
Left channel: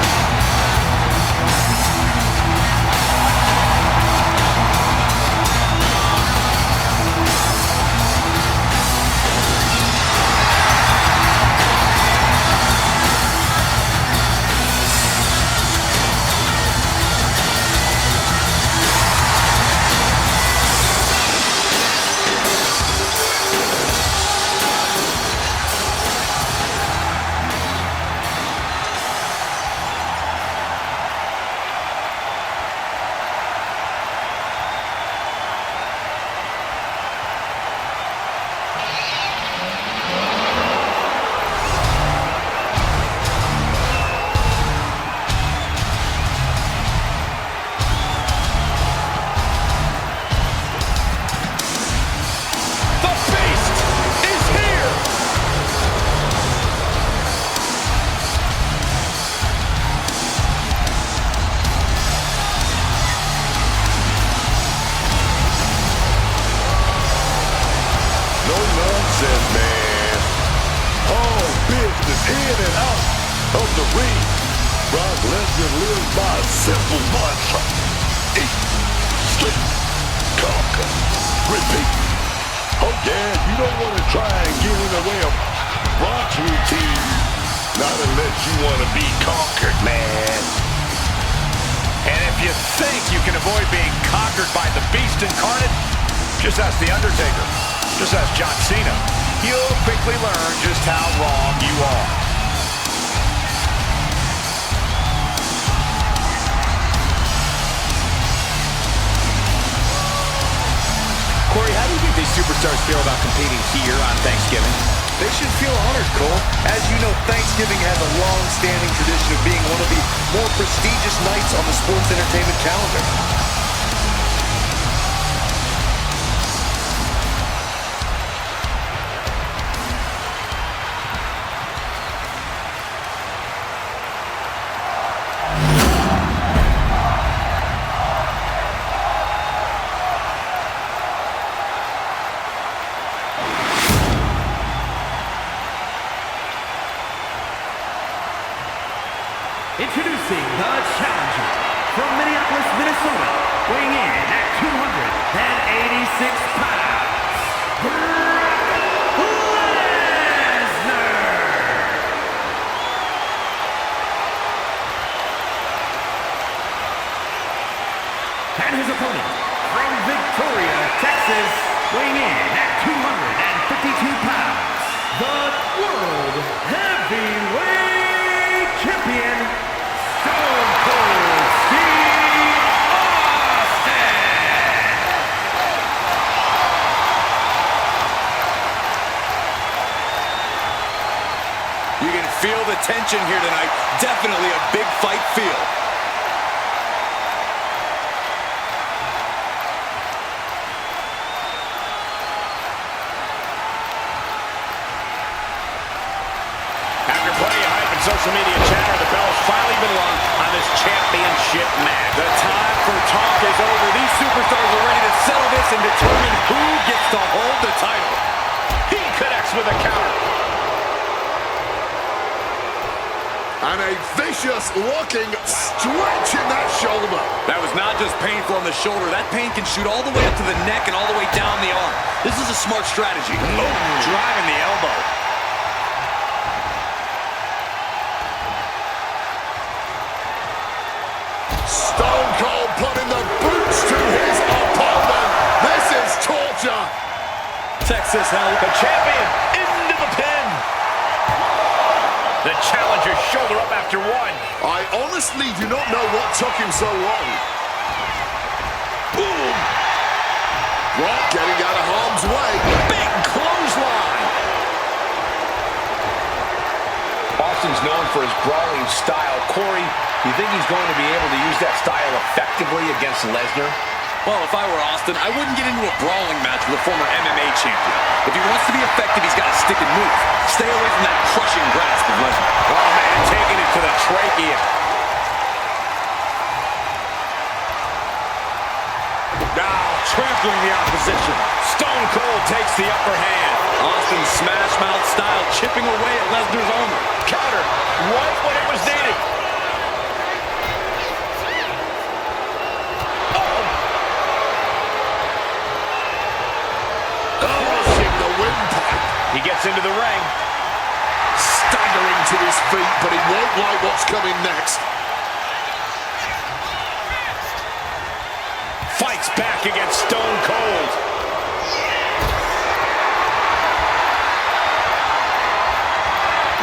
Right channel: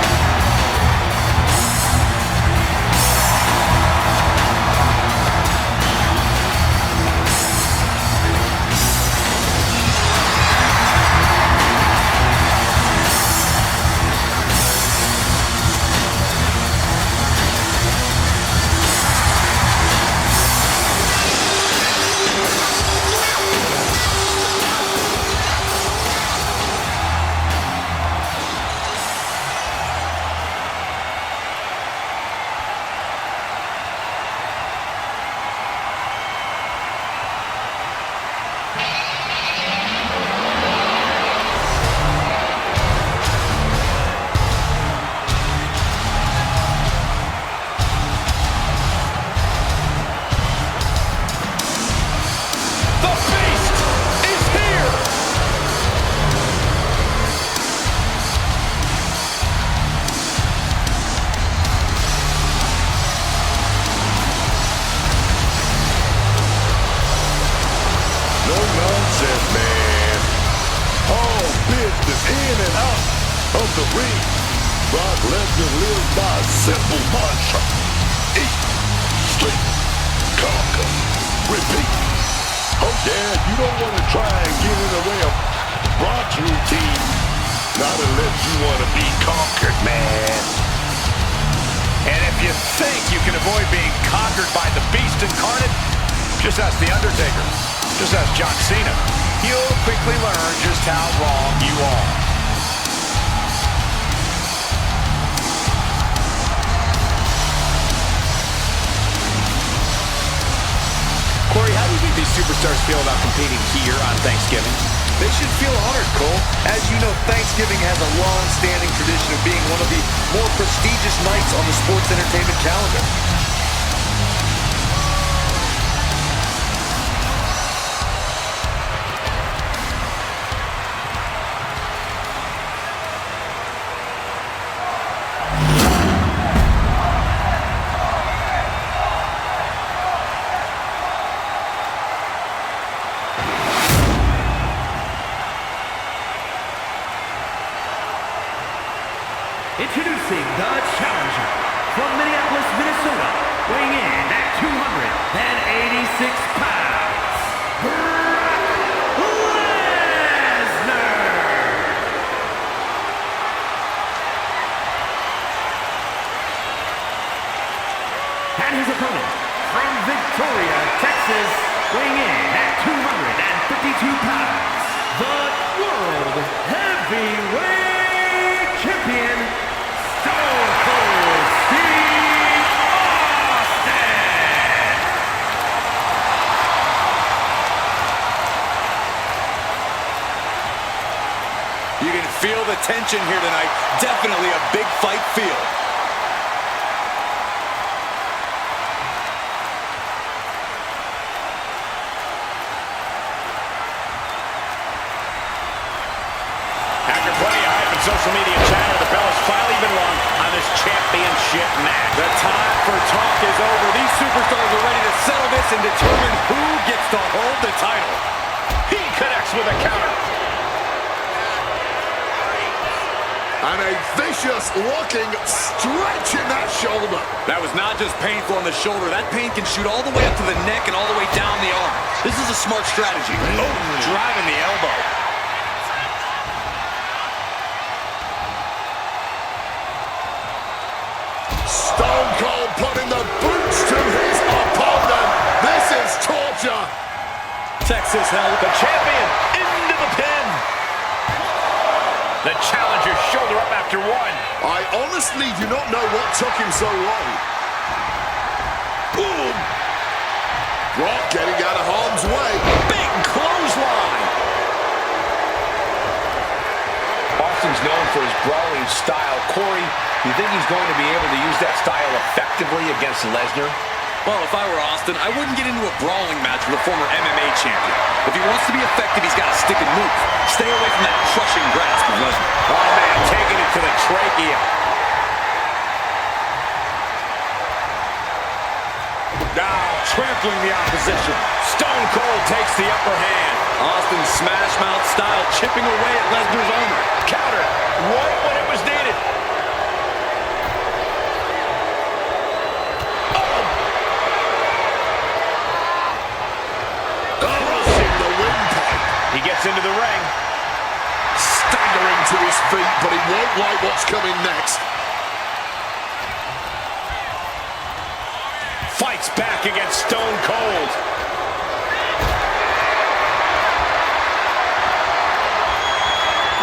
Nonsense, man. All business in and out of the ring. Brock Lesnar lives by a simple mantra. Eat, sleep, conquer, repeat. Oh yeah, you don't want to try and get in the way of Brock's routine. Not unless you want to be conquered, man. And if you think you can avoid being conquered by the Beast incarnate, just ask The Undertaker. Just ask John Cena. You'll quickly learn just how wrong you are. Corey, how do you think these superstars feel about competing here on Thanksgiving? They should feel honored, Cole. As you know, Thanksgiving has a long-standing tradition of being one of the more prestigious nights on the sports entertainment calendar. Introducing the challenger from Minneapolis, Minnesota, weighing in at 286 pounds, Brock Lesnar. And his opponent from Victoria, Texas, weighing in at 252 pounds, the World Heavyweight Champion, Stone Cold Steve Austin! You can feel the tension here tonight. Definitely a big fight feel. After plenty of hype and social media chatter, the bell has finally been rung on this championship match. The time for talk is over. These superstars are ready to settle this and determine who gets to hold the title. He connects with a counter. And a vicious-looking stretch in that shoulder. That was not just painful on the shoulder. That pain can shoot all the way up to the neck and all the way down the arm. This is a smart strategy. Oh, driving the elbow. Stone Cold putting the boots to his opponent. This is torture. Tex, Nexus held. The champion into the pin. The challenger's shoulder up after one. I honestly do not know what took him so long. Boom! Brock getting out of harm's way. Big clothesline. Austin's known for his brawling style. Corey, you think he's going to be able to use that style effectively against Lesnar? Well, if I were Austin, I wouldn't get into a brawling match with a former MMA champion. If he wants to be effective, he's got to stick and move. Stay away from that crushing grasp of Lesnar. Oh, man, taking it to the trachea. Now, trampling the opposition. Stone Cold takes the upper hand. Austin's smash mouth style chipping away at Lesnar's armor. Counter right when it was needed. Crushing the windpipe. He gets into the ring. Staggering to his feet, but he won't like what's coming next. Fights back against Stone Cold.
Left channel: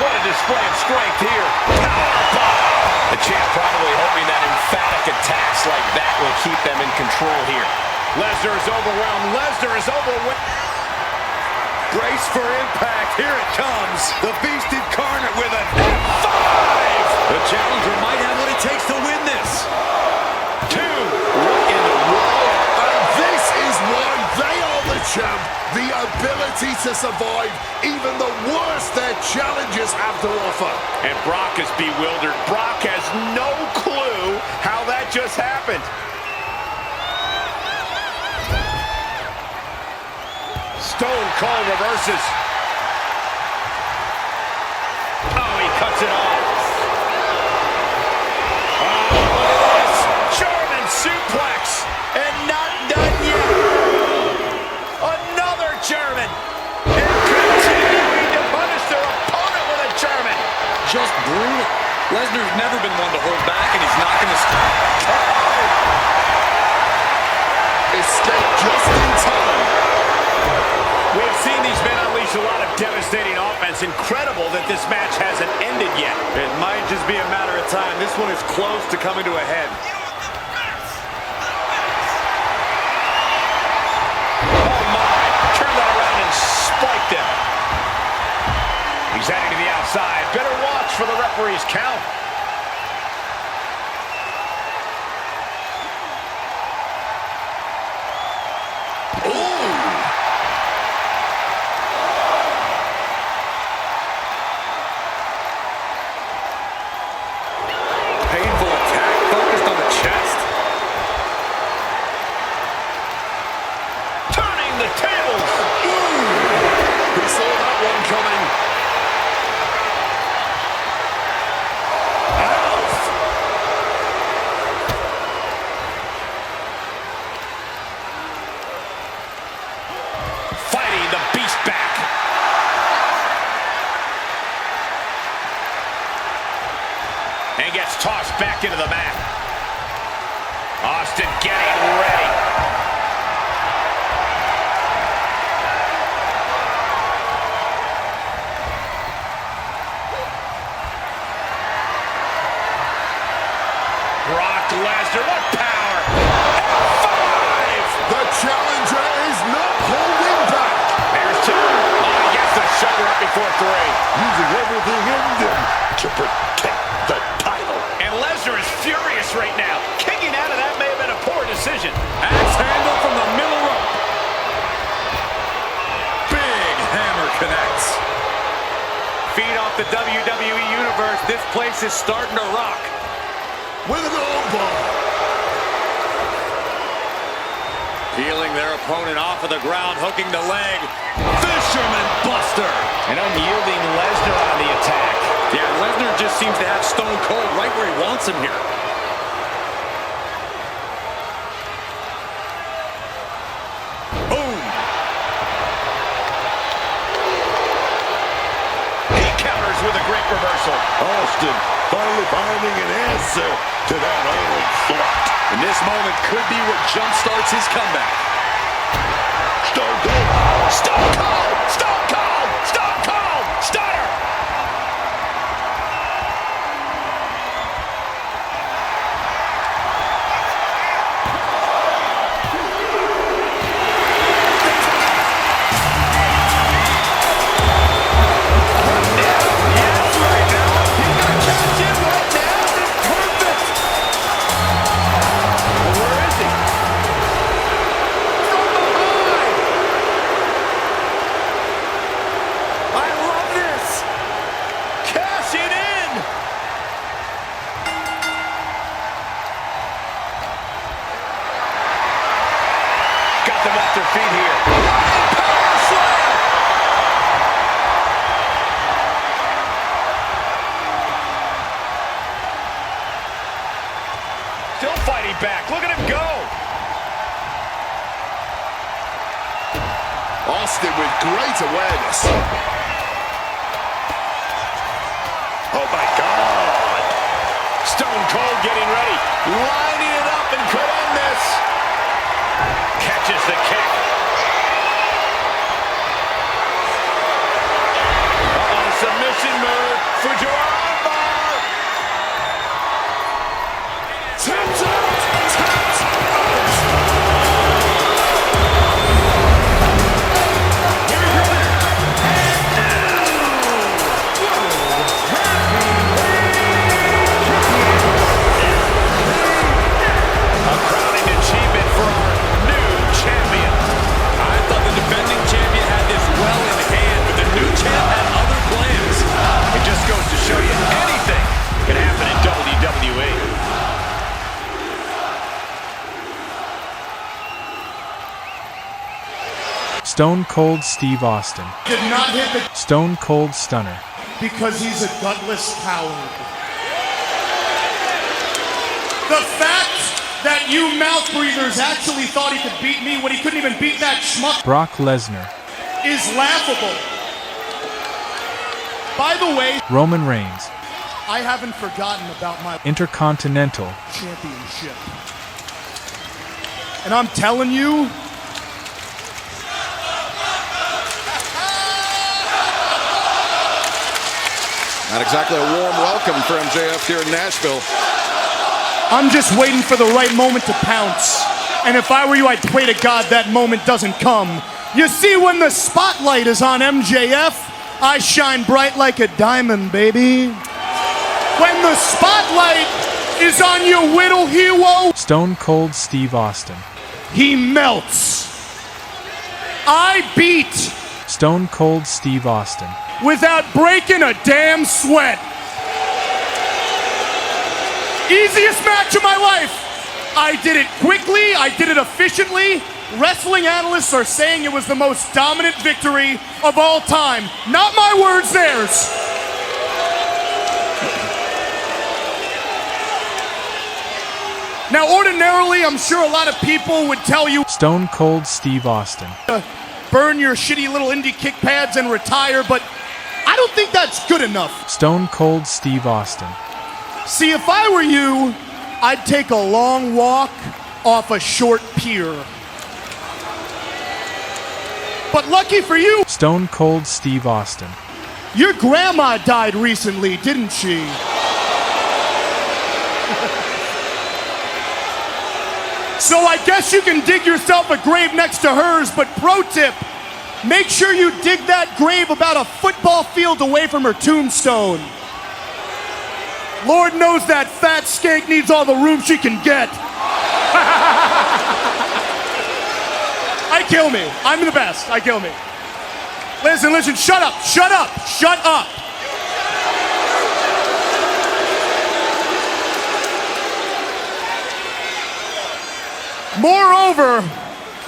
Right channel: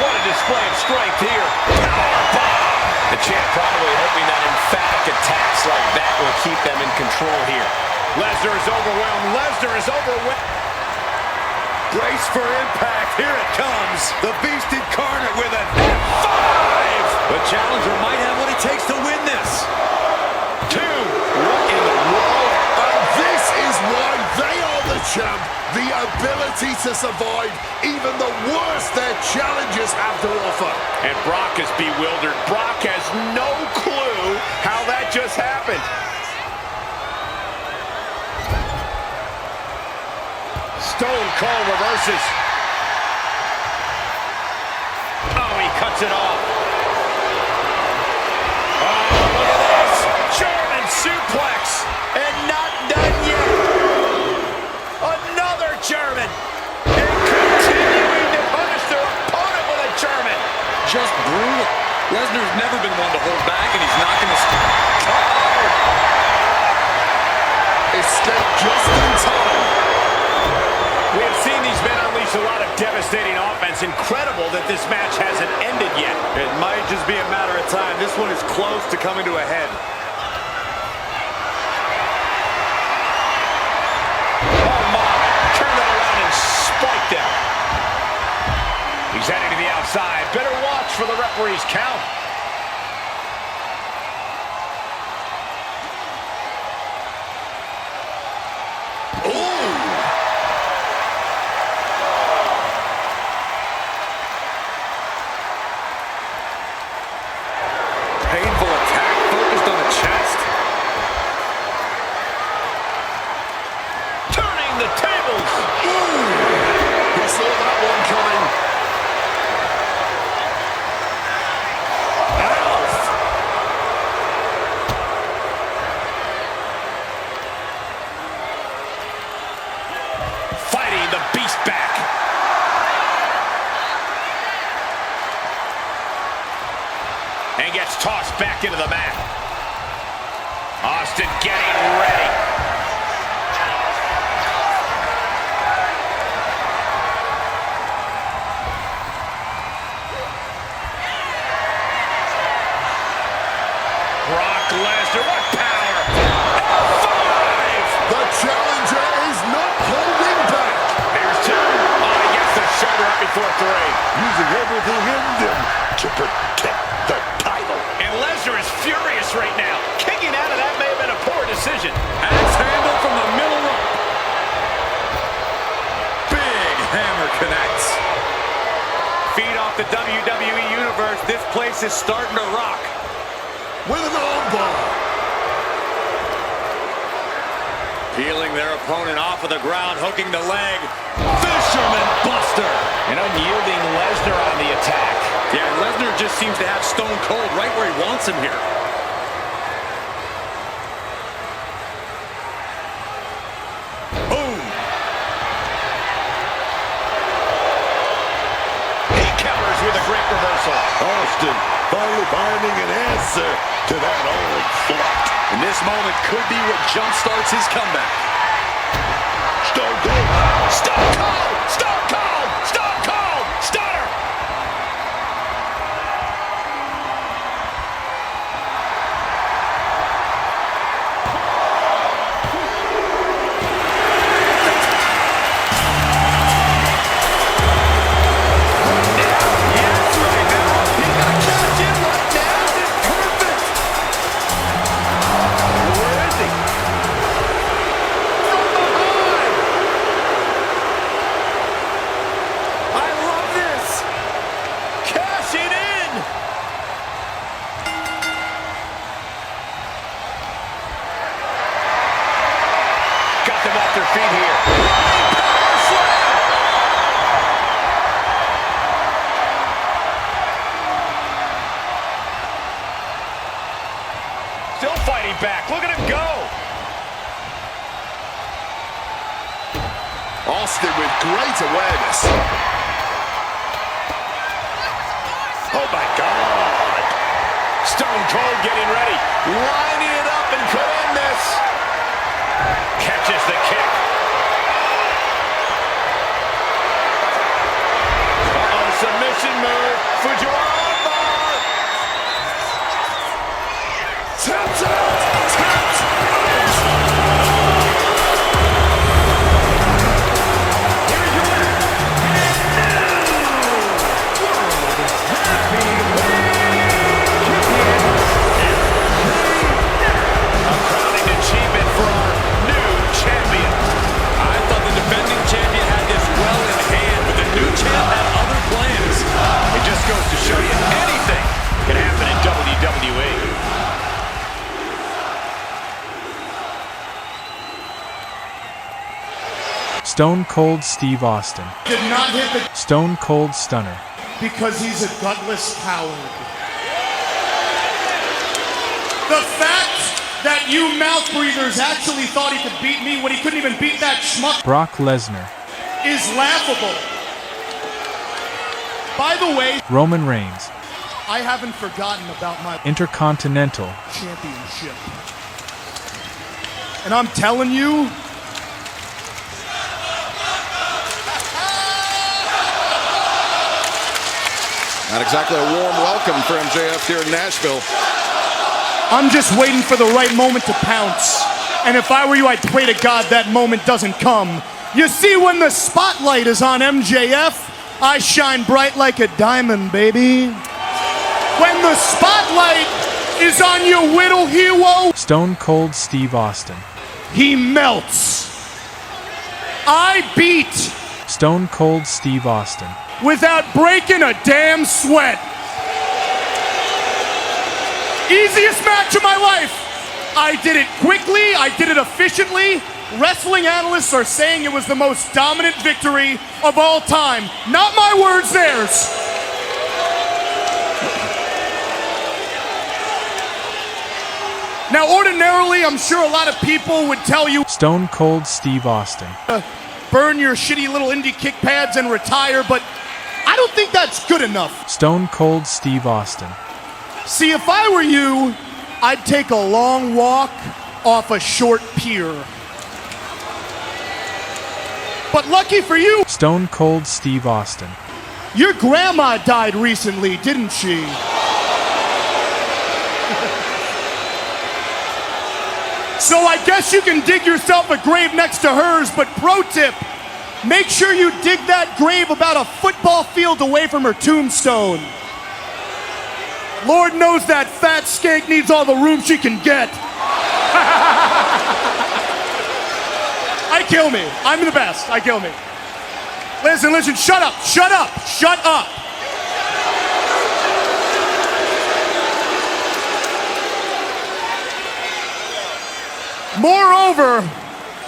What a display of strength here. Powerbomb! The champ probably hoping that emphatic attacks like that will keep them in control here. Lesnar is overwhelmed. Lesnar is overwhelmed. Brace for impact. Here it comes. The Beast Incarnate with an F5! The challenger might have what it takes to win this. 2. What in the world? And this is why they are the champ. The ability to survive even the worst their challengers have to offer. And Brock is bewildered. Brock has no clue how that just happened. Stone Cold reverses. Oh, he cuts it off. Oh, look at this. German suplex. And not done yet. Another German. And continuing to punish their opponent with a German. Just brutal. Lesnar's never been one to hold back, and he's not going to stop. Escape just in time. We have seen these men unleash a lot of devastating offense. Incredible that this match hasn't ended yet. It might just be a matter of time. This one is close to coming to a head. Oh my, turn that around and spike them. He's heading to the outside. Better watch for the referee's count. Painful attack focused on the chest. Turning the tables. He saw that one coming. Alf! Fighting the beast back. And gets tossed back into the mat. Austin getting ready. Brock Lesnar, what power! F5! The challenger is not holding back. There's 2. Oh, he gets the shoulder up before 3. Using everything in them to protect the title. And Lesnar is furious right now. Kicking out of that may have been a poor decision. Axe handle from the middle rope. Big hammer connects. Feed off the WWE Universe. This place is starting to rock. With an armbar. Peeling their opponent off of the ground, hooking the leg. Fisherman Buster. An unyielding Lesnar on the attack. Yeah, Lesnar just seems to have Stone Cold right where he wants him here. Boom. He counters with a great reversal. Austin finally finding an answer to that onslaught. And this moment could be what jump-starts his comeback. Stone Cold. Stone Cold! Stone Cold! Stone Cold! Stunner! Yes, right now. He's gonna cash in right now. Perfect. Well, where is he? From behind. I love this. Cashing in. Got them off their feet here. Running power slam. Still fighting back. Look at him go. Austin with great awareness. Oh my God. Stone Cold getting ready. Lining it up and could end this. Catches the kick. Uh-oh, submission move. Fujiwara armbar. Taps out! Taps out! Here is your winner, and new World Heavyweight Champion, A crowning achievement for our new champion. I thought the defending champion had this well in hand, but the new champ had other plans. It just goes to show you anything can happen in WWE. Stone Cold Steve Austin. Did not hit the Stone Cold Stunner. because he's a gutless coward. The fact that you mouth breathers actually thought he could beat me when he couldn't even beat that schmuck Brock Lesnar. is laughable. By the way, Roman Reigns. I haven't forgotten about my Intercontinental. championship. And I'm telling you, Not exactly a warm welcome for MJF here in Nashville. I'm just waiting for the right moment to pounce. And if I were you, I'd pray to God that moment doesn't come. You see, when the spotlight is on MJF, I shine bright like a diamond, baby. When the spotlight is on your whittle hero, Stone Cold Steve Austin. he melts. I beat Stone Cold Steve Austin. without breaking a damn sweat. Easiest match of my life. I did it quickly, I did it efficiently. Wrestling analysts are saying it was the most dominant victory of all time. Not my words, theirs. Now, ordinarily, I'm sure a lot of people would tell you, Stone Cold Steve Austin. burn your shitty little indie kick pads and retire, but I don't think that's good enough. Stone Cold Steve Austin. See, if I were you, I'd take a long walk off a short pier. But lucky for you, Stone Cold Steve Austin. your grandma died recently, didn't she? So I guess you can dig yourself a grave next to hers, but pro tip, make sure you dig that grave about a football field away from her tombstone. Lord knows that fat skank needs all the room she can get. I kill me. I'm the best. I kill me. Listen, shut up, shut up, shut up. Moreover,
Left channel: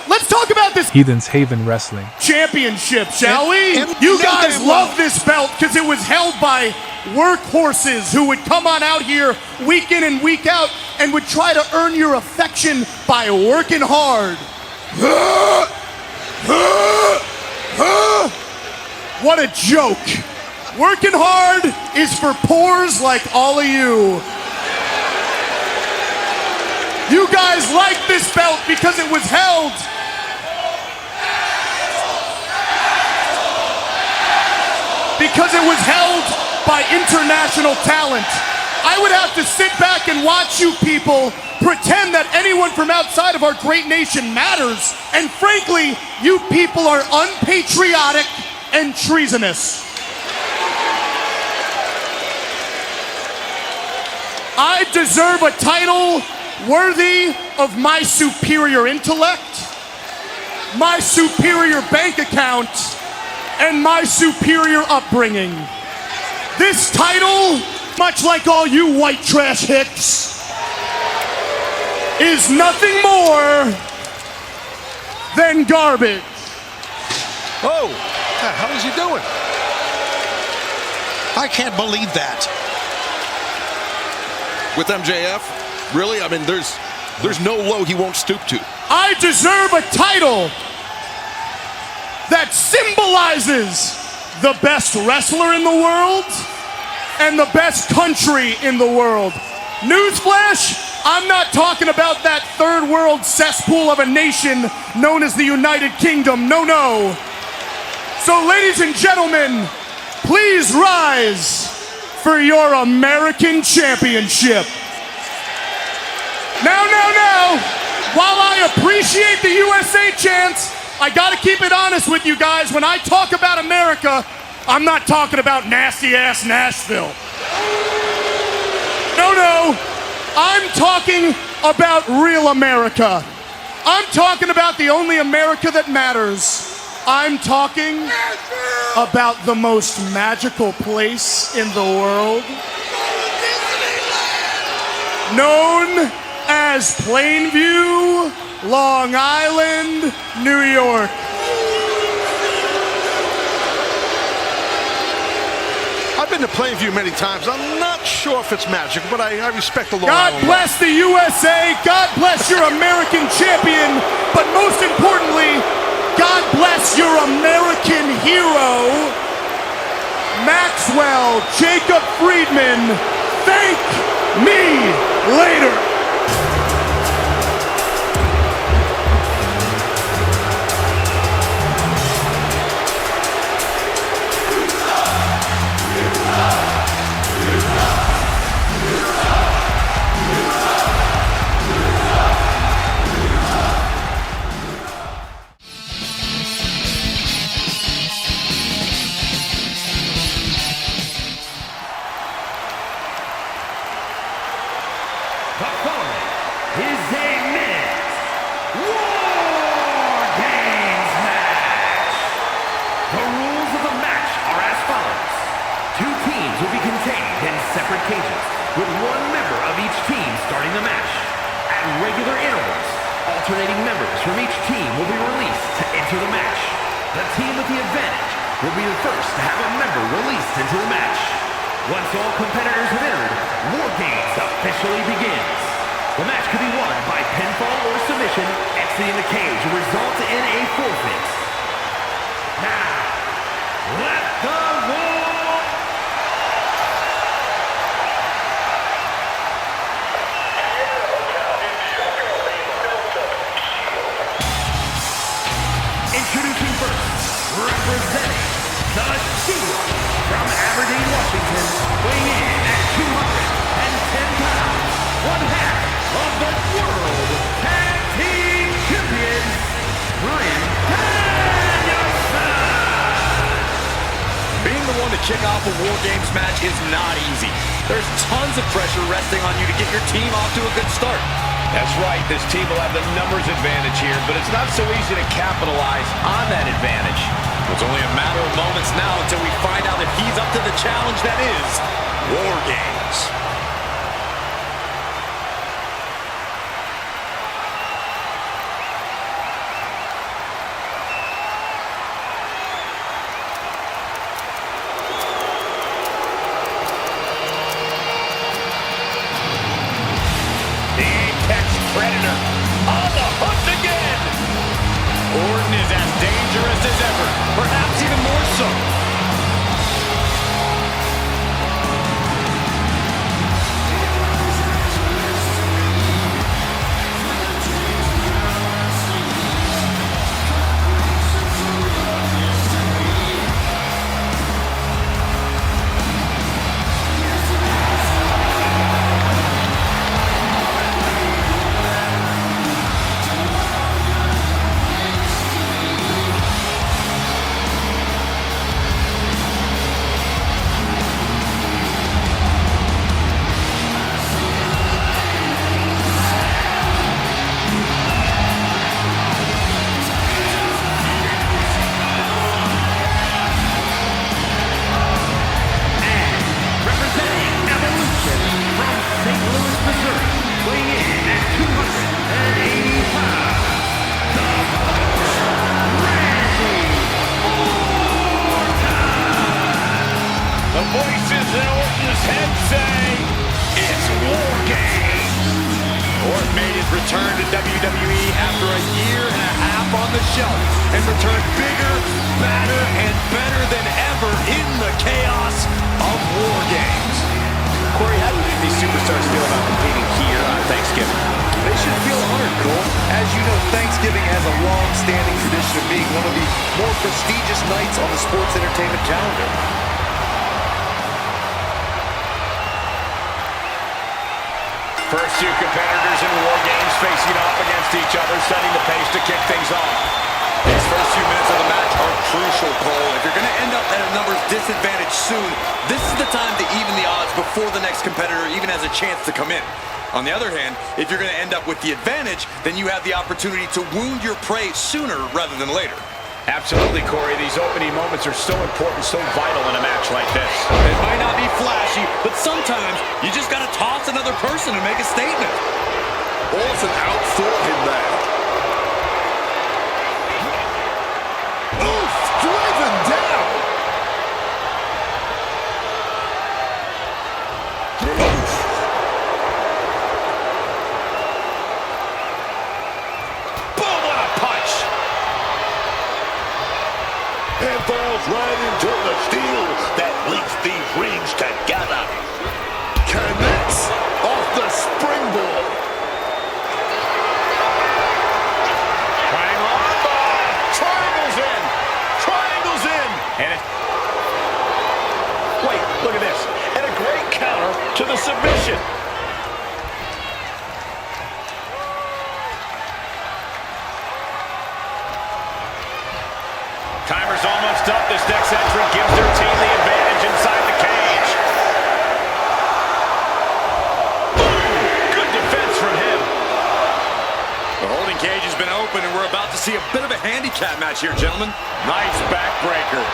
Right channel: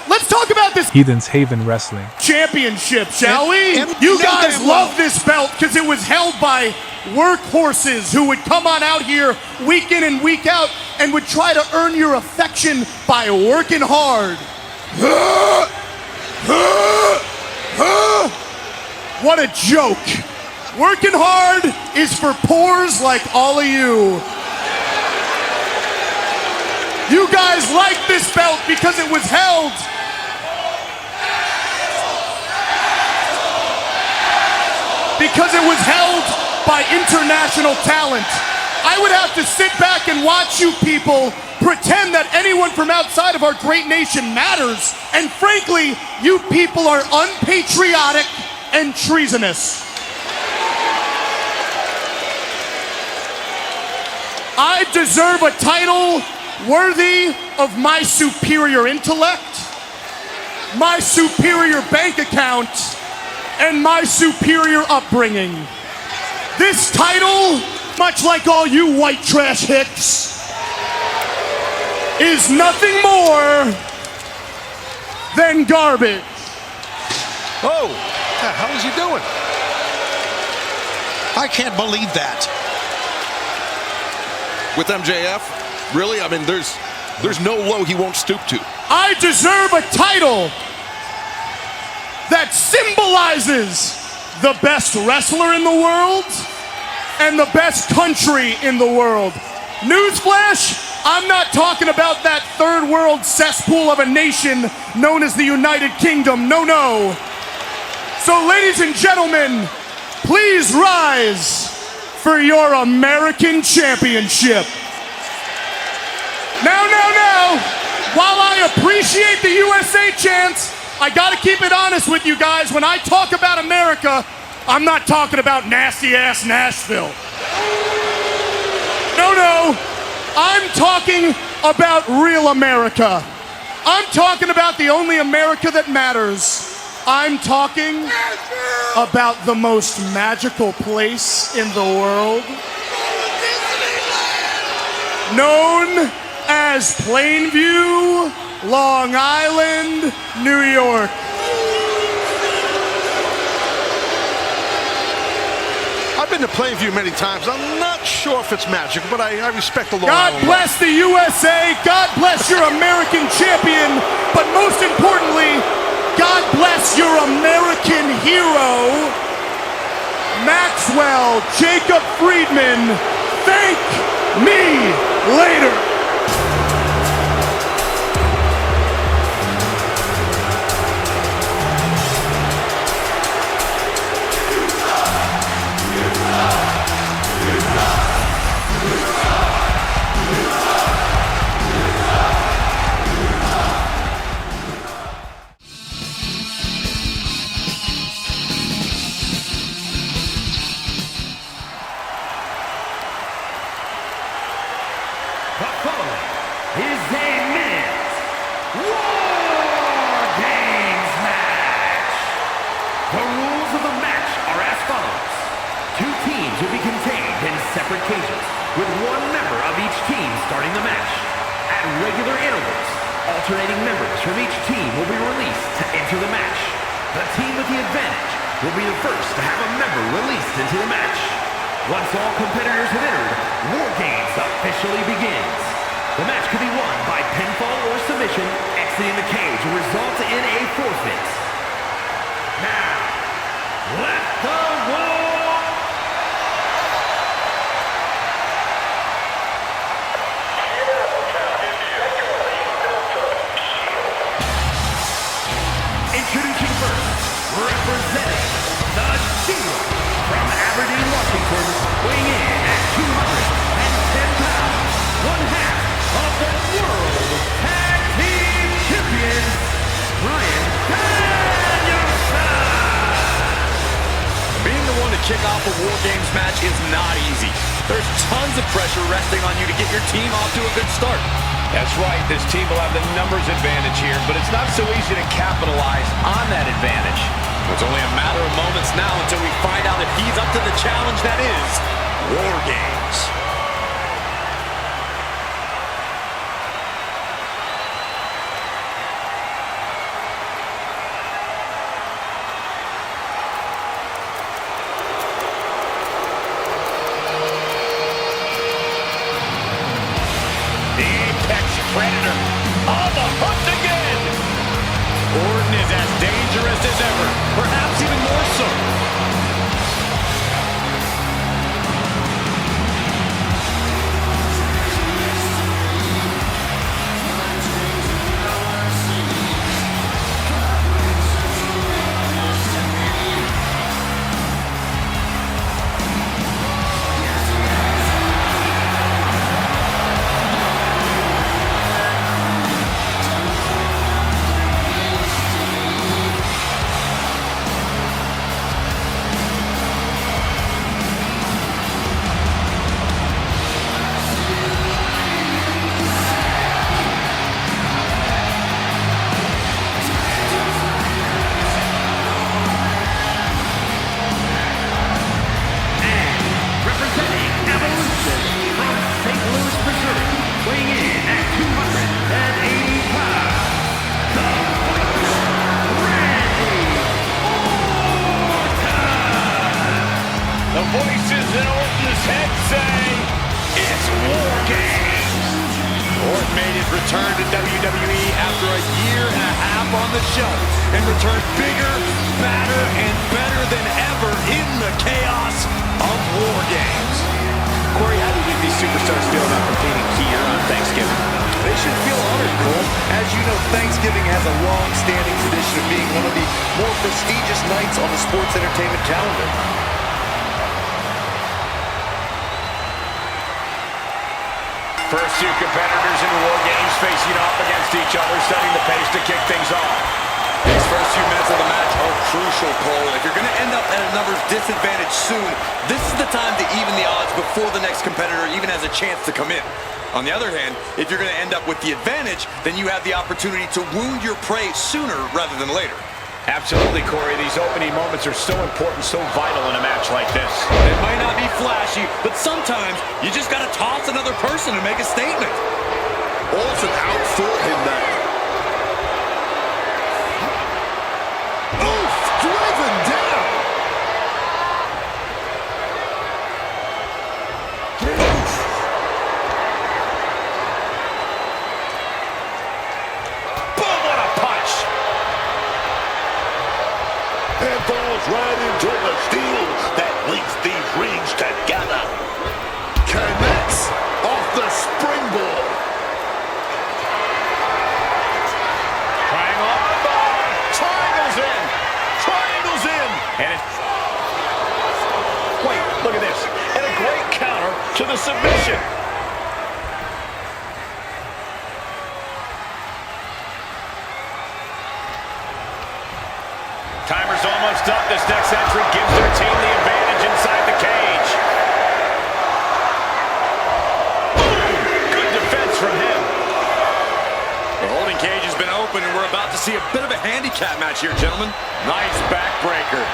let's talk about this Heathens Haven Wrestling. championship, shall we? You guys love this belt because it was held by workhorses who would come on out here week in and week out and would try to earn your affection by working hard. What a joke. Working hard is for pores like all of you. You guys like this belt because it was held because it was held by international talent. I would have to sit back and watch you people pretend that anyone from outside of our great nation matters. And frankly, you people are unpatriotic and treasonous. I deserve a title worthy of my superior intellect, my superior bank account, and my superior upbringing. This title, much like all you white trash hicks, is nothing more than garbage. Oh, what the hell is he doing? I can't believe that. With MJF, really? I mean, there's no low he won't stoop to. I deserve a title that symbolizes the best wrestler in the world and the best country in the world. Newsflash, I'm not talking about that third world cesspool of a nation known as the United Kingdom. No, no. So, ladies and gentlemen, please rise for your American championship. Now, while I appreciate the USA chants, I gotta keep it honest with you guys. When I talk about America, I'm not talking about nasty-ass Nashville. No, I'm talking about real America. I'm talking about the only America that matters. I'm talking about the most magical place in the world, known as Plainview, Long Island, New York. I've been to Plainview many times. I'm not sure if it's magical, but I respect the Long God Island. bless the USA. God bless your American champion. But most importantly, God bless your American hero, Maxwell Jacob Friedman. Thank me later. The following is a men's Wargames match. The rules of the match are as follows. Two teams will be contained in separate cages, with one member of each team starting the match. At regular intervals, alternating members from each team will be released to enter the match. The team with the advantage will be the first to have a member released into the match. Once all competitors have entered, Wargames officially begins. The match could be won by pinfall or submission. Exiting the cage will result in a forfeit. Now, let the war... Introducing first, representing the Shield from Aberdeen, Washington, weighing in at 210 pounds, one half of the World Tag Team Champions, Bryan Danielson! Being the one to kick off a Wargames match is not easy. There's tons of pressure resting on you to get your team off to a good start. That's right, this team will have the numbers advantage here, but it's not so easy to capitalize on that advantage. It's only a matter of moments now until we find out if he's up to the challenge that is Wargames. The Apex Predator on the hunt again. Orton is as dangerous as ever, perhaps even more so. weighing in at 280 pounds, the fighter, Randy Orton! The voices in Orton's head say, it's Wargames! Orton made his return to WWE after a year and a half on the shelf and returned bigger, badder, and better than ever in the chaos of Wargames. Corey, how do you think these superstars feel about competing here on Thanksgiving? They should feel honored, Cole. As you know, Thanksgiving has a long-standing tradition of being one of the more prestigious nights on the sports entertainment calendar. First two competitors in Wargames facing off against each other, setting the pace to kick things off. These first few minutes of the match are crucial, Cole. If you're going to end up at a numbers disadvantage soon, this is the time to even the odds before the next competitor even has a chance to come in. On the other hand, if you're going to end up with the advantage, then you have the opportunity to wound your prey sooner rather than later. Absolutely, Corey. These opening moments are so important, so vital in a match like this. It might not be flashy, but sometimes you just got to toss another person and make a statement. Orton outthought him there. Oof! Driven down! Oof! Boom! What a punch! And falls right into the steel that links these rings together. Connects off the springboard. Triangle armbar! Triangles in! Triangles in! And it... Wait, look at this. And a great counter to the submission. Timer's almost up. This next entry gives their team the advantage inside the cage. Boom! Good defense from him. The holding cage has been open, and we're about to see a bit of a handicap match here, gentlemen. Nice backbreaker.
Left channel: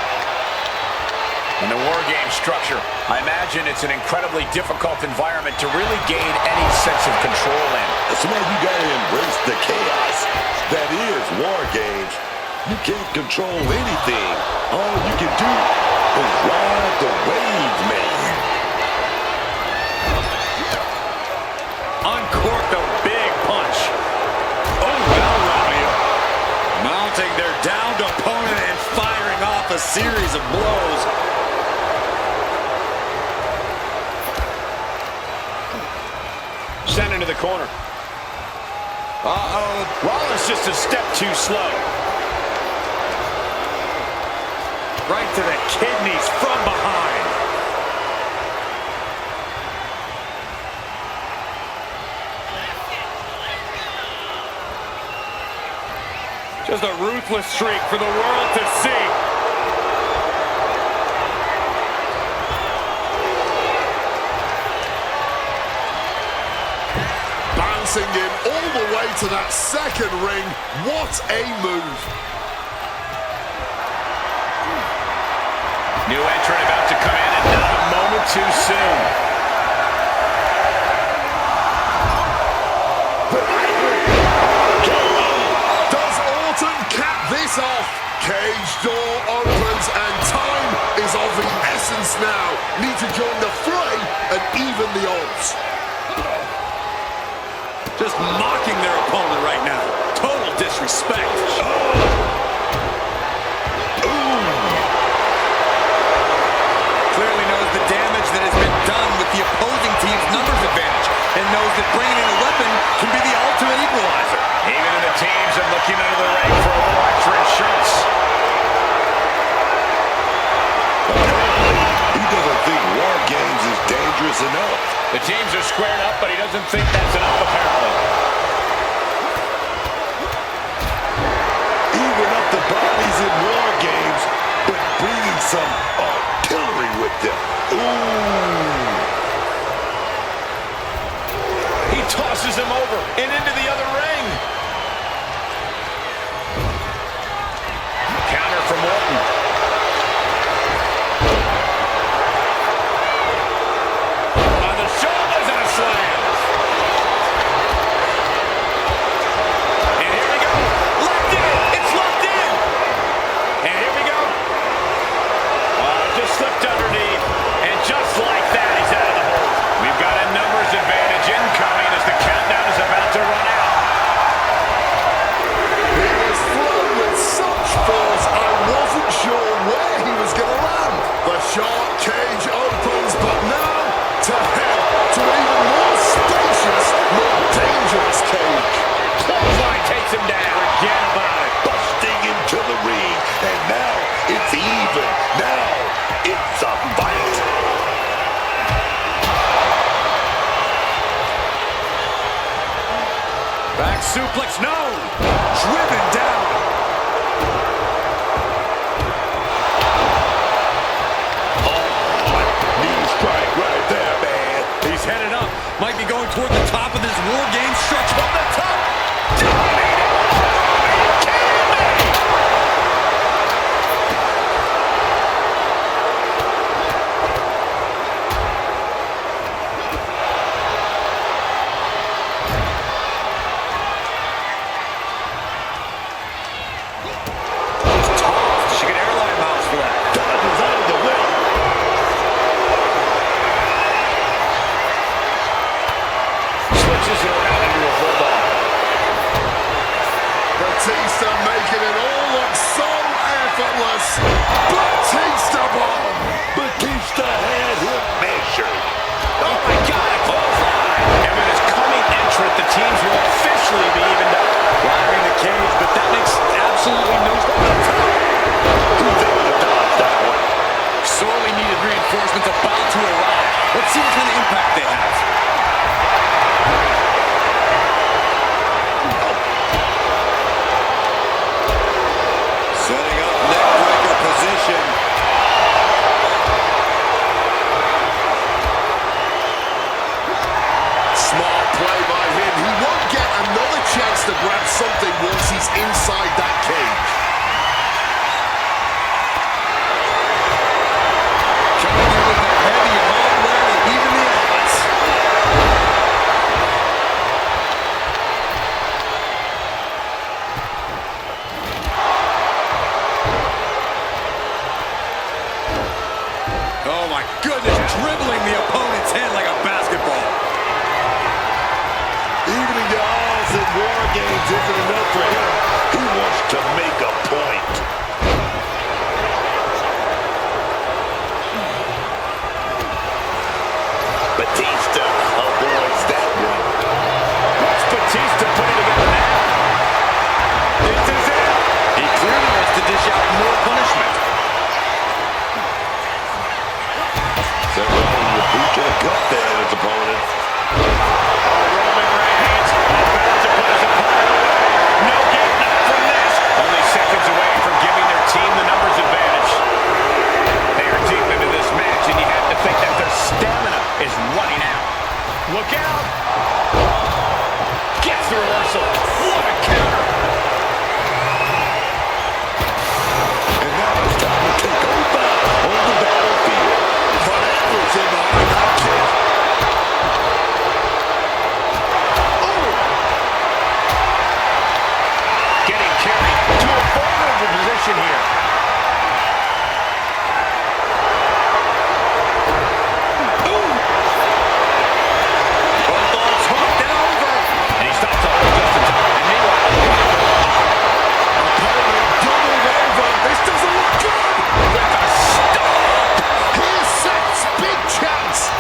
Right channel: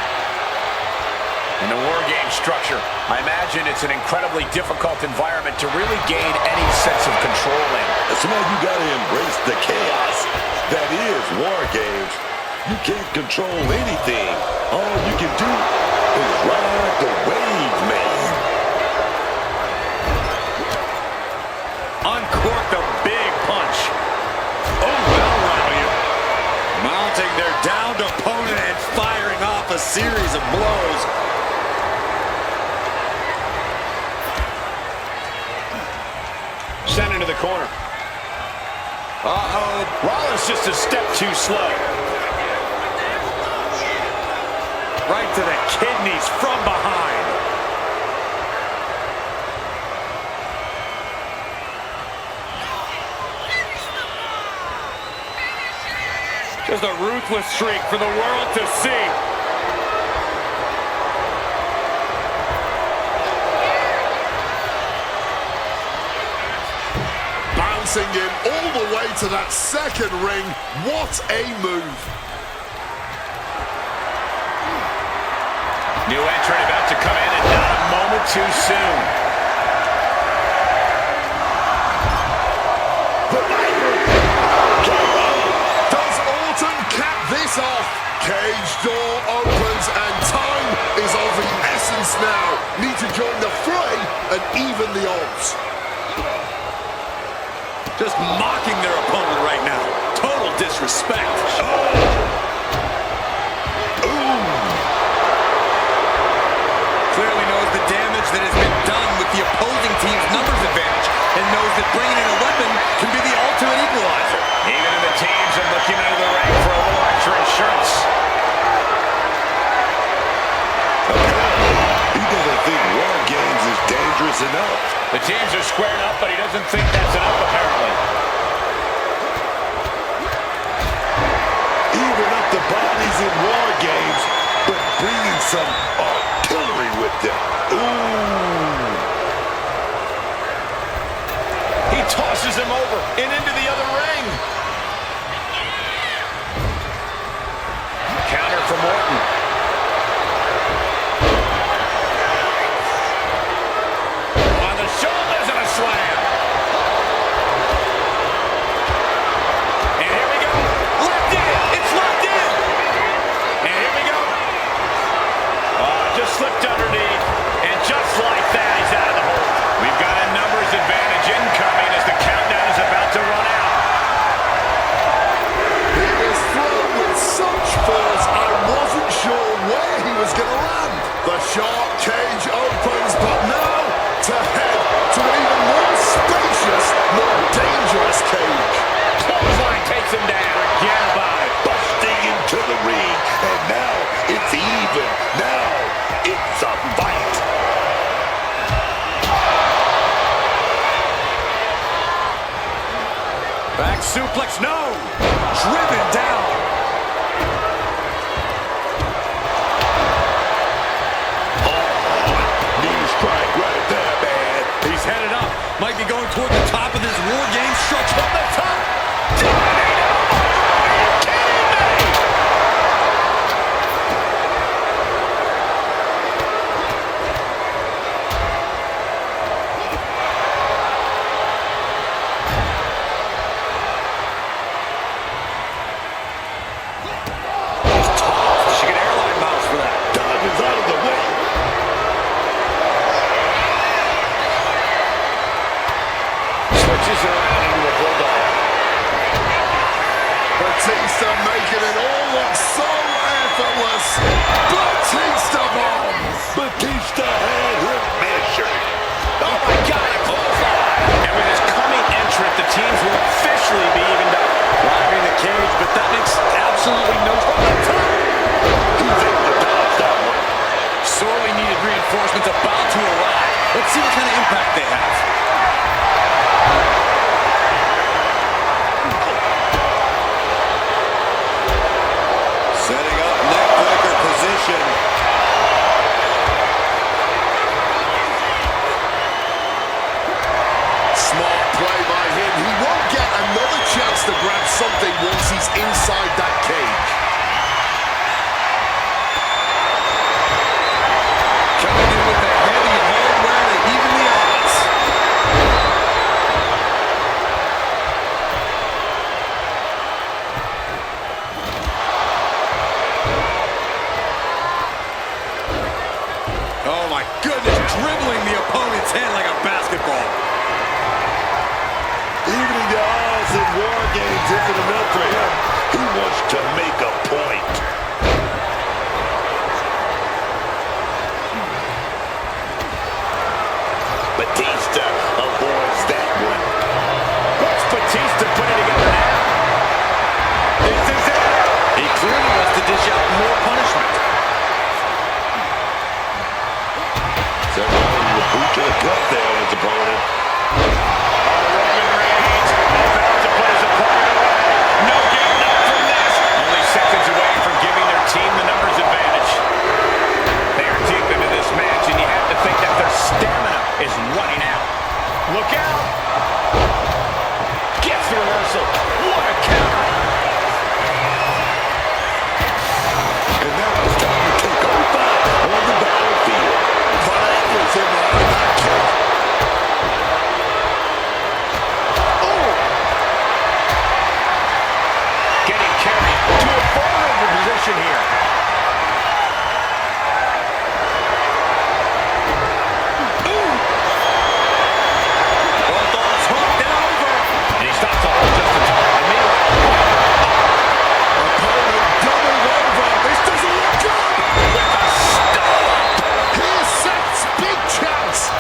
In the Wargame structure, I imagine it's an incredibly difficult environment to really gain any sense of control in. That's why you gotta embrace the chaos that is Wargames. You can't control anything. All you can do is ride the wave, man. Uncorked a big punch. Oh, that'll rattle you. Mounting their downed opponent and firing off a series of blows. Sent into the corner. Uh-oh. Rollins just a step too slow. Right to the kidneys from behind. Just a ruthless streak for the world to see. Bouncing in all the way to that second ring. What a move. New entrant about to come in, and not a moment too soon. The Viper RKO. Does Orton cap this off? Cage door opens and time is of the essence now. Need to join the fray and even the odds. Just mocking their opponent right now. Total disrespect. Clearly knows the damage that has been done with the opposing team's numbers advantage and knows that bringing in a weapon can be the ultimate equalizer. Even in the teams are looking under the ring for a little extra insurance. Apparently, he doesn't think Wargames is dangerous enough. The teams are squared up, but he doesn't think that's enough, apparently. Even up the bodies in Wargames, but bringing some artillery with them. Ooh. He tosses him over and into the other ring. Counter from Orton. On the shoulders and a slam. Back suplex, no! Driven down. Oh, knee strike right there, man. He's headed up. Might be going toward the top of this War Games structure. From the top. Diving elbow drop. Are you kidding me? Just tossed. She get airline miles for that. Dodges out of the way. Switches it around into a bulldog. Batista making it all look so effortless. Batista bomb. Batista had him measured. Oh my God, a clothesline! And with his coming entrant, the teams will officially be evened up. Driving the cage, but that makes absolutely no sense. From the top! He's able to dodge that one. Sorely needed reinforcements about to arrive. Let's see what kind of impact they have. Setting up neckbreaker position. Smart play by him. He won't get another chance to grab something once he's inside that cage. Coming in with the heavy hardware to even the odds. Oh my goodness, dribbling the opponent's head like a basketball. Evening the odds in War Games isn't enough for him. He wants to make a point. Batista avoids that one. What's Batista putting together now? This is it. He clearly wants to dish out more punishment. Several the boot to the gut there on his opponent. Oh, Roman Reigns about to put his opponent away. No getting up from this. Only seconds away from giving their team the numbers advantage. They are deep into this match, and you have to think that their stamina is running out. Look out. Gets the reversal. What a counter. And now it's time to take over on the battlefield. But everything behind that kick. Oh! Getting carried to a vulnerable position here. Both arms hooked and over. And he stops the hold just in time. And meanwhile, Opponent doubled over. This doesn't look good. with a stomp. Here's Seth's big chance.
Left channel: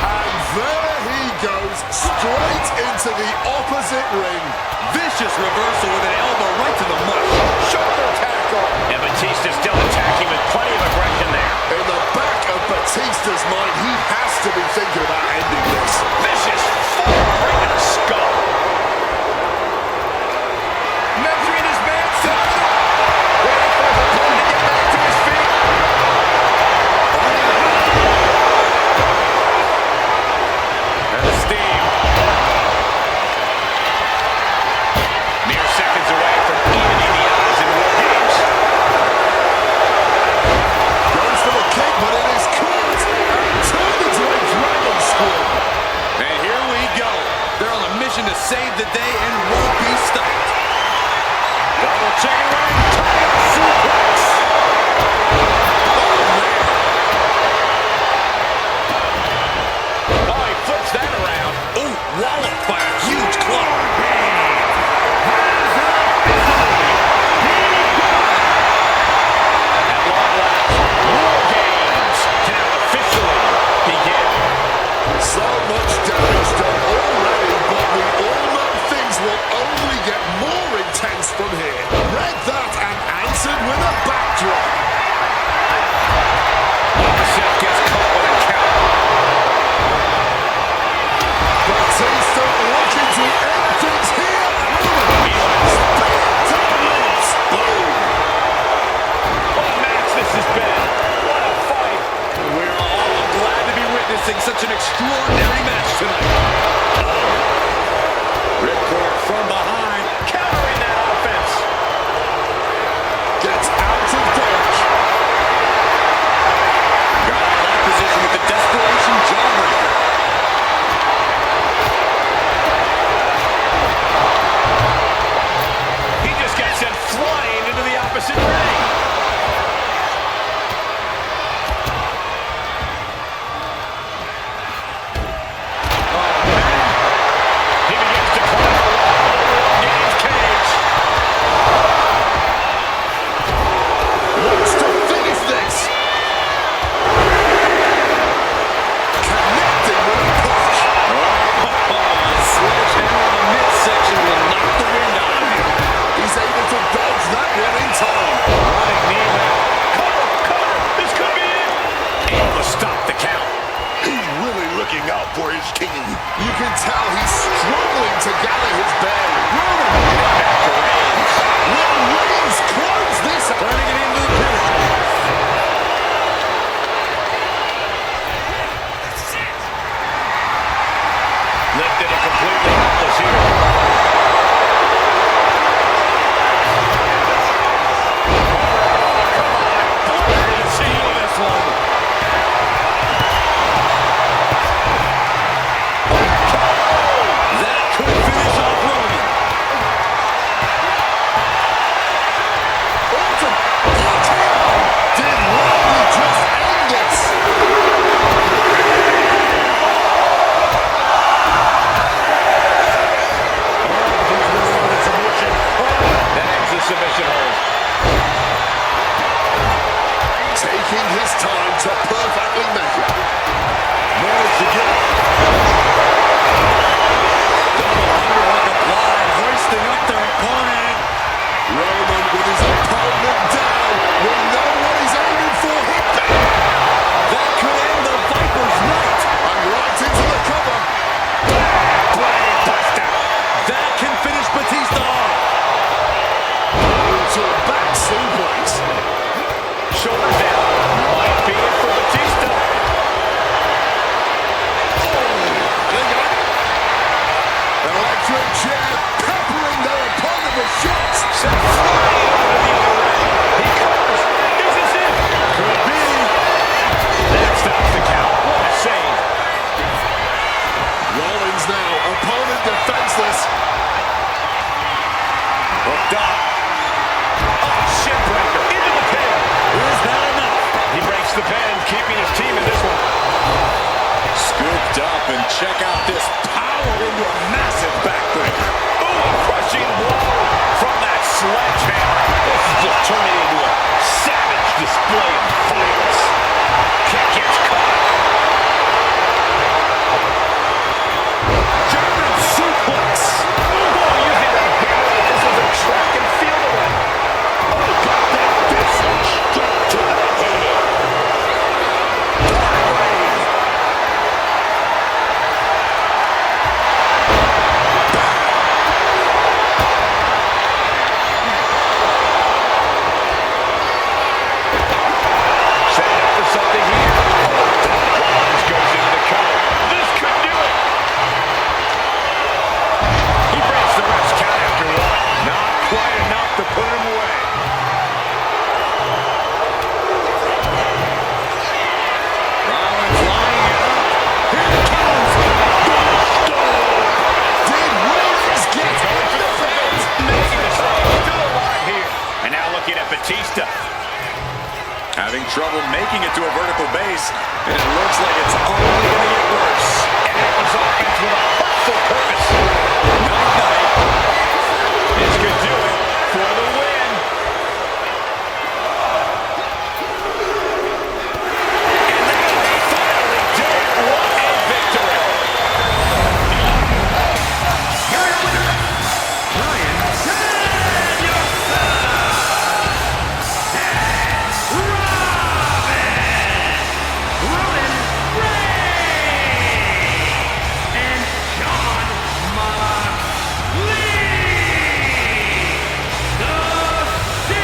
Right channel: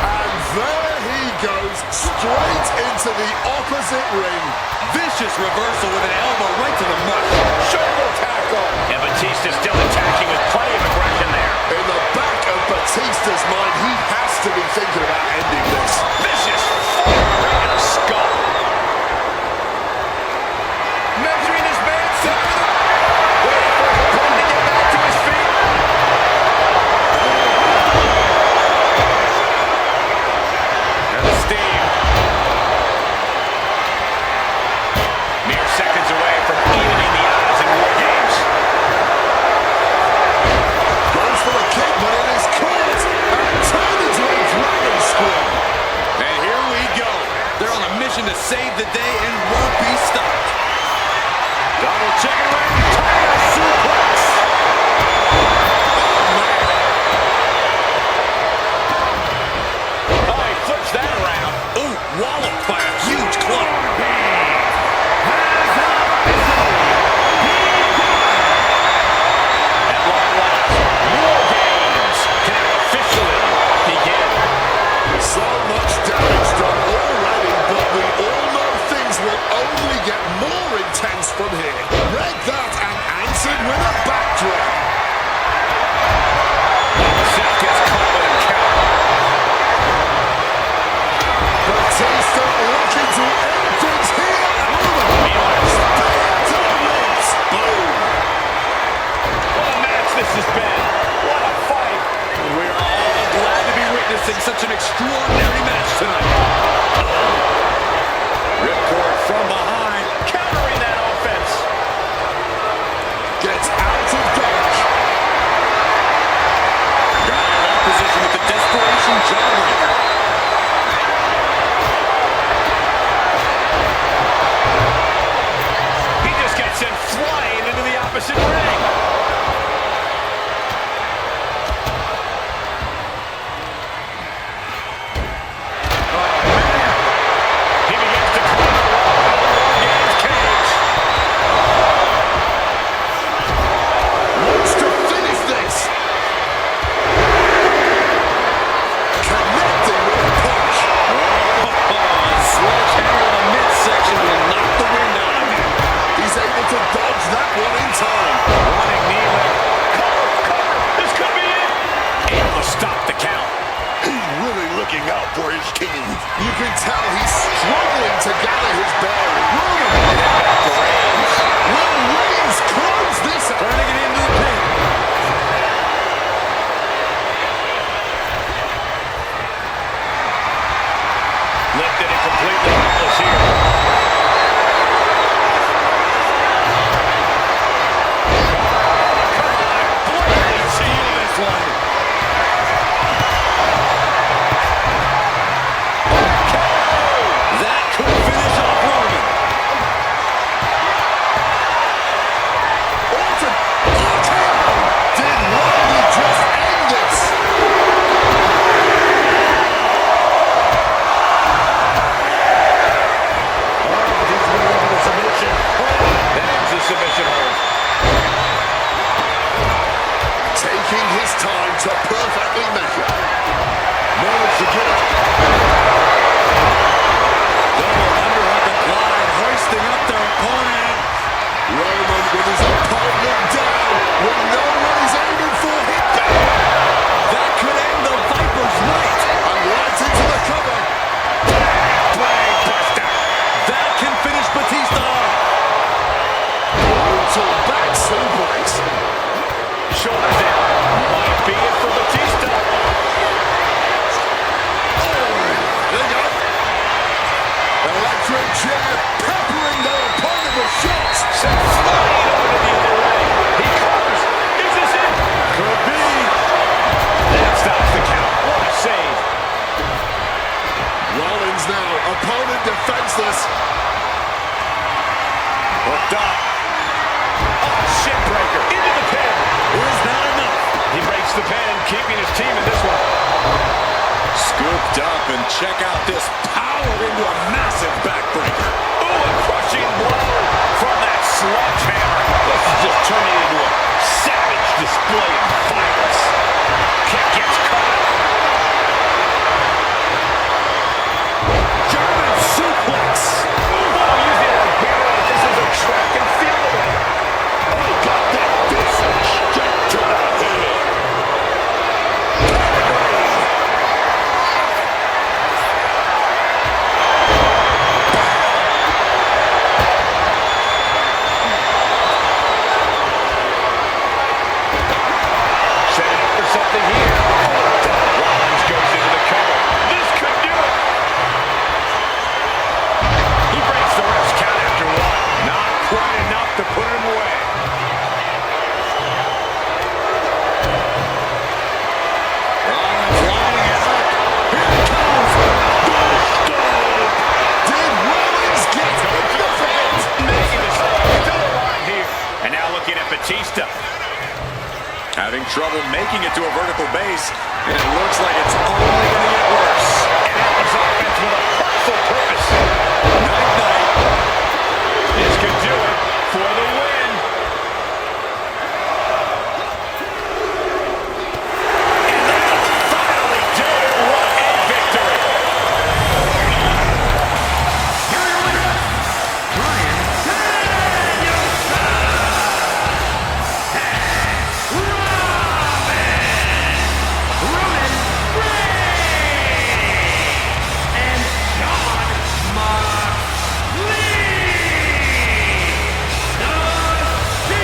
And there he goes, straight into the opposite ring. Vicious reversal with an elbow right to the mush. Shoulder tackle. And Batista still attacking with plenty of aggression there. In the back of Batista's mind, he has to be thinking about ending this. Vicious forearm right in the skull. Measuring his man center of the... Waiting for his opponent to get back to his feet. And the steam. Mere seconds away from evening the odds in War Games. Goes for the kick, but it is caught and turned into a dragon squid. And here we go. They're on a mission to save the day and won't be stopped. Double chicken wing, tiger suplex. Oh, man. Oh, he flips that around. Ooh, walloped by a huge club. At long last, War Games can now officially begin. So much damage done already, but we all know things will only get more intense from here. Read that and answered with a bang. witnessing such an extraordinary match tonight. Ripcord from behind, countering that offense. Gets out of dodge. Got out of that position with the desperation jawbreaker. He just got sent flying into the opposite ring. Oh, man. He begins to climb the wall of the Wargames cage. Wants to finish this. Connecting with a punch. Sledgehammer in the midsection will knock the wind out of you. He's able to dodge that one in time. Running knee lift. Cover, cover. This could be it. Able to stop the count. He's really looking out for his team. You can tell he's struggling to gather his bearings. Roman. And then back to Reigns. Will Reigns close this out? Turning it into the pin. Lifted and completely helpless here. Come on. They're going to seal this one. That could finish off Roman. Orton. RKO. Did Rodney just end this? That ends the submission hold. Taking his time to perfectly measure. Managed to get up. Double underhook applied, hoisting up their opponent. Roman with his opponent down. We know what he's aiming for. Hit back. That could end the Viper's night. And right into the cover. Brain buster. That can finish Batista off. Brutal back suplex. Shoulders down. Might be it for Batista. They got it. Electric chair peppering their opponent with shots. Sent flying over to the other ring. He covers. Is this it? Could be. That stops the count. What a save. Rollins now, opponent defenseless. Hooked up. Oh, shit breaker. Into the pin. Is that enough? He breaks the pin, keeping his team in this one. Scooped up, and check out this power into a massive backbreaker. Ooh, a crushing blow from that sledgehammer. This is just turning into a savage display of violence. Kick gets caught. German suplex. Oh, using a hammer like this was a track and field away. Oh, got that fist straight to the head. Pedigree. Setting up for something here. Oh, Rollins goes into the cover. This could do it. He breaks the ref's count after one. Not quite enough to put him away. Rollins lining it up. Here it comes. Did Rollins get Going for the the fence? making the save. Still alive here. And now looking at Batista. Having trouble making it to a vertical base, and it looks like it's only going to get worse. And that was offense with a hurtful purpose. Night-night. This could do it for the win. And that'll finally do it. What a victory. Here are your winners, Bryan Danielson and Roman Reigns and John Moxley. The Shield.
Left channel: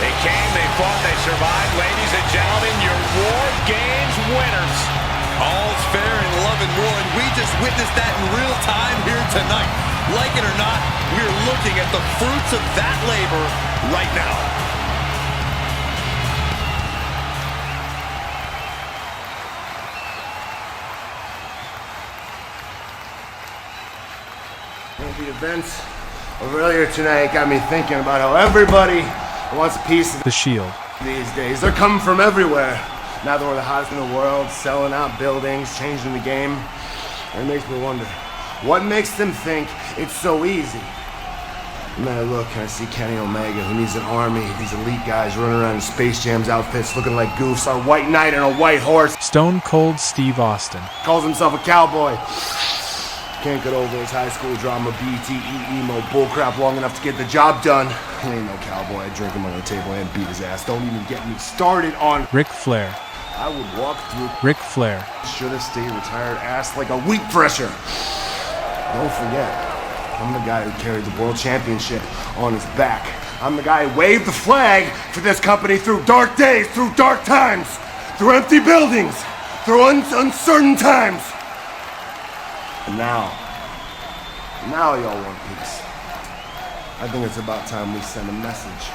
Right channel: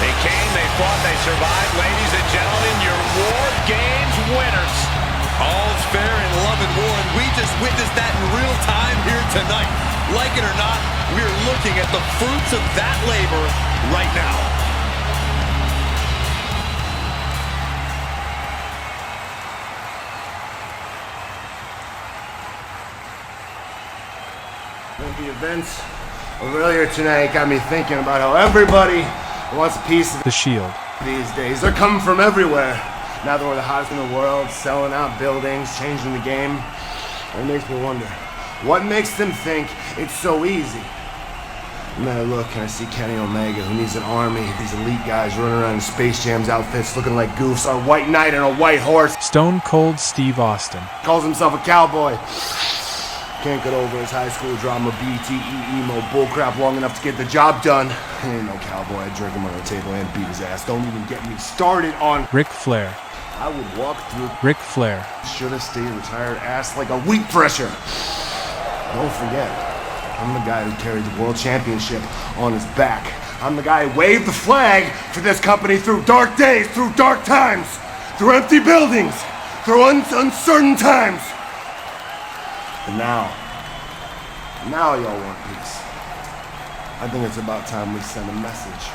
They came, they fought, they survived. Ladies and gentlemen, your War Games love and war, and we just witnessed that in real time here tonight. Like it or not, we're looking at the fruits of that labor right now. The events of earlier tonight got me thinking about how everybody wants a piece of The Shield. these days. They're coming from everywhere. Now that we're the hottest in the world, selling out buildings, changing the game. It makes me wonder, what makes them think it's so easy? And then I look and I see Kenny Omega, who needs an army, these elite guys running around in Space Jam's outfits looking like goofs, our white knight and a white horse. Stone Cold Steve Austin. Calls himself a cowboy. Can't get over his high school drama, BTE emo bullcrap long enough to get the job done. He ain't no cowboy. I'd drink him under the table and beat his ass. Don't even get me started on Ric Flair. I would walk through Ric Flair. should have stayed retired ass like a wheat thresher. Don't forget, I'm the guy who carried the world championship on his back. I'm the guy who waved the flag for this company through dark days, through dark times, through empty buildings, through uncertain times. And now y'all want peace. I think it's about time we send a message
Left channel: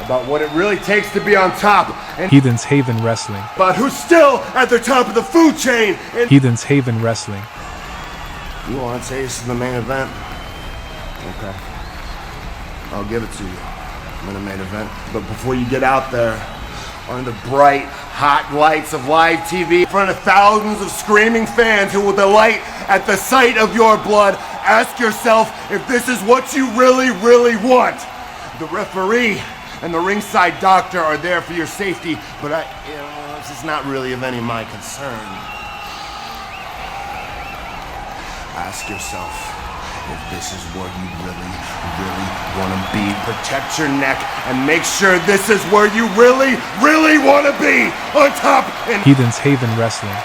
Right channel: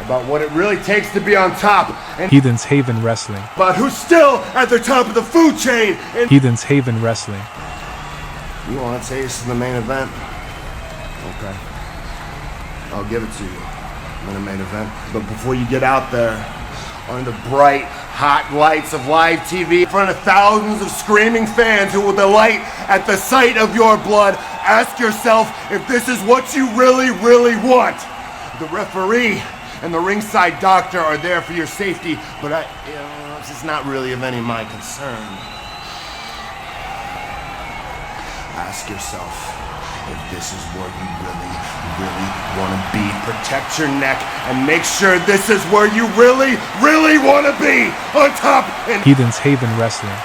about what it really takes to be on top, and Heathen's Haven Wrestling. about who's still at the top of the food chain. And Heathen's Haven Wrestling. you want to taste the main event? Okay. I'll give it to you. I'm in the main event. But before you get out there, under the bright, hot lights of live TV, in front of thousands of screaming fans who will delight at the sight of your blood, ask yourself if this is what you really, really want. The referee and the ringside doctor are there for your safety, but it's not really of any of my concern. Ask yourself if this is where you really, really want to be. Protect your neck and make sure this is where you really, really want to be. On top and Heathen's Haven Wrestling.